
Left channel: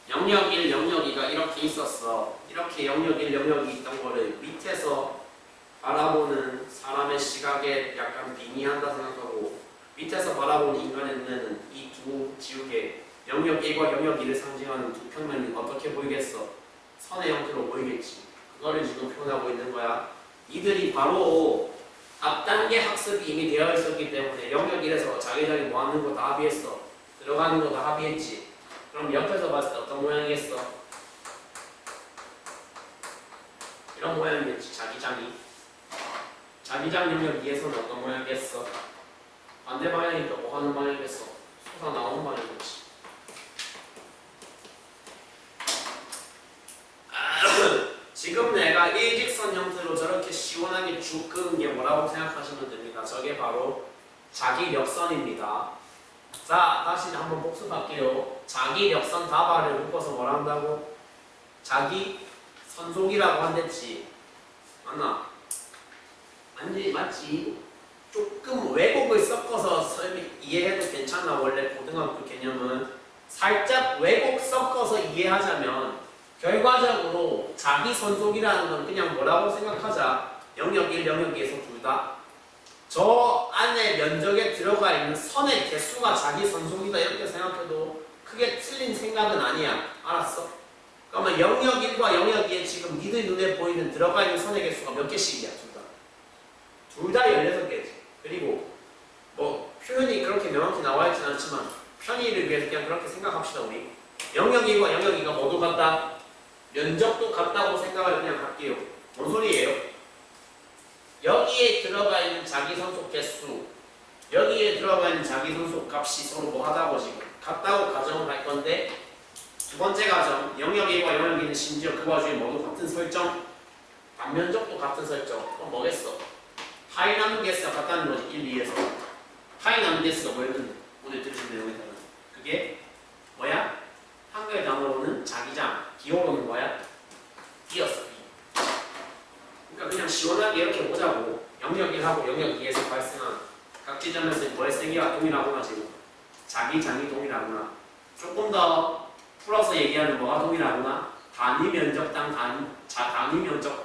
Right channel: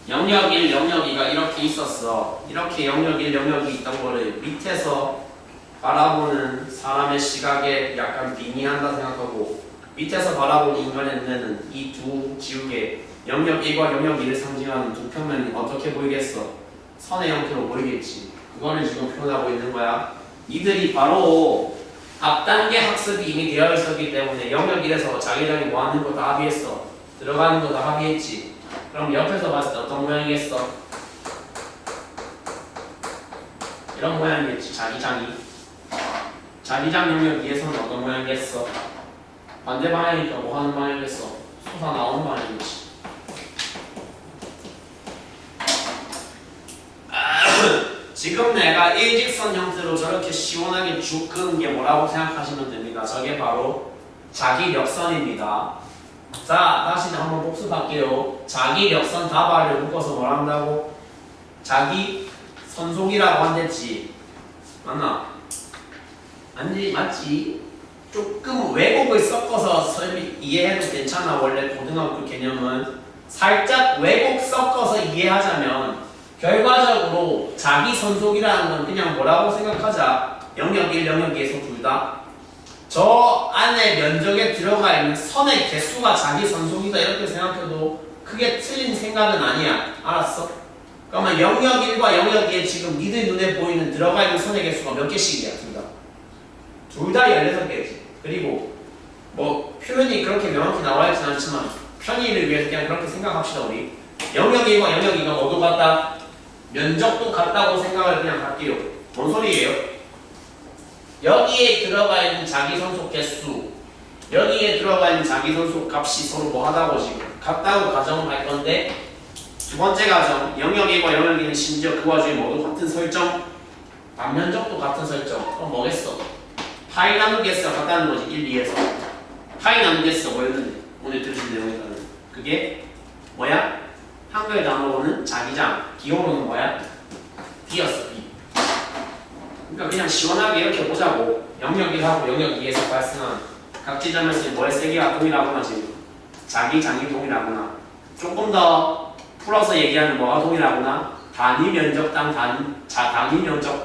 영역 1, 영역 2가 이렇게 있었어. 이렇게 영역 1, 영역 2 있던 거를 밑에서 바라보는 사람의 시각에 약간 빙의한다 생각하고 밑에서 바라보는 인간의 눈에는 이 두 지우개 영역 1과 영역 2를 상징하는 두 평면이 어떻게 보이겠어? 선의 형태로 보이겠지. 그거를 지금 표현하고 있는 거야. 이들이 바로 앞단계 학습이 이미 되어 있었기 때문에 영역 1에서 자기장이 뭐 하는 거 다 합의했어. 들어가는 거 다 합의했지. 그럼 옆에서 봤을 때 어떤 모양이겠어? 이런 모양이겠지. 자기장 영역 2에서는 어떤 모양이겠어? 반대 방향이니까 뭐 하는 방향이겠어? 솟아 나오는 방향이겠지. 지금 내가 일직선 형태로 저렇게 시원하게 쭉 끄는 게 뭐라고 생각하시면 됩니다. 저게 바로 자기력선입니다. 자, 다시 한번 복습할게요. 자기력선 다발을 묶어서 뭘 한다고? 자기 선속이라고 한댔지. 맞나? 맞지? 조금 왜곡을 섞어서 이해해도 괜찮아. 원래 고등학교 개념은 살짝 왜곡 섞어서 이해하자면 결과적으로 자기 선속이라는 건 그냥 뭐라고 생각하자. 영역 1, 영역 2에서 둘 다 저 안에 면적에 들어가 있는 선의 개수가 자기 선속이다 이렇게 생각해도 크게 틀린 생각은 아니야. 알았어? 그러면 영역 1과 영역 2에 지금 니들 눈에 보이는 들어가 있는 선의 개수가 몇 개씩이야? 둘 다 16개지. 그리고 뭐 표현이 그렇게 명확히 나와 있진 않지만 편의를 위해서 그냥 그렇게 생각합시다. 우리 영역 1과 영역 2가 모두 같다. 면적도 같다고 생각을 그냥 할게요. 뭔 소리예요? 여기에 들어가 있는 자기선속 개수, 여기에 들어가 있는 자기선속 값이 서로 뭐 하다고 지금 같다고 가정을 할 건데 두 번째 가정, 영역 1과 영역 2는 심지어 그 와중에 모두 같은 설정, 반면적도 같은 설정. 그럼 뭐겠어? 파이 나누기 S가 같다는 거지. 1, 2에서 파이 나누기 S가 뭐였는데 오늘 들으신 내용에 따른 그게 뭐야? 한글 단어로는 자기장, 기호로는 뭐야? B였어. B. 그러니까 그냥 시원하게 이렇게 보자고. 영역 1하고 영역 2에서 발생한 각 지점에서 뭐의 세기가 동일하구나. 지금 자기장이 동일하구나. 조금 더 풀어서 얘기하는 뭐가 동일하구나? 단위 면적당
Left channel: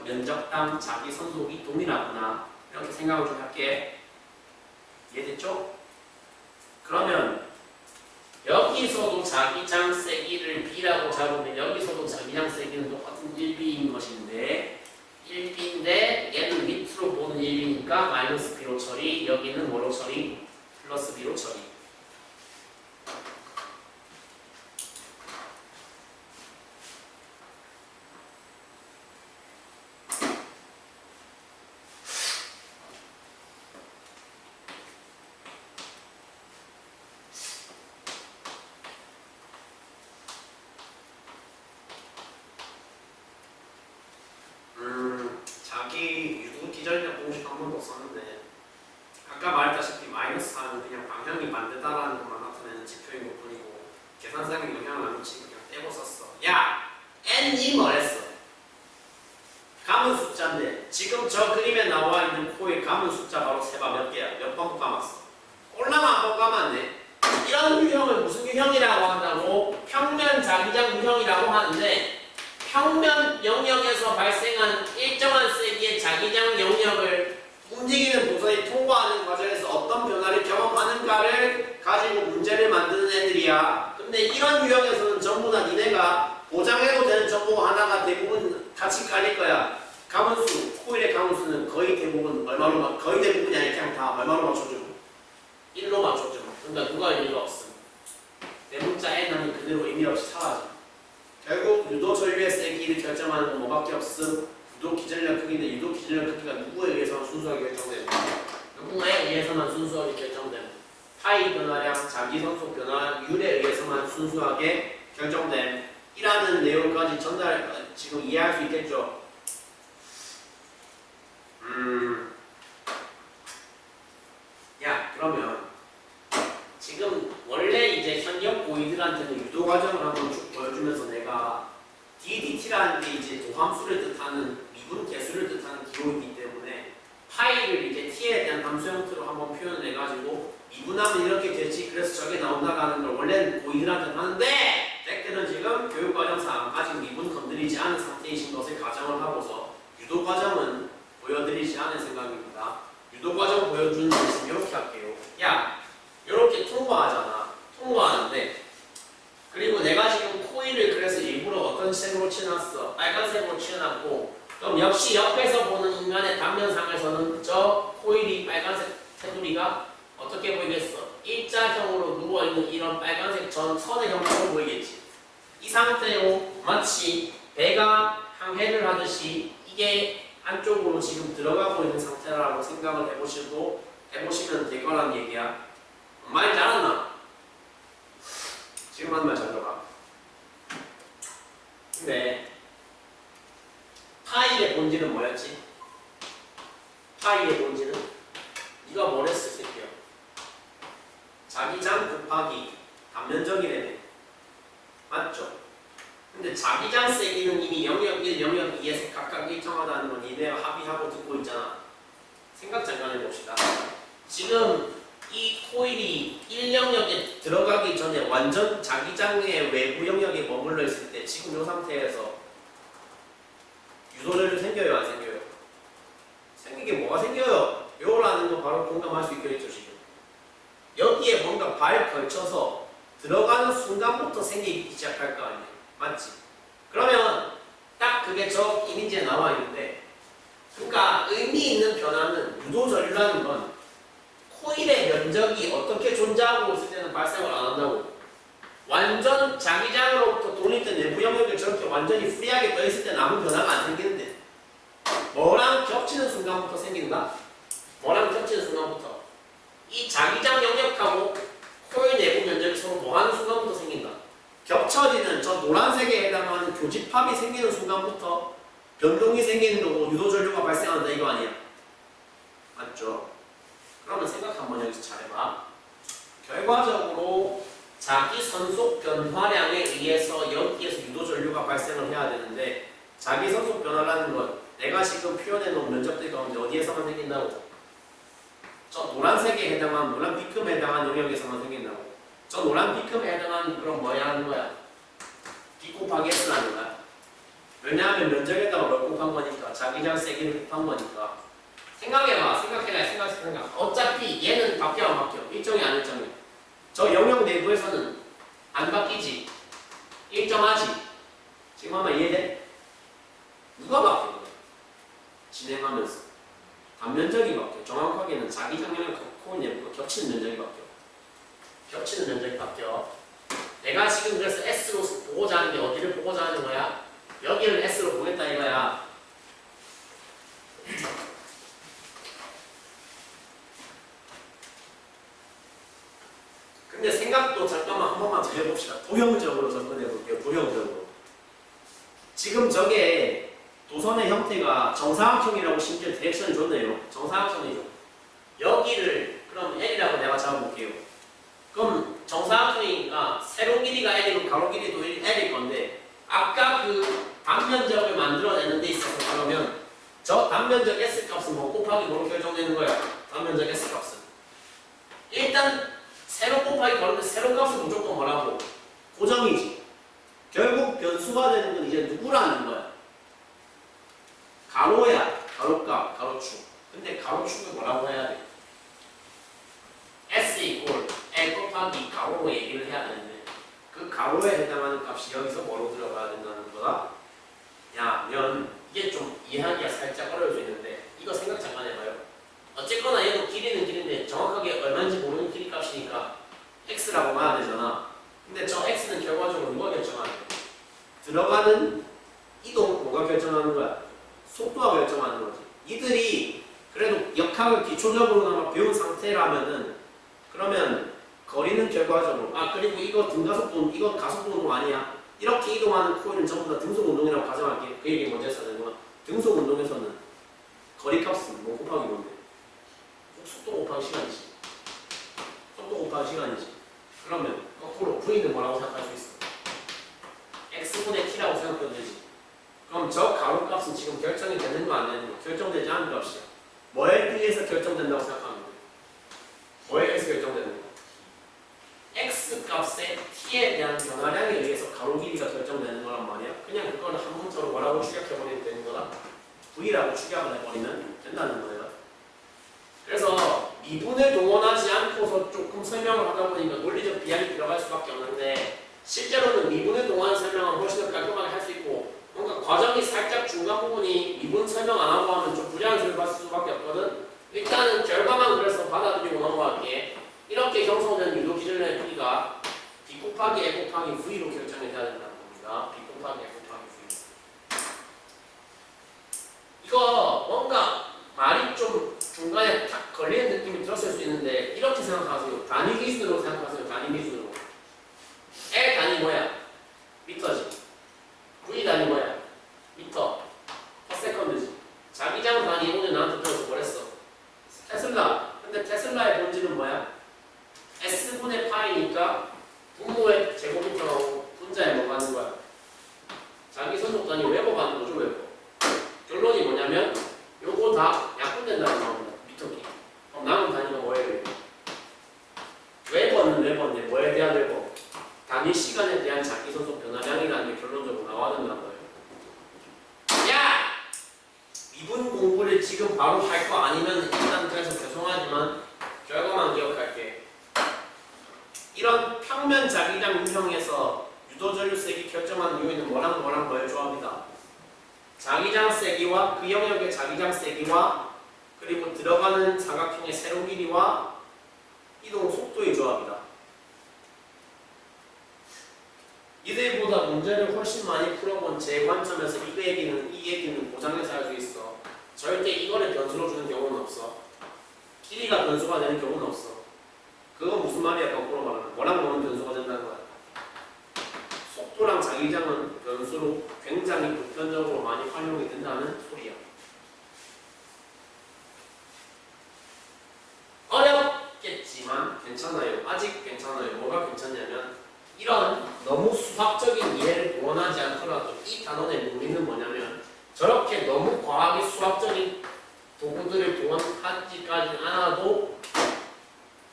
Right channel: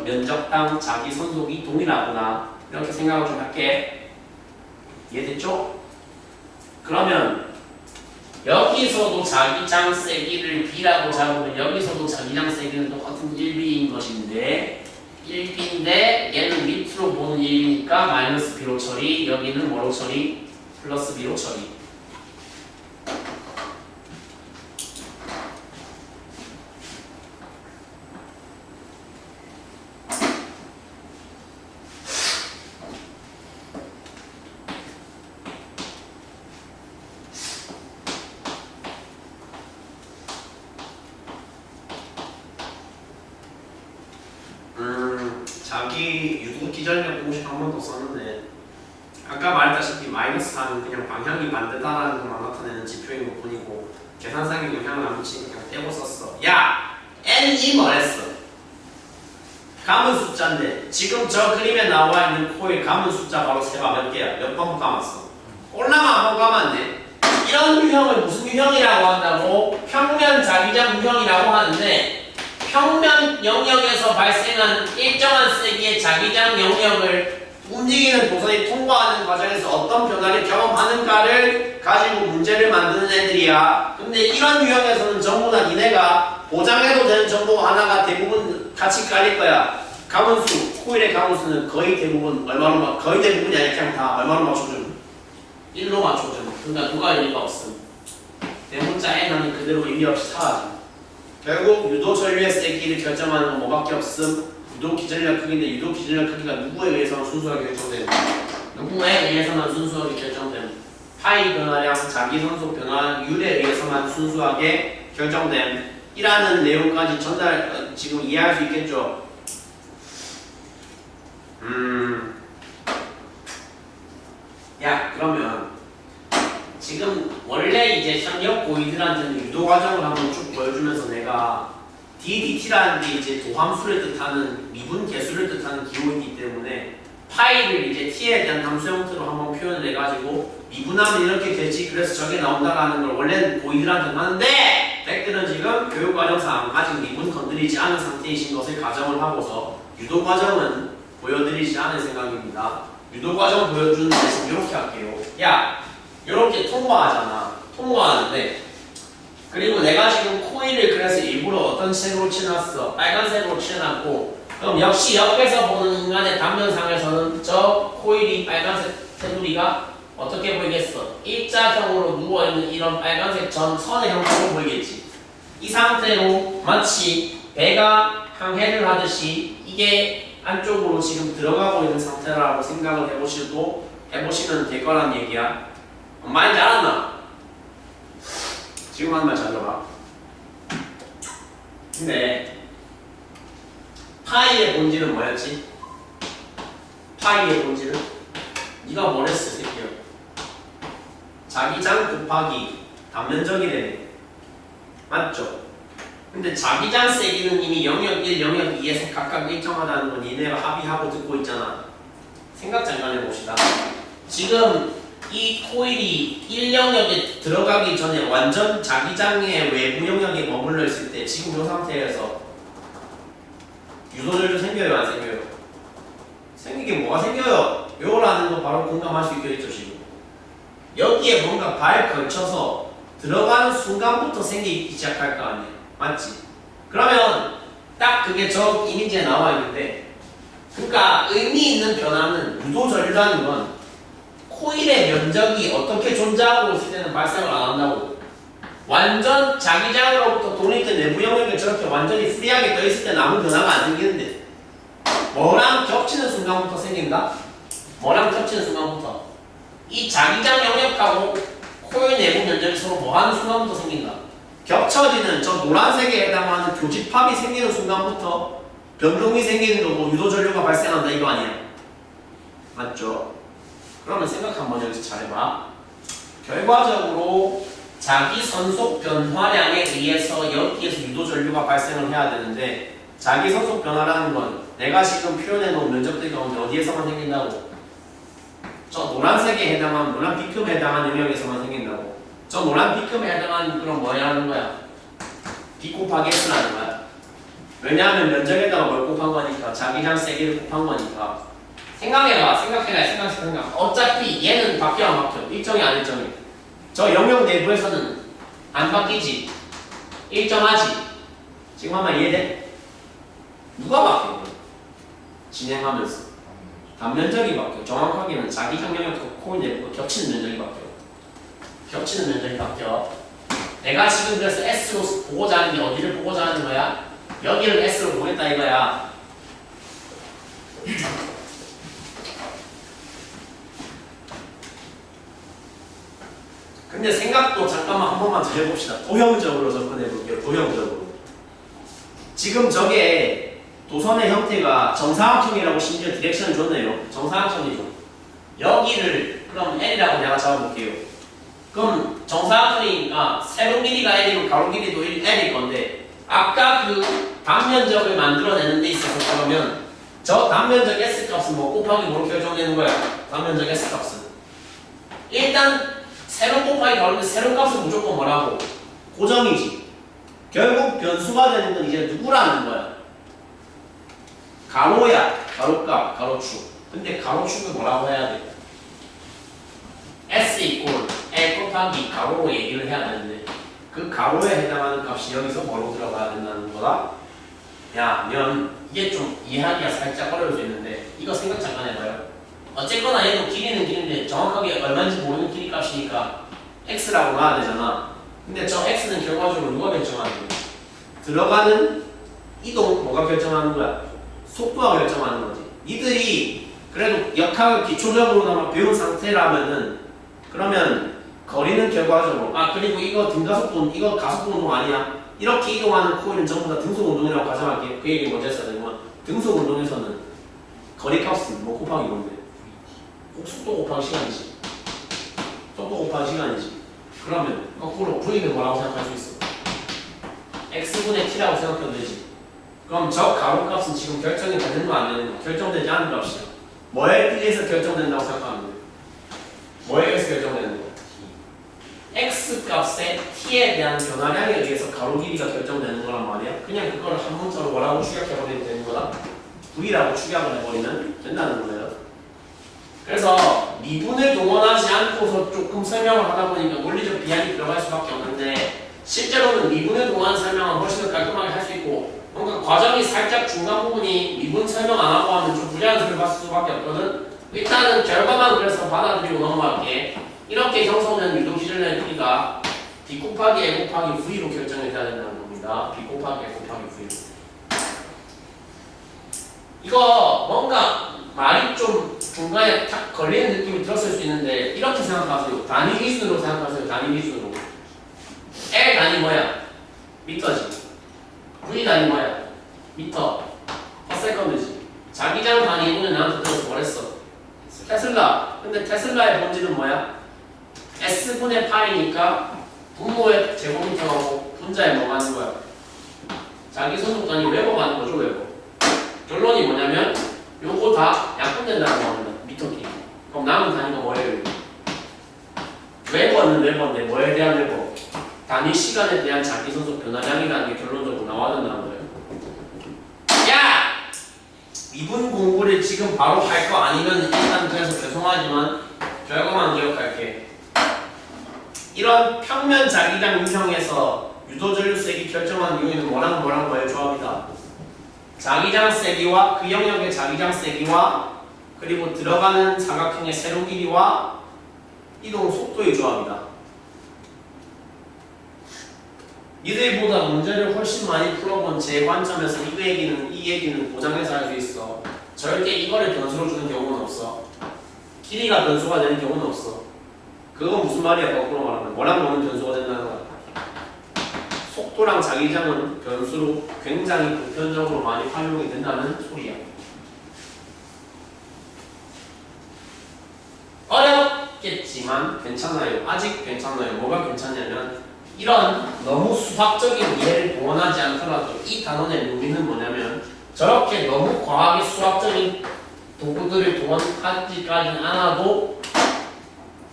면적당 자기 선속이 동일하구나. 이렇게 생각을 좀 할게. 이해됐죠? 그러면 여기서도 자기장 세기를 B라고 잡으면 여기서도 자기장 세기는 똑같은 1B인 것인데 1B인데 얘는 밑으로 보는 1이니까 마이너스 B로 처리, 여기는 뭐로 처리? 플러스 B로 처리. 자기 유도 기전력 공식 한 번 더 썼는데 아까 말했다시피 마이너스 4는 그냥 방향이 반대다라는 것만 나타내는 지표인 것 뿐이고 계산상의 영향을 안 미치고 그냥 떼고 썼어. 야! n이 뭐랬어? 감은 숫자인데 지금 저 그림에 나와 있는 코의 감은 숫자 바로 세봐 몇 개야? 몇 번 감았어? 올라만 한 번 감으면 돼. 이런 유형을 무슨 유형이라고 한다고? 평면 자기장 유형이라고 하는데 평면 영역에서 발생한 일정한 세기의 자기장 영역을 움직이는 도선이 통과하는 과정에서 어떤 변화를 경험하는가를 가지고 문제를 만드는 애들이야. 근데 이런 유형에서는 전부 다 니네가 보장해도 되는 정보 하나가 대부분 같이 깔릴 거야. 가문수, 코일의 가문수는 거의 대부분 얼마로 거의 대부분이 아니라 그냥 다 얼마로 맞춰줌? 1로 맞춰줌. 그러니까 누가 의미가 없음. 대문자 n은 그대로 의미 없이 사라짐. 결국 유도 전류의 세기를 결정하는 건 뭐밖에 없음? 유도 기전력 크기인데 유도 기전력 크기가 누구에 의해서만 순수하게 결정됨? 누구에 의해서만 순수하게 결정됨? 파이 변화량, 자기 선속 변화율에 의해서만 순수하게 결정됨. 이라는 내용까지 지금 이해할 수 있겠죠? 야, 그러면 지금 원래 이제 현역 고이들한테는 유도 과정을 한번 쭉 보여주면서 내가 DDT라는 게 이제 도함수를 뜻하는 미분 개수를 뜻하는 기호이기 때문에 파이를 이제 t에 대한 함수 형태로 한번 표현을 해가지고 미분하면 이렇게 되지 그래서 저게 나온다라는 걸 원래는 고이들한테는 하는데 백들은 지금 교육과정상 아직 미분 건드리지 않은 상태이신 것을 가정을 하고서 유도 과정은 보여드리지 않을 생각입니다. 유도 과정 보여주는 대신 이렇게 할게요. 야, 이렇게 통과하잖아. 통과하는데 그리고 내가 지금 코일을 그래서 일부러 어떤 색으로 칠해놨어? 빨간색으로 칠해놨고 그럼 역시 옆에서 보는 인간의 단면상에서는 저 코일이 빨간색 테두리가 어떻게 보이겠어? 일자형으로 누워있는 이런 빨간색 선의 형태로 보이겠지. 이 상태로 마치 배가 항해를 하듯이 이게 안쪽으로 지금 들어가고 있는 상태라고 생각을 해보시면 될 거란 얘기야. 많이 잘았나? 지금 하는 말 잘 들어봐. 근데 파이의 본질은 뭐였지? 파이의 본질은? 네가 뭘 했어, 새끼야? 자기장 곱하기 단면적이래. 맞죠? 근데 자기장 세기는 이미 영역 1, 영역 2에서 각각 일정하다는 건 니네가 합의하고 듣고 있잖아. 생각 잠깐 해봅시다. 지금 이 코일이 1영역에 들어가기 전에 완전 자기장의 외부 영역에 머물러 있을 때 지금 이 상태에서 유도절도 생겨요, 안 생겨요? 생기게 뭐가 생겨요? 요라는 거 바로 공감할 수 있겠죠, 지금. 여기에 뭔가 발 걸쳐서 들어가는 순간부터 생기기 시작할 거 아니야. 맞지? 그러면 딱 그게 저 이미지에 나와 있는데 그러니까 의미 있는 변화는 유도전류라는 건 코일의 면적이 어떻게 존재하고 있을 때는 발생을 안 한다고. 완전 자기장으로부터 독립된 내부 영역에 저렇게 완전히 프리하게 떠 있을 때는 아무 변화가 안 생기는데 뭐랑 겹치는 순간부터 생긴다? 뭐랑 겹치는 순간부터 이 자기장 영역하고 코일 내부 면적이 서로 뭐하는 순간부터 생긴다? 겹쳐지는 저 노란색에 해당하는 교집합이 생기는 순간부터 변동이 생기는 거고 유도전류가 발생한다 이거 아니야? 맞죠? 그러면 생각 한번 여기서 잘해봐. 결과적으로 자기 선속 변화량에 의해서 여기에서 유도전류가 발생을 해야 되는데 자기 선속 변화라는 건 내가 지금 표현해 놓은 면적들 가운데 어디에서만 생긴다고? 저 노란색에 해당한 노란 B급에 해당한 영역에서만 생긴다고. 저 노란 B급에 해당한 그런 뭐야 하는 거야? B 곱하기 S라는 거야. 왜냐하면 면적에다가 뭘 곱한 거니까 자기장 세기를 곱한 거니까. 생각. 어차피 얘는 바뀌어 안 바뀌어? 일정이 안 일정이. 저 영역 내부에서는 안 바뀌지. 일정하지. 지금 한번 이해돼? 누가 바뀌어? 진행하면서 단면적이 바뀌어. 정확하게는 자기장 영역 코일 내부가 겹치는 면적이 바뀌어. 내가 지금 그래서 S로 보고자 하는 게 어디를 보고자 하는 거야? 여기를 S로 보겠다 이거야. 근데 생각도 잠깐만 한 번만 더 해봅시다. 도형적으로 접근해 볼게요. 도형적으로. 지금 저게 도선의 형태가 정사각형이라고 심지어 디렉션을 줬네요. 정사각형이죠. 여기를 그럼 L이라고 내가 잡아볼게요. 그럼 정사각형이니까 세로 길이가 L이고 가로 길이도 L일 건데 아까 그 단면적을 만들어내는 데 있어서 그러면 저 단면적 S 값은 뭐 곱하기 뭐로 결정되는 거야? 단면적 S 값은 일단 세로 곱하기 가로인데 세로 값은 무조건 뭐라고? 고정이지. 결국 변수가 되는 건 이제 누구라는 거야? 가로야. 가로값, 가로축. 근데 가로축을 뭐라고 해야 돼? S 이꼴 L 곱하기 가로로 얘기를 해야 되는데 그 가로에 해당하는 값이 여기서 뭐로 들어가야 된다는 거다? 야, 면 이게 좀 이해하기가 살짝 어려울 수 있는데 이거 생각 잠깐 해봐요. 어쨌거나 얘도 길이는 길인데 정확하게 얼마인지 모르는 길이 값이니까 x라고 놔야 되잖아. 근데 저 x는 결과적으로 누가 결정하는 거야? 들어가는 이동 뭐가 결정하는 거야? 속도가 결정하는 거지. 이들이 그래도 역학을 기초적으로나마 배운 상태라면은 그러면 거리는 결과적으로 그리고 이거 등가속도 이거 가속도 운동 아니야? 이렇게 이동하는 코일은 전부 다 등속 운동이라고 가정할게. 그 얘기 먼저 했어야 되는 등속 운동에서는 거리 값은 뭐 곱하기 뭔데? 속도 곱하기 시간이지. 속도 곱하기 시간이지. 그러면 거꾸로 V는 뭐라고 생각할 수 있어? X분의 T라고 생각해도 되지. 그럼 저 가로 값은 지금 결정이 되는 거 안 되는 거? 결정되지 않은 값이야. 뭐에 의해서 결정된다고 생각하면 돼? 뭐에 의해서 결정되는 거? X 값의 T에 대한 변화량에 의해서 가로 길이가 결정되는 거란 말이야. 그냥 그거를 한 문자로 뭐라고 축약해버리면 되는 거다? V라고 축약을 해버리면 된다는 거예요. 그래서 미분을 동원하지 않고서 조금 설명을 하다 보니까 논리적 비약이 들어갈 수밖에 없는데 실제로는 미분을 동원하는 설명은 훨씬 더 깔끔하게 할 수 있고 뭔가 과정이 살짝 중간 부분이 미분 설명 안 하고 하면 좀 불리한 소리를 받을 수밖에 없거든. 일단은 결과만 그래서 받아들이고 넘어갈게. 이렇게 형성된 유도 기준의 길이가 B 곱하기 A 곱하기 V로 결정이 돼야 된다는 겁니다. B 곱하기 A 곱하기 V. 이거 뭔가 말이 좀 중간에 탁 걸리는 느낌이 들었을 수 있는데 이렇게 생각하세요. 단위 기준으로 생각하세요. 단위 기준으로. L 단위 뭐야? 미터지. V 단위 뭐야? 미터. 퍼세컨드지. 자기장 단위 오늘 나한테 들어서 뭐랬어? 테슬라. 근데 테슬라의 본질은 뭐야? S분의 8이니까 분모의 제곱미터하고 분자에 뭐 가는 거야? 자기 소속 단위 웨버 가는 거죠, 웨버. 결론이 뭐냐면 요거 다 약분된다는 겁니다. 미터끼리. 그럼 남은 단위가 뭐예요? 웨버는 웨버인데 뭐에 대한 웨버? 단위 시간에 대한 자기 소속 변화량이라는 게 결론적으로 나와야 된다는 거예요. 야! 미분 공부를 지금 바로 할 거 아니면 일단 그래서 죄송하지만 결과만 기억할게. 이런 평면 자기장 유형에서 유도전류 세기 결정하는 요인은 뭐랑 뭐의 조합이다. 자기장 세기와 그 영역의 자기장 세기와 그리고 들어가는 사각형의 세로 길이와 이동 속도의 조합이다. 이들보다 문제를 훨씬 많이 풀어본 제 관점에서 이 얘기는 보장해서 할 수 있어. 절대 이거를 변수로 주는 경우는 없어. 길이가 변수가 되는 경우는 없어. 그건 무슨 말이야? 거꾸로 말하면 뭐랑 뭐는 변수가 된다는 거야. 속도랑 자기장은 변수로 굉장히 보편적으로 많이 활용이 된다는 소리야. 어렵겠지만 괜찮아요. 아직 괜찮아요. 뭐가 괜찮냐면 이런 너무 수학적인 이해를 동원하지 않더라도 이 단원의 의미는 뭐냐면 저렇게 너무 과하게 수학적인 도구들을 동원하지까지는 않아도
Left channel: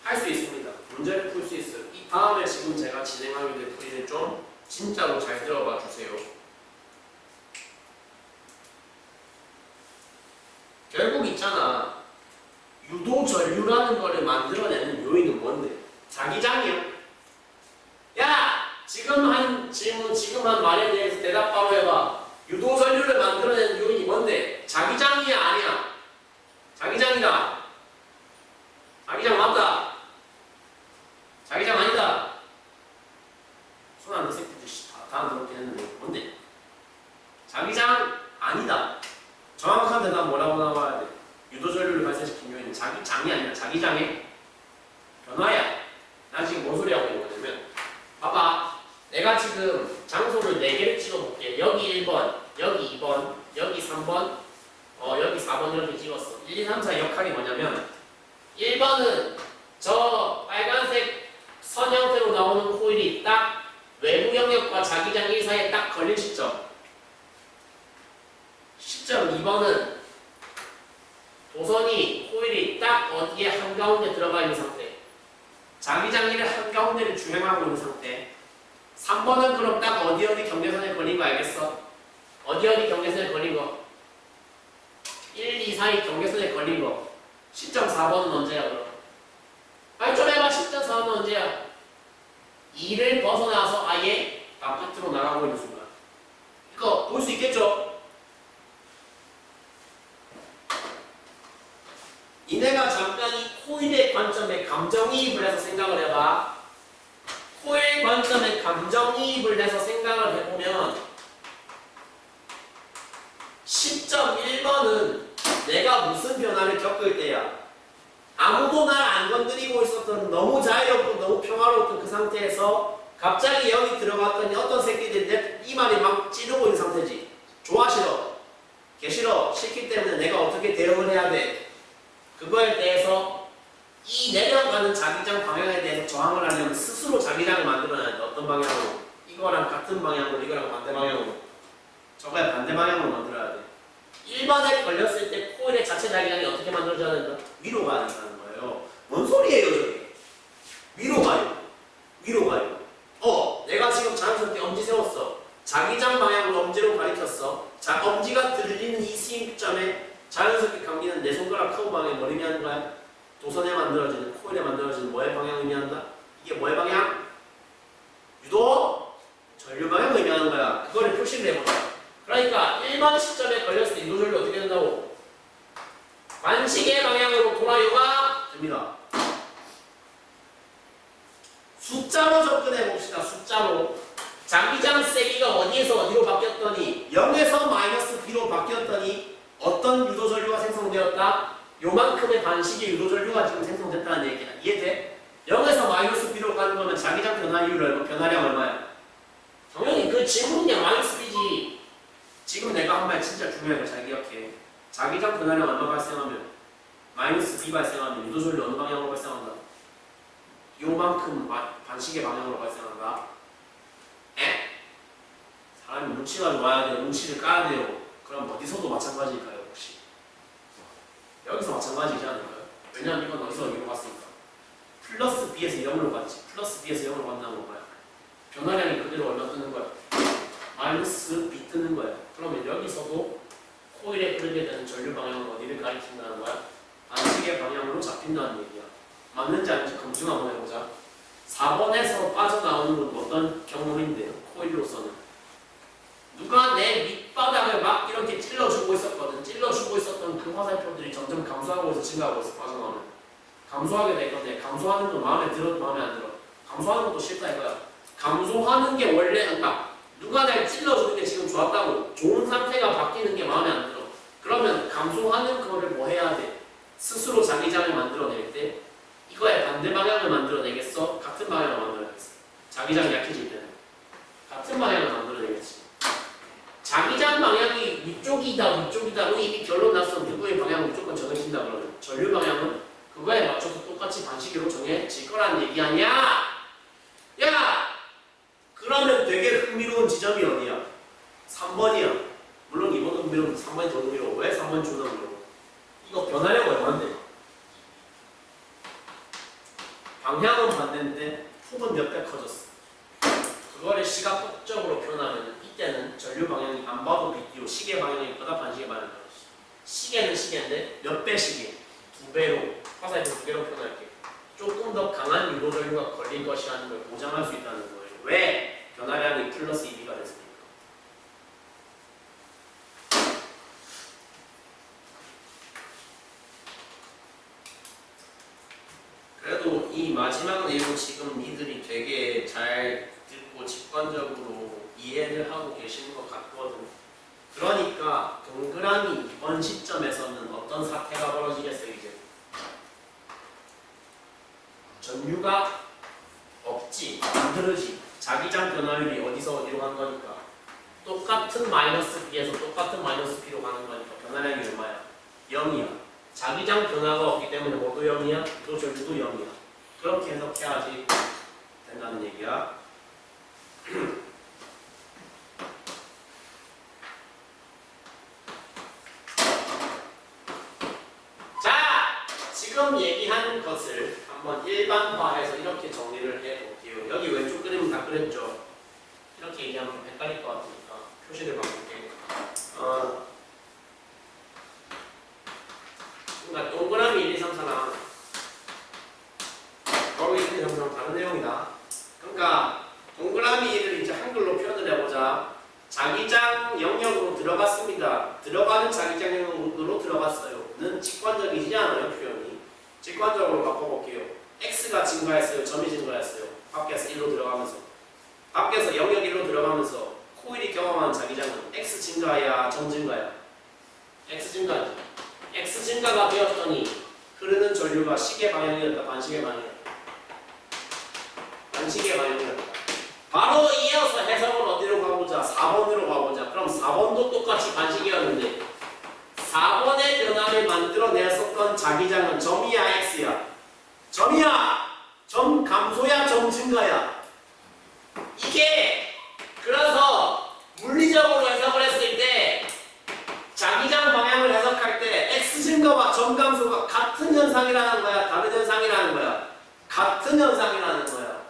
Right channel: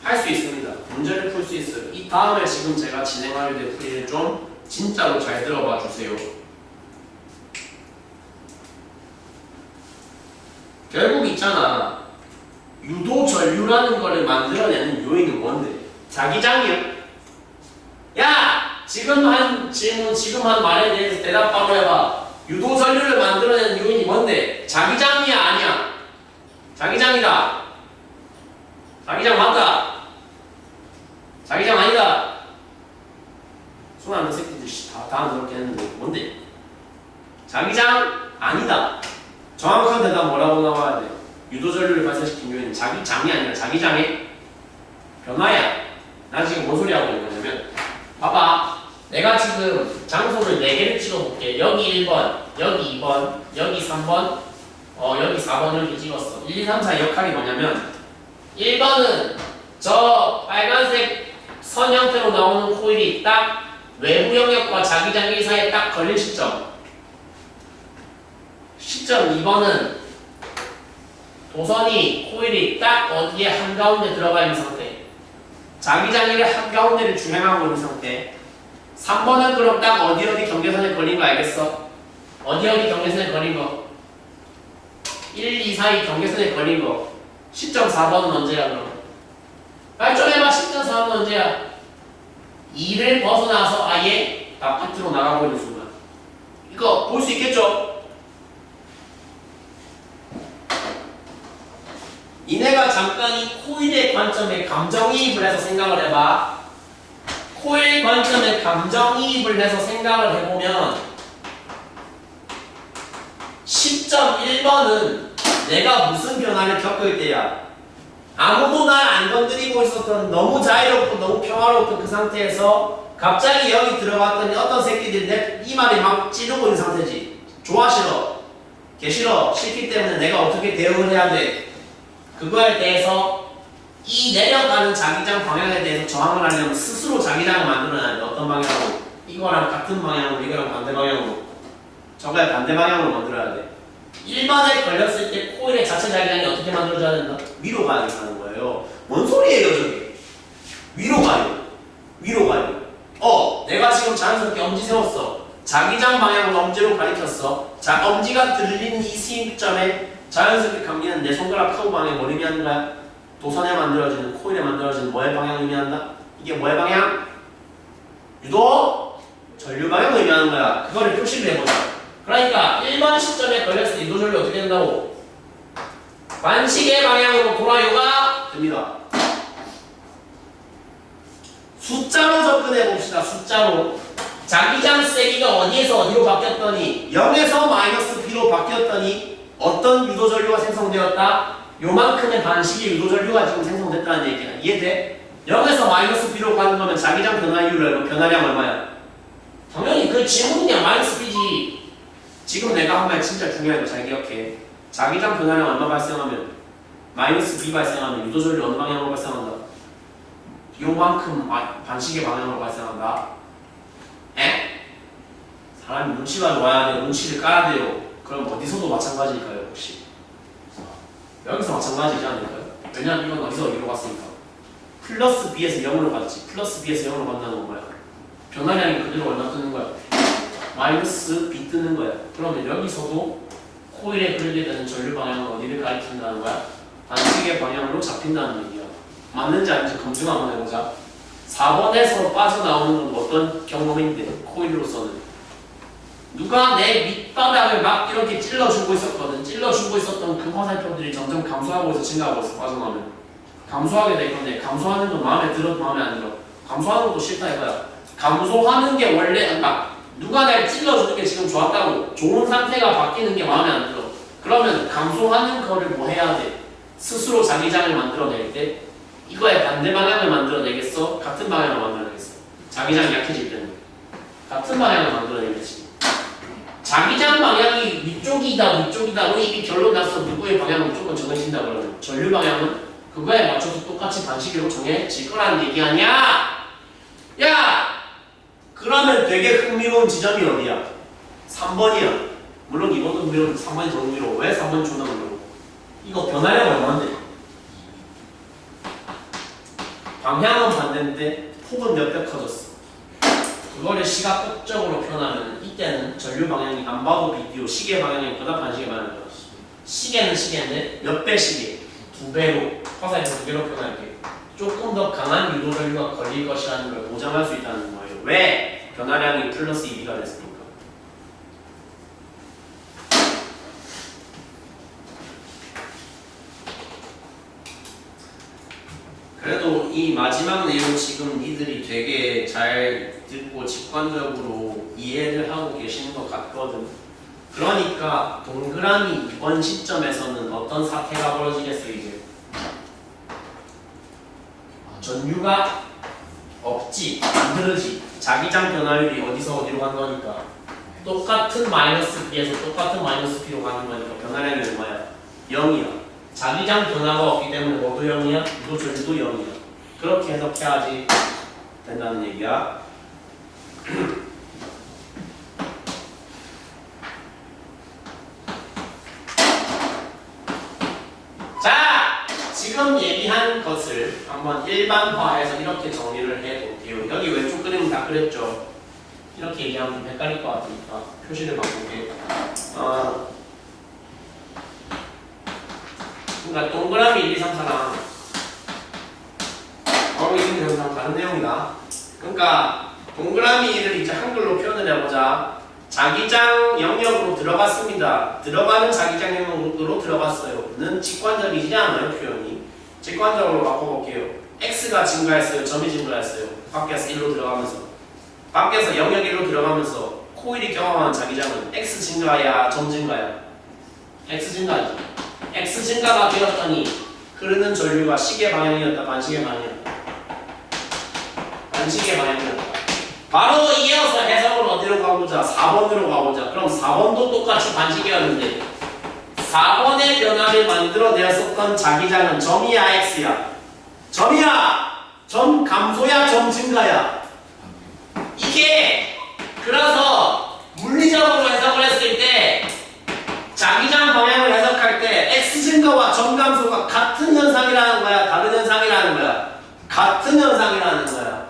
할 수 있습니다. 문제를 풀 수 있어요. 이 다음에 지금 제가 진행하게 될 풀이를 좀 진짜로 잘 들어봐 주세요. 결국 있잖아. 유도 전류라는 거를 만들어내는 요인은 뭔데? 자기장이야. 야! 지금 한 질문, 지금 한 말에 대해서 대답 바로 해봐. 유도 전류를 만들어내는 요인이 뭔데? 자기장이야, 아니야? 자기장이다. 자기장 맞다. 자기장 아니다. 손 안 든 새끼들 다 그렇게 했는데 뭔데? 자기장 아니다. 정확한 대답 뭐라고 나와야 돼? 유도 전류를 발생시킨 요인은 자기장이 아니라 자기장의 변화야. 나 지금 뭔 소리 하고 있는 거냐면 봐봐. 내가 지금 장소를 4개를 찍어볼게. 여기 1번, 여기 2번, 여기 3번, 여기 4번 이렇게 찍었어. 1, 2, 3, 4 역할이 뭐냐면 1번은 저 빨간색 선 형태로 나오는 코일이 딱 외부 영역과 자기장 1 사이에 딱 걸린 시점. 시점 2번은 도선이 코일이 딱 어디에 한가운데 들어가 있는 상태. 자기장 1의 한가운데를 주행하고 있는 상태. 3번은 그럼 딱 어디 경계선에 걸린 거 알겠어? 어디 경계선에 걸린 거? 1, 2, 4이 경계선에 걸린 거. 시점 4번은 언제야 그럼? 빨리 좀 해봐. 시점 4번은 언제야? 2를 벗어나서 아예 바깥으로 나가고 있는 순간. 이거 볼 수 있겠죠? 이내가 잠깐 이 코일의 관점에 감정이입을 해서 생각을 해봐. 코일 관점에 감정이입을 해서 생각을 해보면 시점 1번은 내가 무슨 변화를 겪을 때야? 아무도 날 안 건드리고 있었던 너무 자유롭고 너무 평화로웠던 그 상태에서 갑자기 여기 들어갔더니 어떤 새끼들이 내 이마를 막 찌르고 있는 상태지. 좋아 싫어? 개 싫어? 싫기 때문에 내가 어떻게 대응을 해야 돼? 그거에 대해서 이 내려가는 자기장 방향에 대해서 저항을 하려면 스스로 자기장을 만들어놔야 돼. 어떤 방향으로? 이거랑 같은 방향으로, 이거랑 반대 방향으로. 저거에 반대 방향으로 만들어야 돼. 1번에 걸렸을 때 코일의 자체 자기장이 어떻게 만들어져야 된다? 위로 가야 된다는 거예요. 뭔 소리예요 저게? 위로 가요. 위로 가요. 내가 지금 자연스럽게 엄지 세웠어. 자기장 방향을 엄지로 가리켰어. 자, 엄지가 들리는 이 스윙점에 자연스럽게 감기는 내 손가락 커브 방향이 뭘 의미하는 거야? 도선에 만들어지는, 코일에 만들어지는 뭐의 방향을 의미한다? 이게 뭐의 방향? 유도 전류 방향을 의미하는 거야. 그거를 표시를 해보자. 그러니까 1번 시점에 걸렸을 때 유도 전류 어떻게 된다고? 반시계 방향으로 돌아요가 됩니다. 숫자로 접근해 봅시다. 숫자로. 자기장 세기가 어디에서 어디로 바뀌었더니 0에서 마이너스 B로 바뀌었더니 어떤 유도 전류가 생성되었다? 요만큼의 반식의 유도 전류가 지금 생성됐다는 얘기야. 이해돼? 0에서 마이너스 B로 가는 거면 자기장 변화율 변화량 얼마야? 당연히 그 질문이 그냥 마이너스 B지. 지금 내가 한 말 진짜 중요해. 너 잘 기억해. 자기장 변화량 얼마 발생하면 마이너스 B 발생하면 유도 전류 어느 방향으로 발생한다? 요만큼 반식의 방향으로 발생한다. 에? 사람이 눈치가 좋아야 돼. 눈치를 까야 돼요. 그럼 어디서도 마찬가지일까요? 혹시? 여기서 마찬가지지 않을까요? 왜냐면 이건 어디서 어디로 갔으니까. 플러스 B에서 0으로 갔지. 플러스 B에서 0으로 간다는 건 뭐야? 변화량이 그대로 얼마 뜨는 거야? 마이너스 B 뜨는 거야. 그러면 여기서도 코일에 흐르게 되는 전류 방향은 어디를 가리킨다는 거야? 반식의 방향으로 잡힌다는 얘기야. 맞는지 아닌지 검증 한번 해보자. 4번에서 빠져나오는 건 어떤 경험인데, 코일로서는 누가 내 밑바닥을 막 이렇게 찔러주고 있었거든. 찔러주고 있었던 그 화살표들이 점점 감소하고 있어. 증가하고 있어. 빠져나오면 감소하게 될 건데, 감소하는 건 마음에 들어? 마음에 안 들어? 감소하는 것도 싫다 이거야. 감소하는 게 원래 누가 날 찔러주는 게 지금 좋았다고 좋은 상태가 바뀌는 게 마음에 안 들어. 그러면 감소하는 거를 뭐 해야 돼? 스스로 자기장을 만들어낼 때 이거의 반대 방향을 만들어내겠어? 같은 방향을 만들어내겠어? 자기장이 약해질 때는 같은 방향을 만들어내겠지. 자기장 방향이 위쪽이다 우리 이미 결론 났어. 누구의 방향은 무조건 정해진다 그러면 전류 방향은 그거에 맞춰서 똑같이 반시계로 정해질 거라는 얘기 아니야? 야! 그러면 되게 흥미로운 지점이 어디야? 3번이야. 물론 2번도 흥미로운데 3번이 더 흥미로워. 왜 3번이 존나 흥미로워? 이거 변화량 얼마인데? 방향은 반대인데 폭은 몇 배 커졌어. 그거를 시각적으로 표현하면 이때는 전류 방향이 안 봐도 비디오 시계 방향이 보다 반시계 방향이죠. 시계는 시계인데 몇 배 시계? 2배로 화살에서 2개로 표현할게. 조금 더 강한 유도 전류가 걸릴 것이라는 걸 보장할 수 있다는 거예요. 왜? 변화량이 플러스 2B가 됐으니까. 그래도 이 마지막 내용 지금 니들이 되게 잘 듣고 직관적으로 이해를 하고 계시는 것 같거든. 그러니까 동그라미 이번 시점에서는 어떤 사태가 벌어지겠어 이제? 전류가 없지, 안 흐르지. 자기장 변화율이 어디서 어디로 간 거니까 똑같은 마이너스 B에서 똑같은 마이너스 B로 가는 거니까 변화량이 얼마야? 0이야. 자기장 변화가 없기 때문에 뭐도 0이야? 유도 전류도 0이야. 그렇게 해석해야지 된다는 얘기야. 자, 지금 얘기한 것을 한번 일반화해서 이렇게 정리를 해볼게요. 여기 왼쪽 그림은 다 그랬죠. 이렇게 얘기하면 좀 헷갈릴 것 같으니까 표시를 바꿀게. 그러니까 동그라미 1, 2, 3, 4랑 거기 있는 영상 다른 내용이다. 그러니까 동그라미 1을 이제 한글로 표현을 해보자. 자기장 영역으로 들어갔습니다. 들어가는 자기장 영역으로 들어갔어요. 는 직관적이지 않아요, 표현이. 직관적으로 바꿔볼게요. x가 증가했어요, 점이 증가했어요. 밖에서 1로 들어가면서. 밖에서 영역 1로 들어가면서 코일이 경험하는 자기장은 x 증가야, 점 증가야? x 증가지. x 증가가 되었더니 흐르는 전류가 시계 방향이었다, 반시계 방향이었다? 반시계 방향이었다. 바로 이어서 해석을 어디로 가보자? 4번으로 가보자. 그럼 4번도 똑같이 반시계였는데 4번의 변화를 만들어내었던 자기장은 점이야, x야? 점이야! 점 감소야, 점 증가야? 이게 그래서 물리적으로 해석을 했을 때 자기장 방향을 해석할 때 x 증가와 점 감소가 같은 현상이라는 거야, 다른 현상이라는 거야? 같은 현상이라는 거야.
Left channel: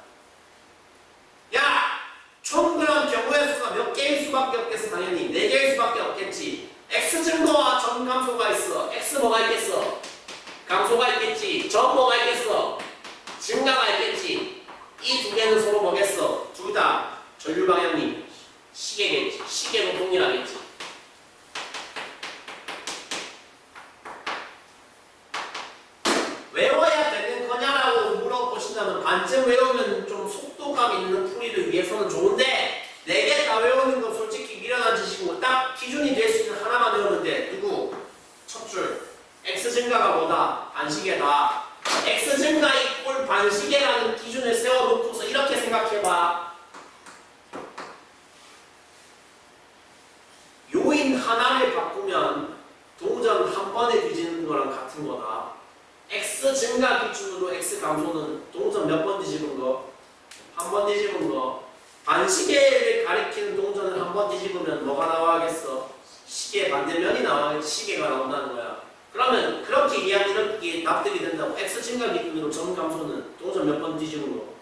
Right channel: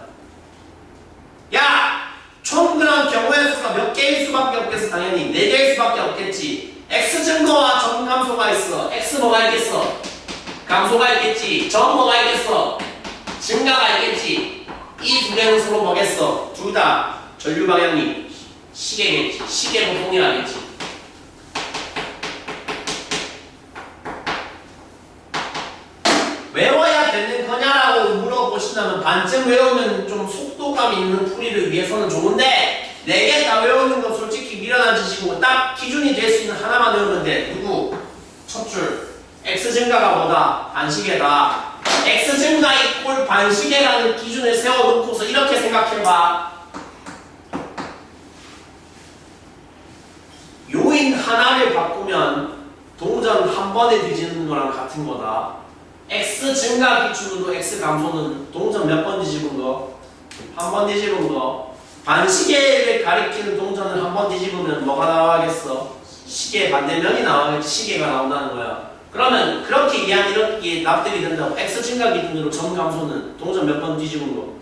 야! 총 그런 경우의 수가 몇 개일 수밖에 없겠어? 당연히 4개일 수밖에 없겠지. x 증가와 점 감소가 있어. x 뭐가 있겠어? 감소가 있겠지. 점 뭐가 있겠어? 증가가 있겠지. 이 두 개는 서로 뭐겠어? 둘 다 전류 방향이 시계겠지. 시계로 동일하겠지. 외워야 되는 거냐라고 물어보신다면 반쯤 외우면 좀 속도감 있는 풀이를 위해서는 좋은데 4개 다 외우는 건 솔직히 미련한 짓이고 딱 기준이 될 수 있는 하나만 외우면 돼. 누구? 첫 줄. x 증가가 뭐다? 반시계다. x 증가 이꼴 반시계라는 기준을 세워놓고서 이렇게 생각해봐. 요인 하나를 바꾸면 동전 한 번에 뒤지는 거랑 같은 거다. x 증가 기준으로 x 감소는 동전 몇 번 뒤집은 거? 한 번 뒤집은 거. 반시계를 가리키는 동전을 한 번 뒤집으면 뭐가 나와야겠어? 시계 반대면이 나와야겠지. 시계가 나온다는 거야. 그러면 그렇게 이해하면 이렇게 납득이 된다고. x 증가 기준으로 점 감소는 동전 몇 번 뒤집은 거?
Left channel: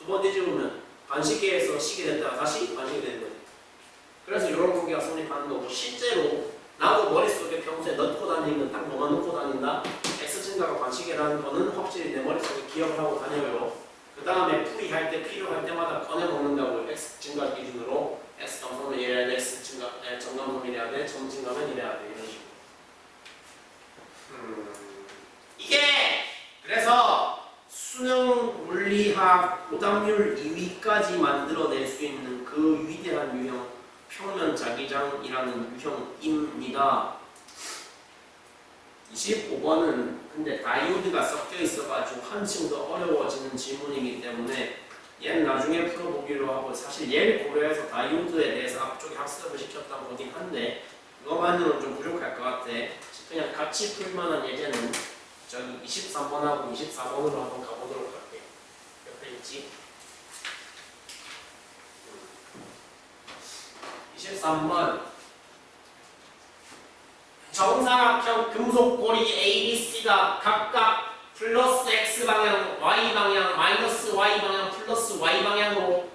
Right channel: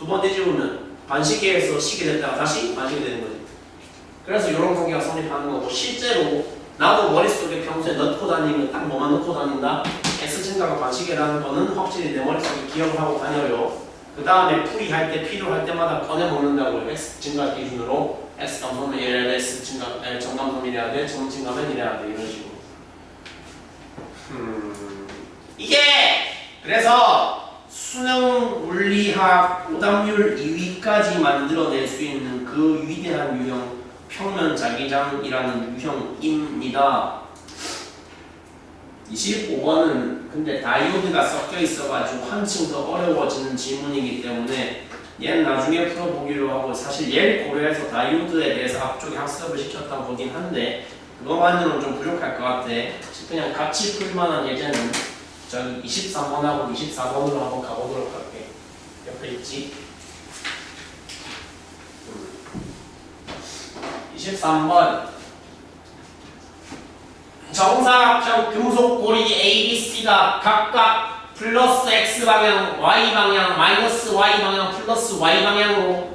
2번 뒤집으면 반시계에서 시계 됐다가 다시 반시계 되는 거지. 그래서 이런 관계가 성립하는 거고, 실제로 나도 머릿속에 평소에 넣고 다니는 딱 뭐만 넣고 다닌다? x 증가가 반시계라는 거는 확실히 내 머릿속에 기억을 하고 다녀요. 그 다음에 풀이할 때 필요할 때마다 꺼내 먹는다고. x 증가 기준으로 x 감소는 이래야 돼, x 증가 점 감소는 이래야 돼, 점 증가면 이래야 돼, 이런 식으로. 이게 그래서 수능 물리학 오답률 2위까지 만들어낼 수 있는 그 위대한 유형 평면 자기장이라는 유형입니다. 25번은 근데 다이오드가 섞여 있어가지고 한층 더 어려워지는 지문이기 때문에 얘는 나중에 풀어보기로 하고, 사실 얘를 고려해서 다이오드에 대해서 앞쪽에 학습을 시켰다고 보긴 한데 그것만으로는 좀 부족할 것 같아. 그냥 같이 풀만한 예제는 저기 23번하고 24번으로 한번 가보도록 할게. 옆에 있지? 23번 정사각형 금속고리 ABC가 각각 플러스 X방향, Y방향, 마이너스 Y방향, 플러스 Y방향으로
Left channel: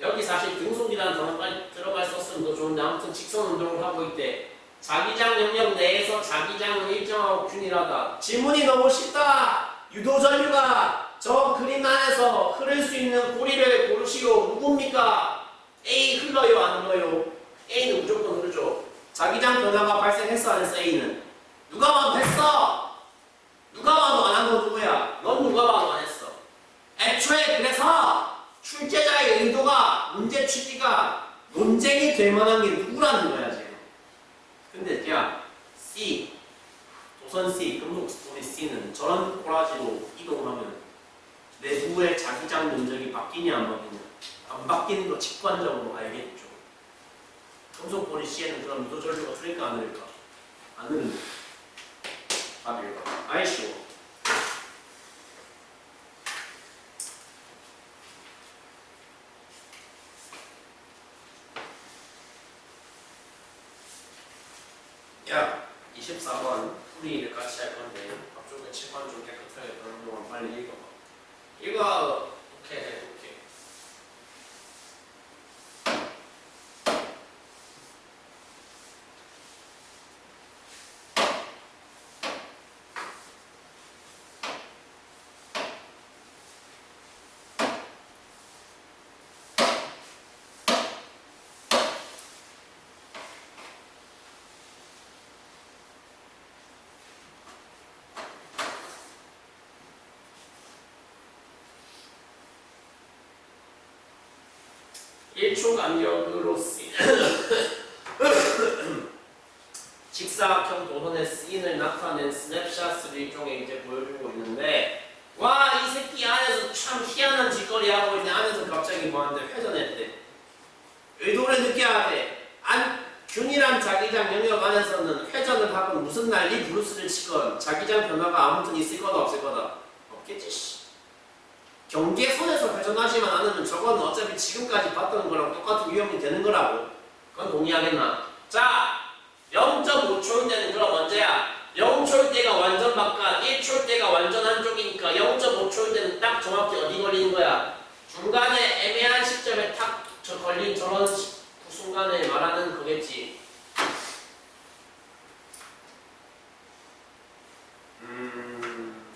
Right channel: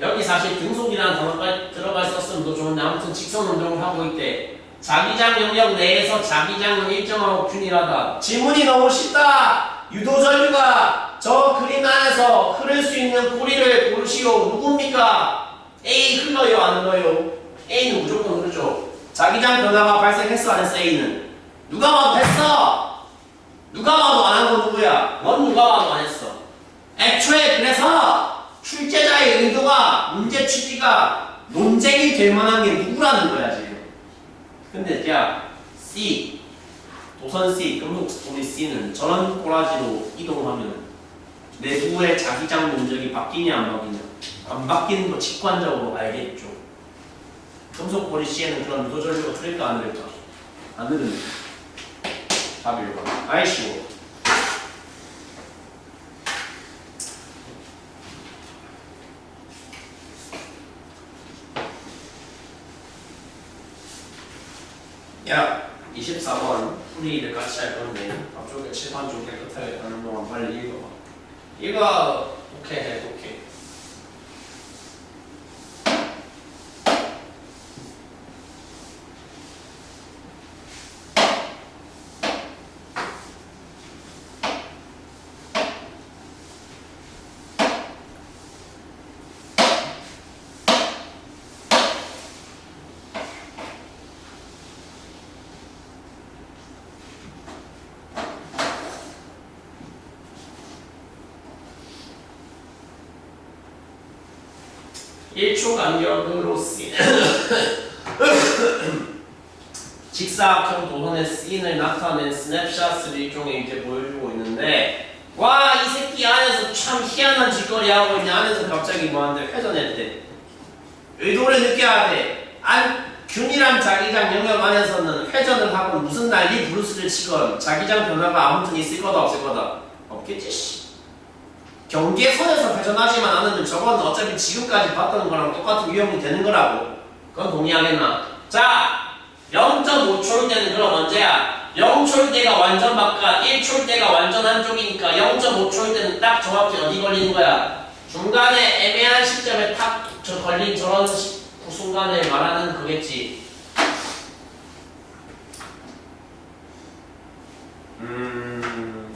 여기 사실 등속이라는 단어가 들어가 있었으면 더 좋은데 아무튼 직선 운동을 하고 있대. 자기장 영역 내에서 자기장은 일정하고 균일하다. 지문이 너무 쉽다. 유도전류가 저 그림 안에서 흐를 수 있는 고리를 고르시오. 누굽니까? A 흘러요 안 흘러요? A는 무조건 흐르죠. 자기장 변화가 발생했어 안 했어? A는 누가 봐도 했어. 누가 봐도 안 한 거 누구야? 넌 누가 봐도 안 했어. 애초에 그래서 출제자의 의도가 문제 취지가 논쟁이 될 만한 게 누구라는 거야 지금. 근데 야 C 도선 C 금속 스토리 C는 저런 꼬라지로 이동하면 내부의 자기장 면적이 바뀌냐 안 바뀌냐? 안 바뀌는 거 직관적으로 알겠죠. 금속 고리 C에는 그런 유도전류가 흐를까 안 흐를까? 안 흐르는 답이 1번. 아이 쉬워. 야 24번 풀이를 같이 할 건데 앞쪽에 칠판 좀 깨끗하게 하는 동안 빨리 읽어봐. 읽어. 오케이 해 오케이. 1초 간격으로 쓰이는 직사각형 도선의 씬을 나타낸 스냅샷을 일종의 이제 보여주고 있는데 와 이 새끼 안에서 참 희한한 짓거리 하고 있네. 안에서 갑자기 뭐하는데 회전했대. 의도를 느껴야 돼. 균일한 자기장 영역 안에서는 회전을 하건 무슨 난리 브루스를 치건 자기장 변화가 아무튼 있을 거다 없을 거다? 없겠지 씨. 경계선에서 회전하지만 않으면 저건 어차피 지금까지 봤던 거랑 똑같은 유형이 되는 거라고. 그건 동의하겠나? 자 0.5초일 때는 그럼 언제야? 0초일 때가 완전 바깥, 1초일 때가 완전 한쪽이니까 0.5초일 때는 딱 정확히 어디 걸리는 거야? 중간에 애매한 시점에 탁 걸린 저런 그 순간을 말하는 거겠지.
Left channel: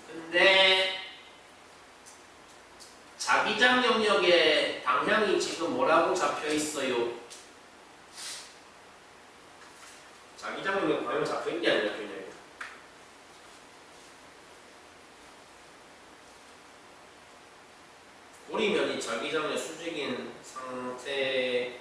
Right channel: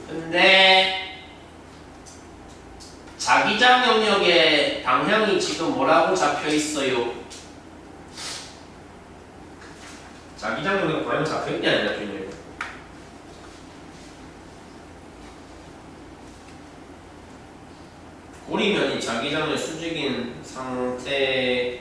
근데 자기장 영역의 방향이 지금 뭐라고 잡혀 있어요? 자기장 영역 방향 잡혀 있냐 아니냐 균형. 고리면이 자기장의 수직인 상태에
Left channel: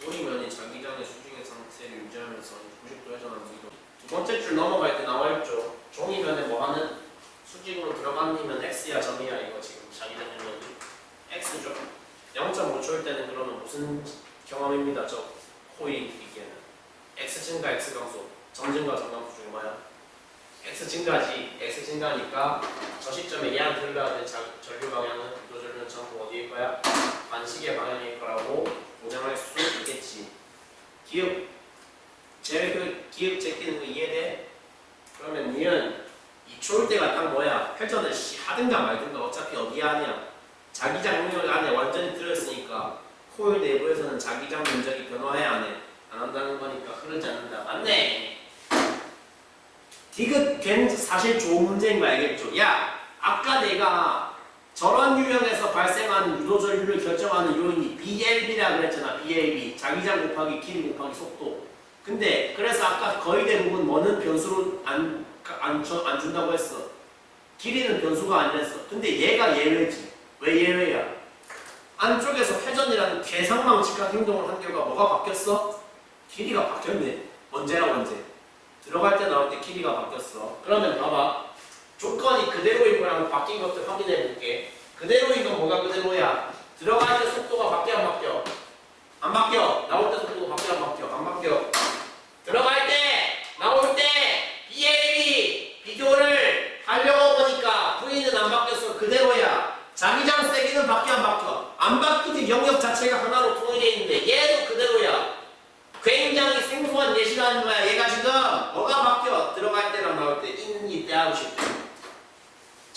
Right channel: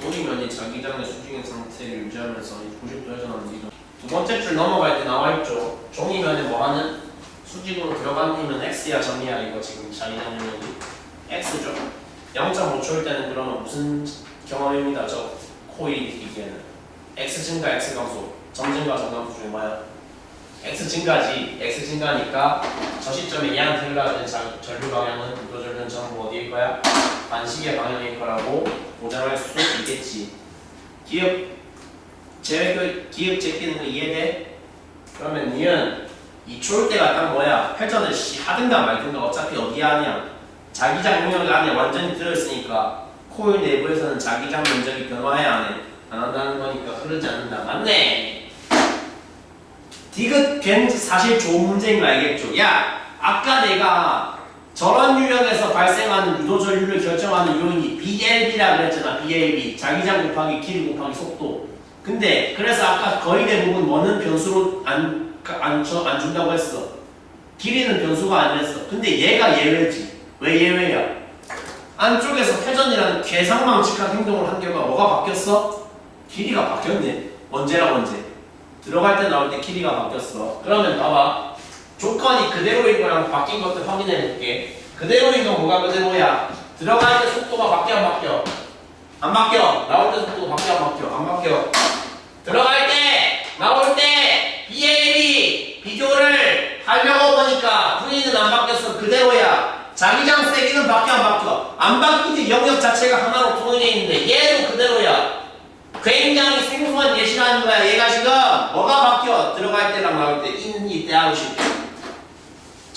고리면이 자기장의 수직인 상태를 유지하면서 90도 회전하는 이동. 두 번째 줄 넘어갈 때 나와있죠. 종이면에 뭐하는? 수직으로 들어가면 X야 점이야. 이거 지금 자기장 영역이 X죠. 0.5초일 때는 그러면 무슨 경험입니다. 저 코일이기에는 X 증가 X 감소, 점 증가 점 감소 중에 뭐야? X 증가지. X 증가니까 저 시점에 얘한테 흘러가는 전류 방향은 유도전류는 전부 어디일 거야? 반시계 방향일 거라고 보장할 수 있겠지. 기억 제끼는 거 이해돼? 그러면 니은 2초일 때가 딱 뭐야? 회전을 하든가 말든가 어차피 어디에 하냐? 자기장 영역 안에 완전히 들어있으니까 코일 내부에서는 자기장 면적이 변화해야 안 해? 안 한다는 거니까 흐르지 않는다. 맞네. 디귿 사실 좋은 문제인 거 알겠죠? 야, 아까 내가 저런 유형에서 발생하는 유도전류를 결정하는 요인이 BLB라 그랬잖아. BLB 자기장 곱하기 길이 곱하기 속도. 근데 그래서 아까 거의 대부분 뭐는 변수로 안 준다고 했어. 길이는 변수가 아니랬어. 근데 얘가 예외지. 왜 예외야? 안쪽에서 회전이라는 괴상망측한 행동을 한 결과 뭐가 바뀌었어? 길이가 바뀌었네. 언제랑 언제? 들어갈 때 나올 때 길이가 바뀌었어. 그러면 봐봐. 조건이 그대로인 거랑 바뀐 것들 확인해 볼게. 그대로인 건 뭐가 그대로야? 들어갈 때 속도가 바뀌어 안 바뀌어? 안 바뀌어. 나올 때 속도가 바뀌어 안 바뀌어? 안 바뀌어. 들어갈 때 나올 때 BAB 비교를 하려고 보니까 V는 안 바뀌었어. 그대로야. 자기장 세기는 바뀌어 안 바뀌어? 안 바뀌지. 영역 자체가 하나로 통일해 있는데 얘도 그대로야. 굉장히 생소한 예시라는 거야. 얘가 지금 뭐가 바뀌어? 들어갈 때랑 나올 때 이때 하고 싶대.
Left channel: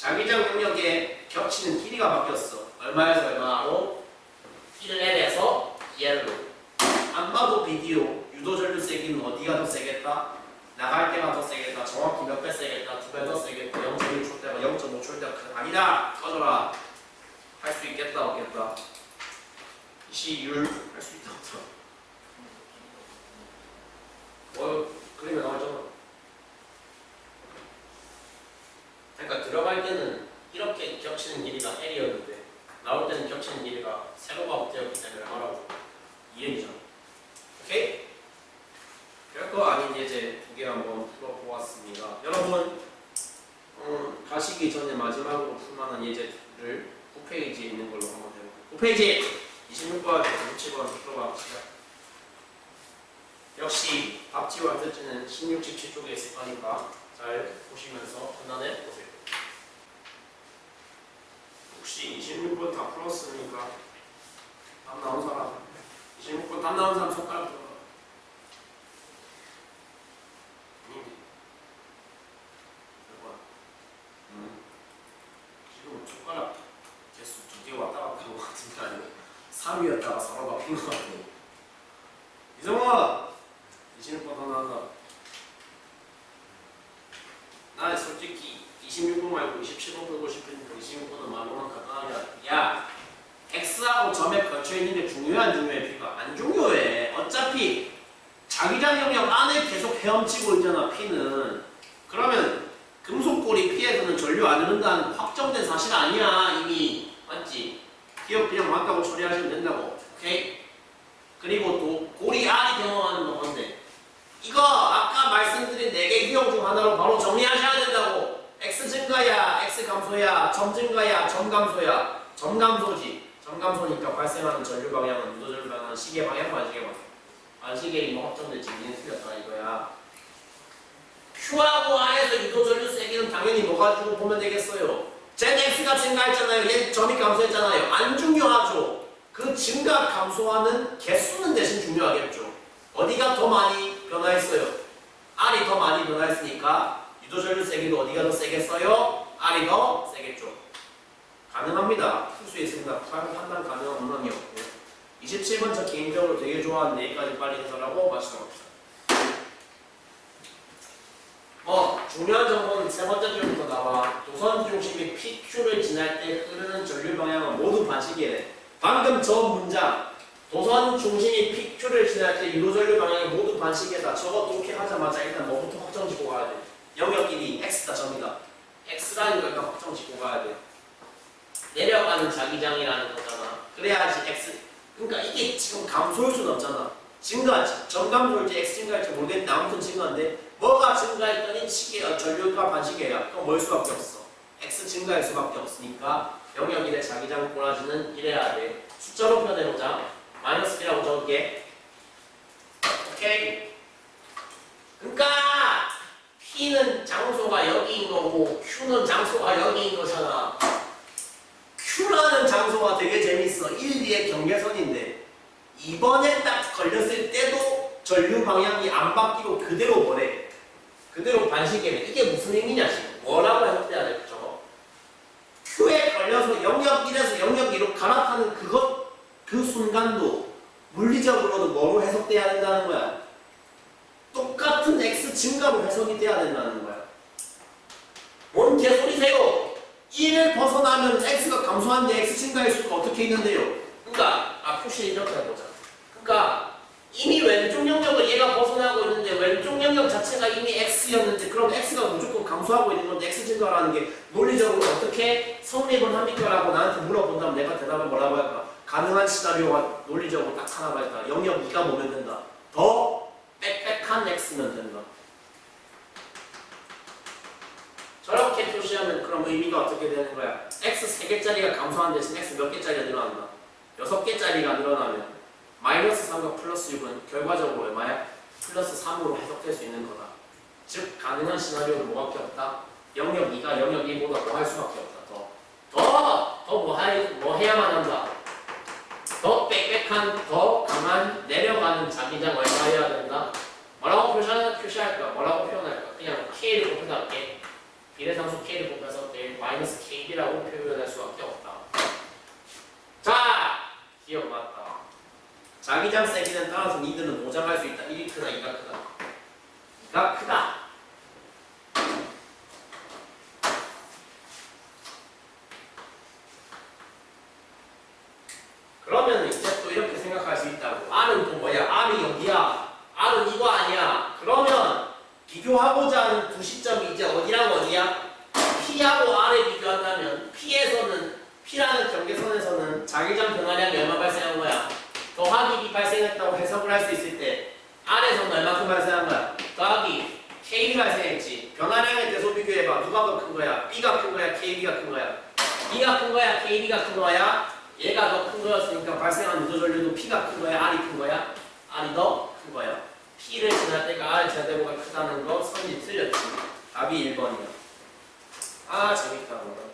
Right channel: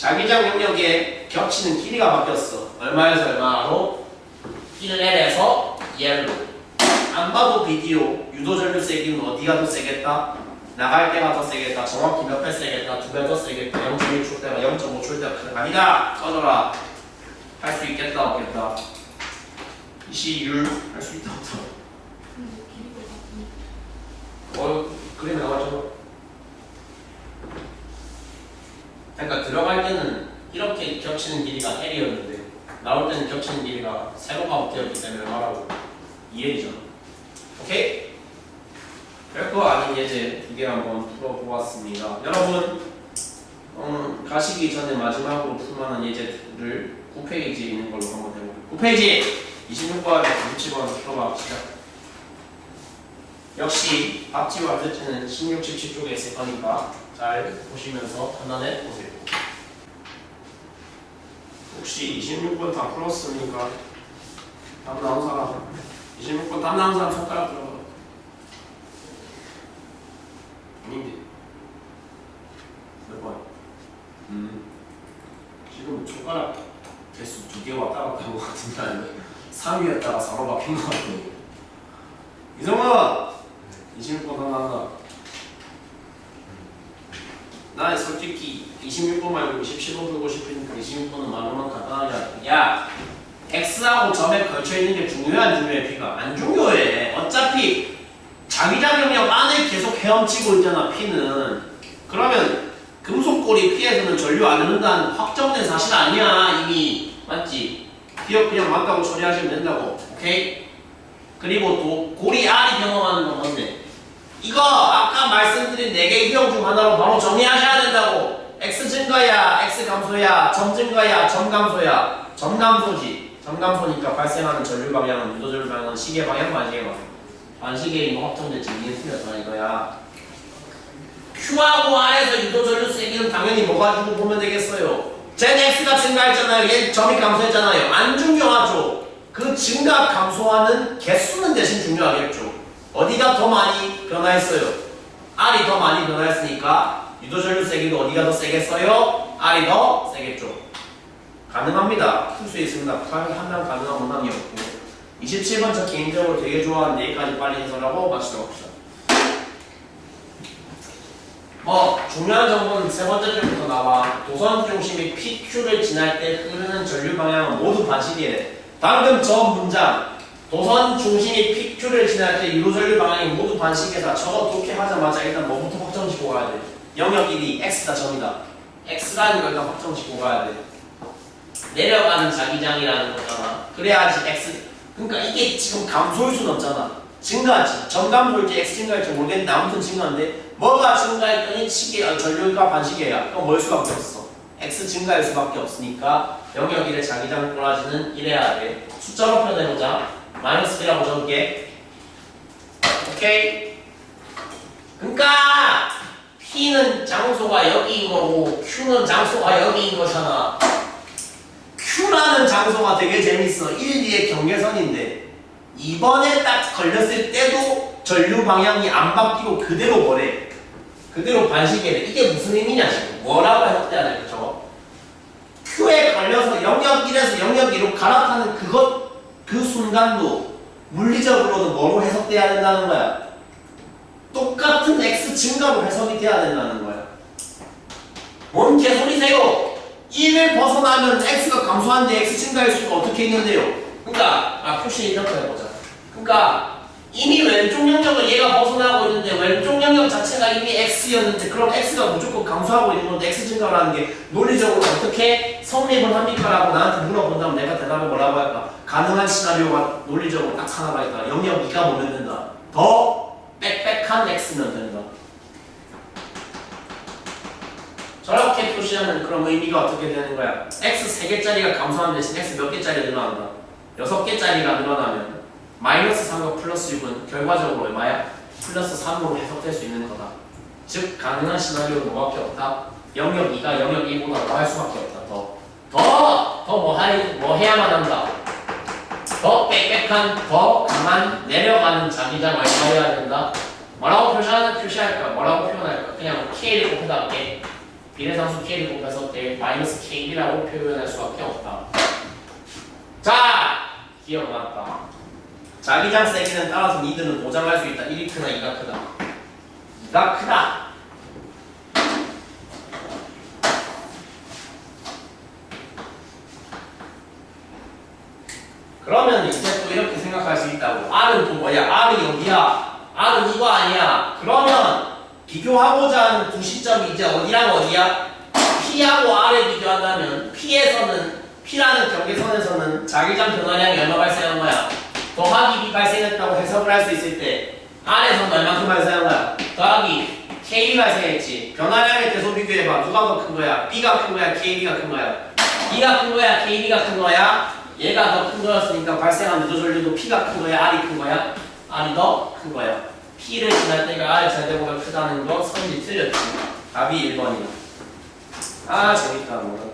자기장 영역에 겹치는 길이가 바뀌었어. 얼마에서 얼마로? 1L에서 2L로. 안 봐도 비디오. 유도 전류 세기는 어디가 더 세겠다? 나갈 때가 더 세겠다. 정확히 몇 배 세겠다. 2배 더 세겠다. 0.1초 때가 0.5초 때가 아니다. 꺼져라. 할 수 있겠다 없겠다. 이시율 할 수 있다 없다. 그림에 나와있잖아. 그러니까 들어갈 때는 이렇게 겹치는 길이가 L이었는데 나올 때는 겹치는 길이가 세로가 되었기 때문에 말하고 2L이잖아. 오케이? 별거 아닌 예제 두 개 한번 풀어보았습니다. 여러분 가시기 전에 마지막으로 풀만한 예제를 9페이지에 있는 걸로 한번 해볼게요. 9페이지 26번에 97번 풀어봐 시작. 역시 답지와 뜻지는 16, 17쪽에 있을 거니까 잘 보시면서 판단해 보세요. 혹시 26번 다 풀었습니까? 답 나온 사람 26번 답 나온 사람 손가락 들어봐. 아닌데 몇 번? 지금 손가락 개수 2개 왔다 갔다 한 것 같은데 3위였다가 4로 바뀐 것 같아요. 이성아! 26번 하나 한다. 난 솔직히 26번 말고 27번 풀고 싶으니까 26번은 말로만 간단하게 할게. 야! X하고 점에 걸쳐있는 게 중요해 안 중요해? P가? 안 중요해. 어차피 자기장 영역 안에 계속 헤엄치고 있잖아 P는. 그러면 금속골이 P에서는 전류 안 흐른다는 확정된 사실 아니야 이미. 맞지? 기억 그냥 맞다고 처리하시면 된다고. 오케이? 그리고 또 골이 R이 변화하는 건 뭔데? 이거 아까 말씀드린 4개 유형 중 하나로 바로 정리하셔야 된다고. X 증가야, X 감소야, 점 증가야, 점 감소야. 점 감소지. 점 감소니까 발생하는 전류 방향은 유도 전류 방향은 시계 방향, 반시계 방향. 반시계에 이거 확정됐지. 이게 틀렸다 이거야. Q하고 R에서 유도 전류 세기는 당연히 뭐 가지고 보면 되겠어요? 젠 X가 증가했잖아요. 얘 점이 감소했잖아요. 안 중요하죠. 그 증가 감소하는 개수는 대신 중요하겠죠. 어디가 더 많이 변화했어요? R이 더 많이 변화했으니까 유도 전류 세기도 어디가 더 세겠어요? R이 더 세겠죠. 가능합니다. 풀 수 있습니다. 판단 가능한 문항이 없고 27번 저 개인적으로 되게 좋아하는데 여기까지 빨리 해설하고 마치도록 합시다. 중요한 정보는 세 번째 줄부터 나와. 도선 중심이 PQ를 지날 때 흐르는 전류 방향은 모두 반시계래. 방금 저 문장 도선 중심이 PQ를 지날 때 유도 전류 방향이 모두 반시계다. 저거 독해하자마자 일단 뭐부터 확정짓고 가야 돼? 영역 1이 X다 점이다. X라는 걸 일단 확정짓고 가야 돼. 내려가는 자기장이라는 거잖아. 그래야지 X. 그러니까 이게 지금 감소일 수는 없잖아. 증가지. 점 감소일지 X 증가일지 모르겠는데 아무튼 증가인데 뭐가 증가했더니 시계, 전류가 반시계야. 그럼 뭐일 수밖에 없어. X 증가일 수밖에 없으니까 영역 1의 자기장 꼬라지는 이래야 돼. 숫자로 표현해보자. 마이너스 1이라고 적을게. 오케이? 그러니까 P는 장소가 여기인 거고 Q는 장소가 여기인 거잖아. Q라는 장소가 되게 재밌어. 1, 2의 경계선인데 2번에 딱 걸렸을 때도 전류 방향이 안 바뀌고 그대로 뭐래? 그대로 반시계래. 이게 무슨 의미냐 지금. 뭐라고 해석돼야 될까? Q에 걸려서 영역 1에서 영역 2로 갈아타는 그 순간도 물리적으로도 뭐로 해석돼야 된다는 거야? 똑같은 X 증가로 해석이 돼야 된다는 거야. 뭔 개소리세요? 1을 벗어나면 X가 감소하는데 X 증가일 수가 어떻게 있는데요? 그러니까 표시 이렇게 해보자. 그러니까 이미 왼쪽 영역을 얘가 벗어나고 있는데 왼쪽 영역 자체가 이미 X였는데 그럼 X가 무조건 감소하고 있는 건데 X 증가라는 게 논리적으로 어떻게 성립을 합니까? 라고 나한테 물어본다면 내가 대답을 뭐라고 할까? 가능한 시나리오가 논리적으로 딱 하나가 있다. 영역 2가 뭐면 된다? 더 빽빽한 X면 된다. 저렇게 표시하면 그럼 의미가 어떻게 되는 거야? X 3개짜리가 감소하는 대신 X 몇 개짜리가 늘어난다? 6개짜리가 늘어나면 마이너스 3과 플러스 6은 결과적으로 얼마야? 플러스 3으로 해석될 수 있는 거다. 즉 가능한 시나리오는 뭐밖에 없다? 영역 2가 영역 1보다 더 할 수밖에 없다. 뭐 해야만 한다? 더 빽빽한, 더 강한 내려가는 자기장 얼마여야 된다? 뭐라고 표시할까? 뭐라고 표현할까? 그냥 K를 곱해다 할게. 비례상수 K를 곱해서 마이너스 KB라고 표현할 수밖에 없다. 자, 기억났다. 자기장 세기는 따라서 니들은 보장할 수 있다. 1이 크나 2가 크다. 2가 크다. 그러면 이제 또 이렇게 생각할 수 있다고. R은 또 뭐야? R이 여기야. R은 이거 아니야. 그러면 비교하고자 하는 두 시점이 이제 어디랑 어디야? P하고 R에 비교한다면 P라는 경계선에서는 자기장 변화량이 얼마 발생한 거야? 더하기 B 발생했다고 해석을 할 수 있을 때 R에서는 얼마큼 발생한 거야? 더하기 KB 발생했지. 변화량에 대해서 비교해봐. 누가 더 큰 거야? B가 큰 거야? KB가 큰 거야? B가 큰 거야? KB가 큰 거야? 얘가 더 큰 거였으니까 발생한 누적 전류도 P가 큰 거야? R이 큰 거야? R이 더 큰 거야. P를 지날 때가 R 제곱보다 크다는 거 선지 틀렸지. 답이 1번이야. 아 재밌다. 뭐.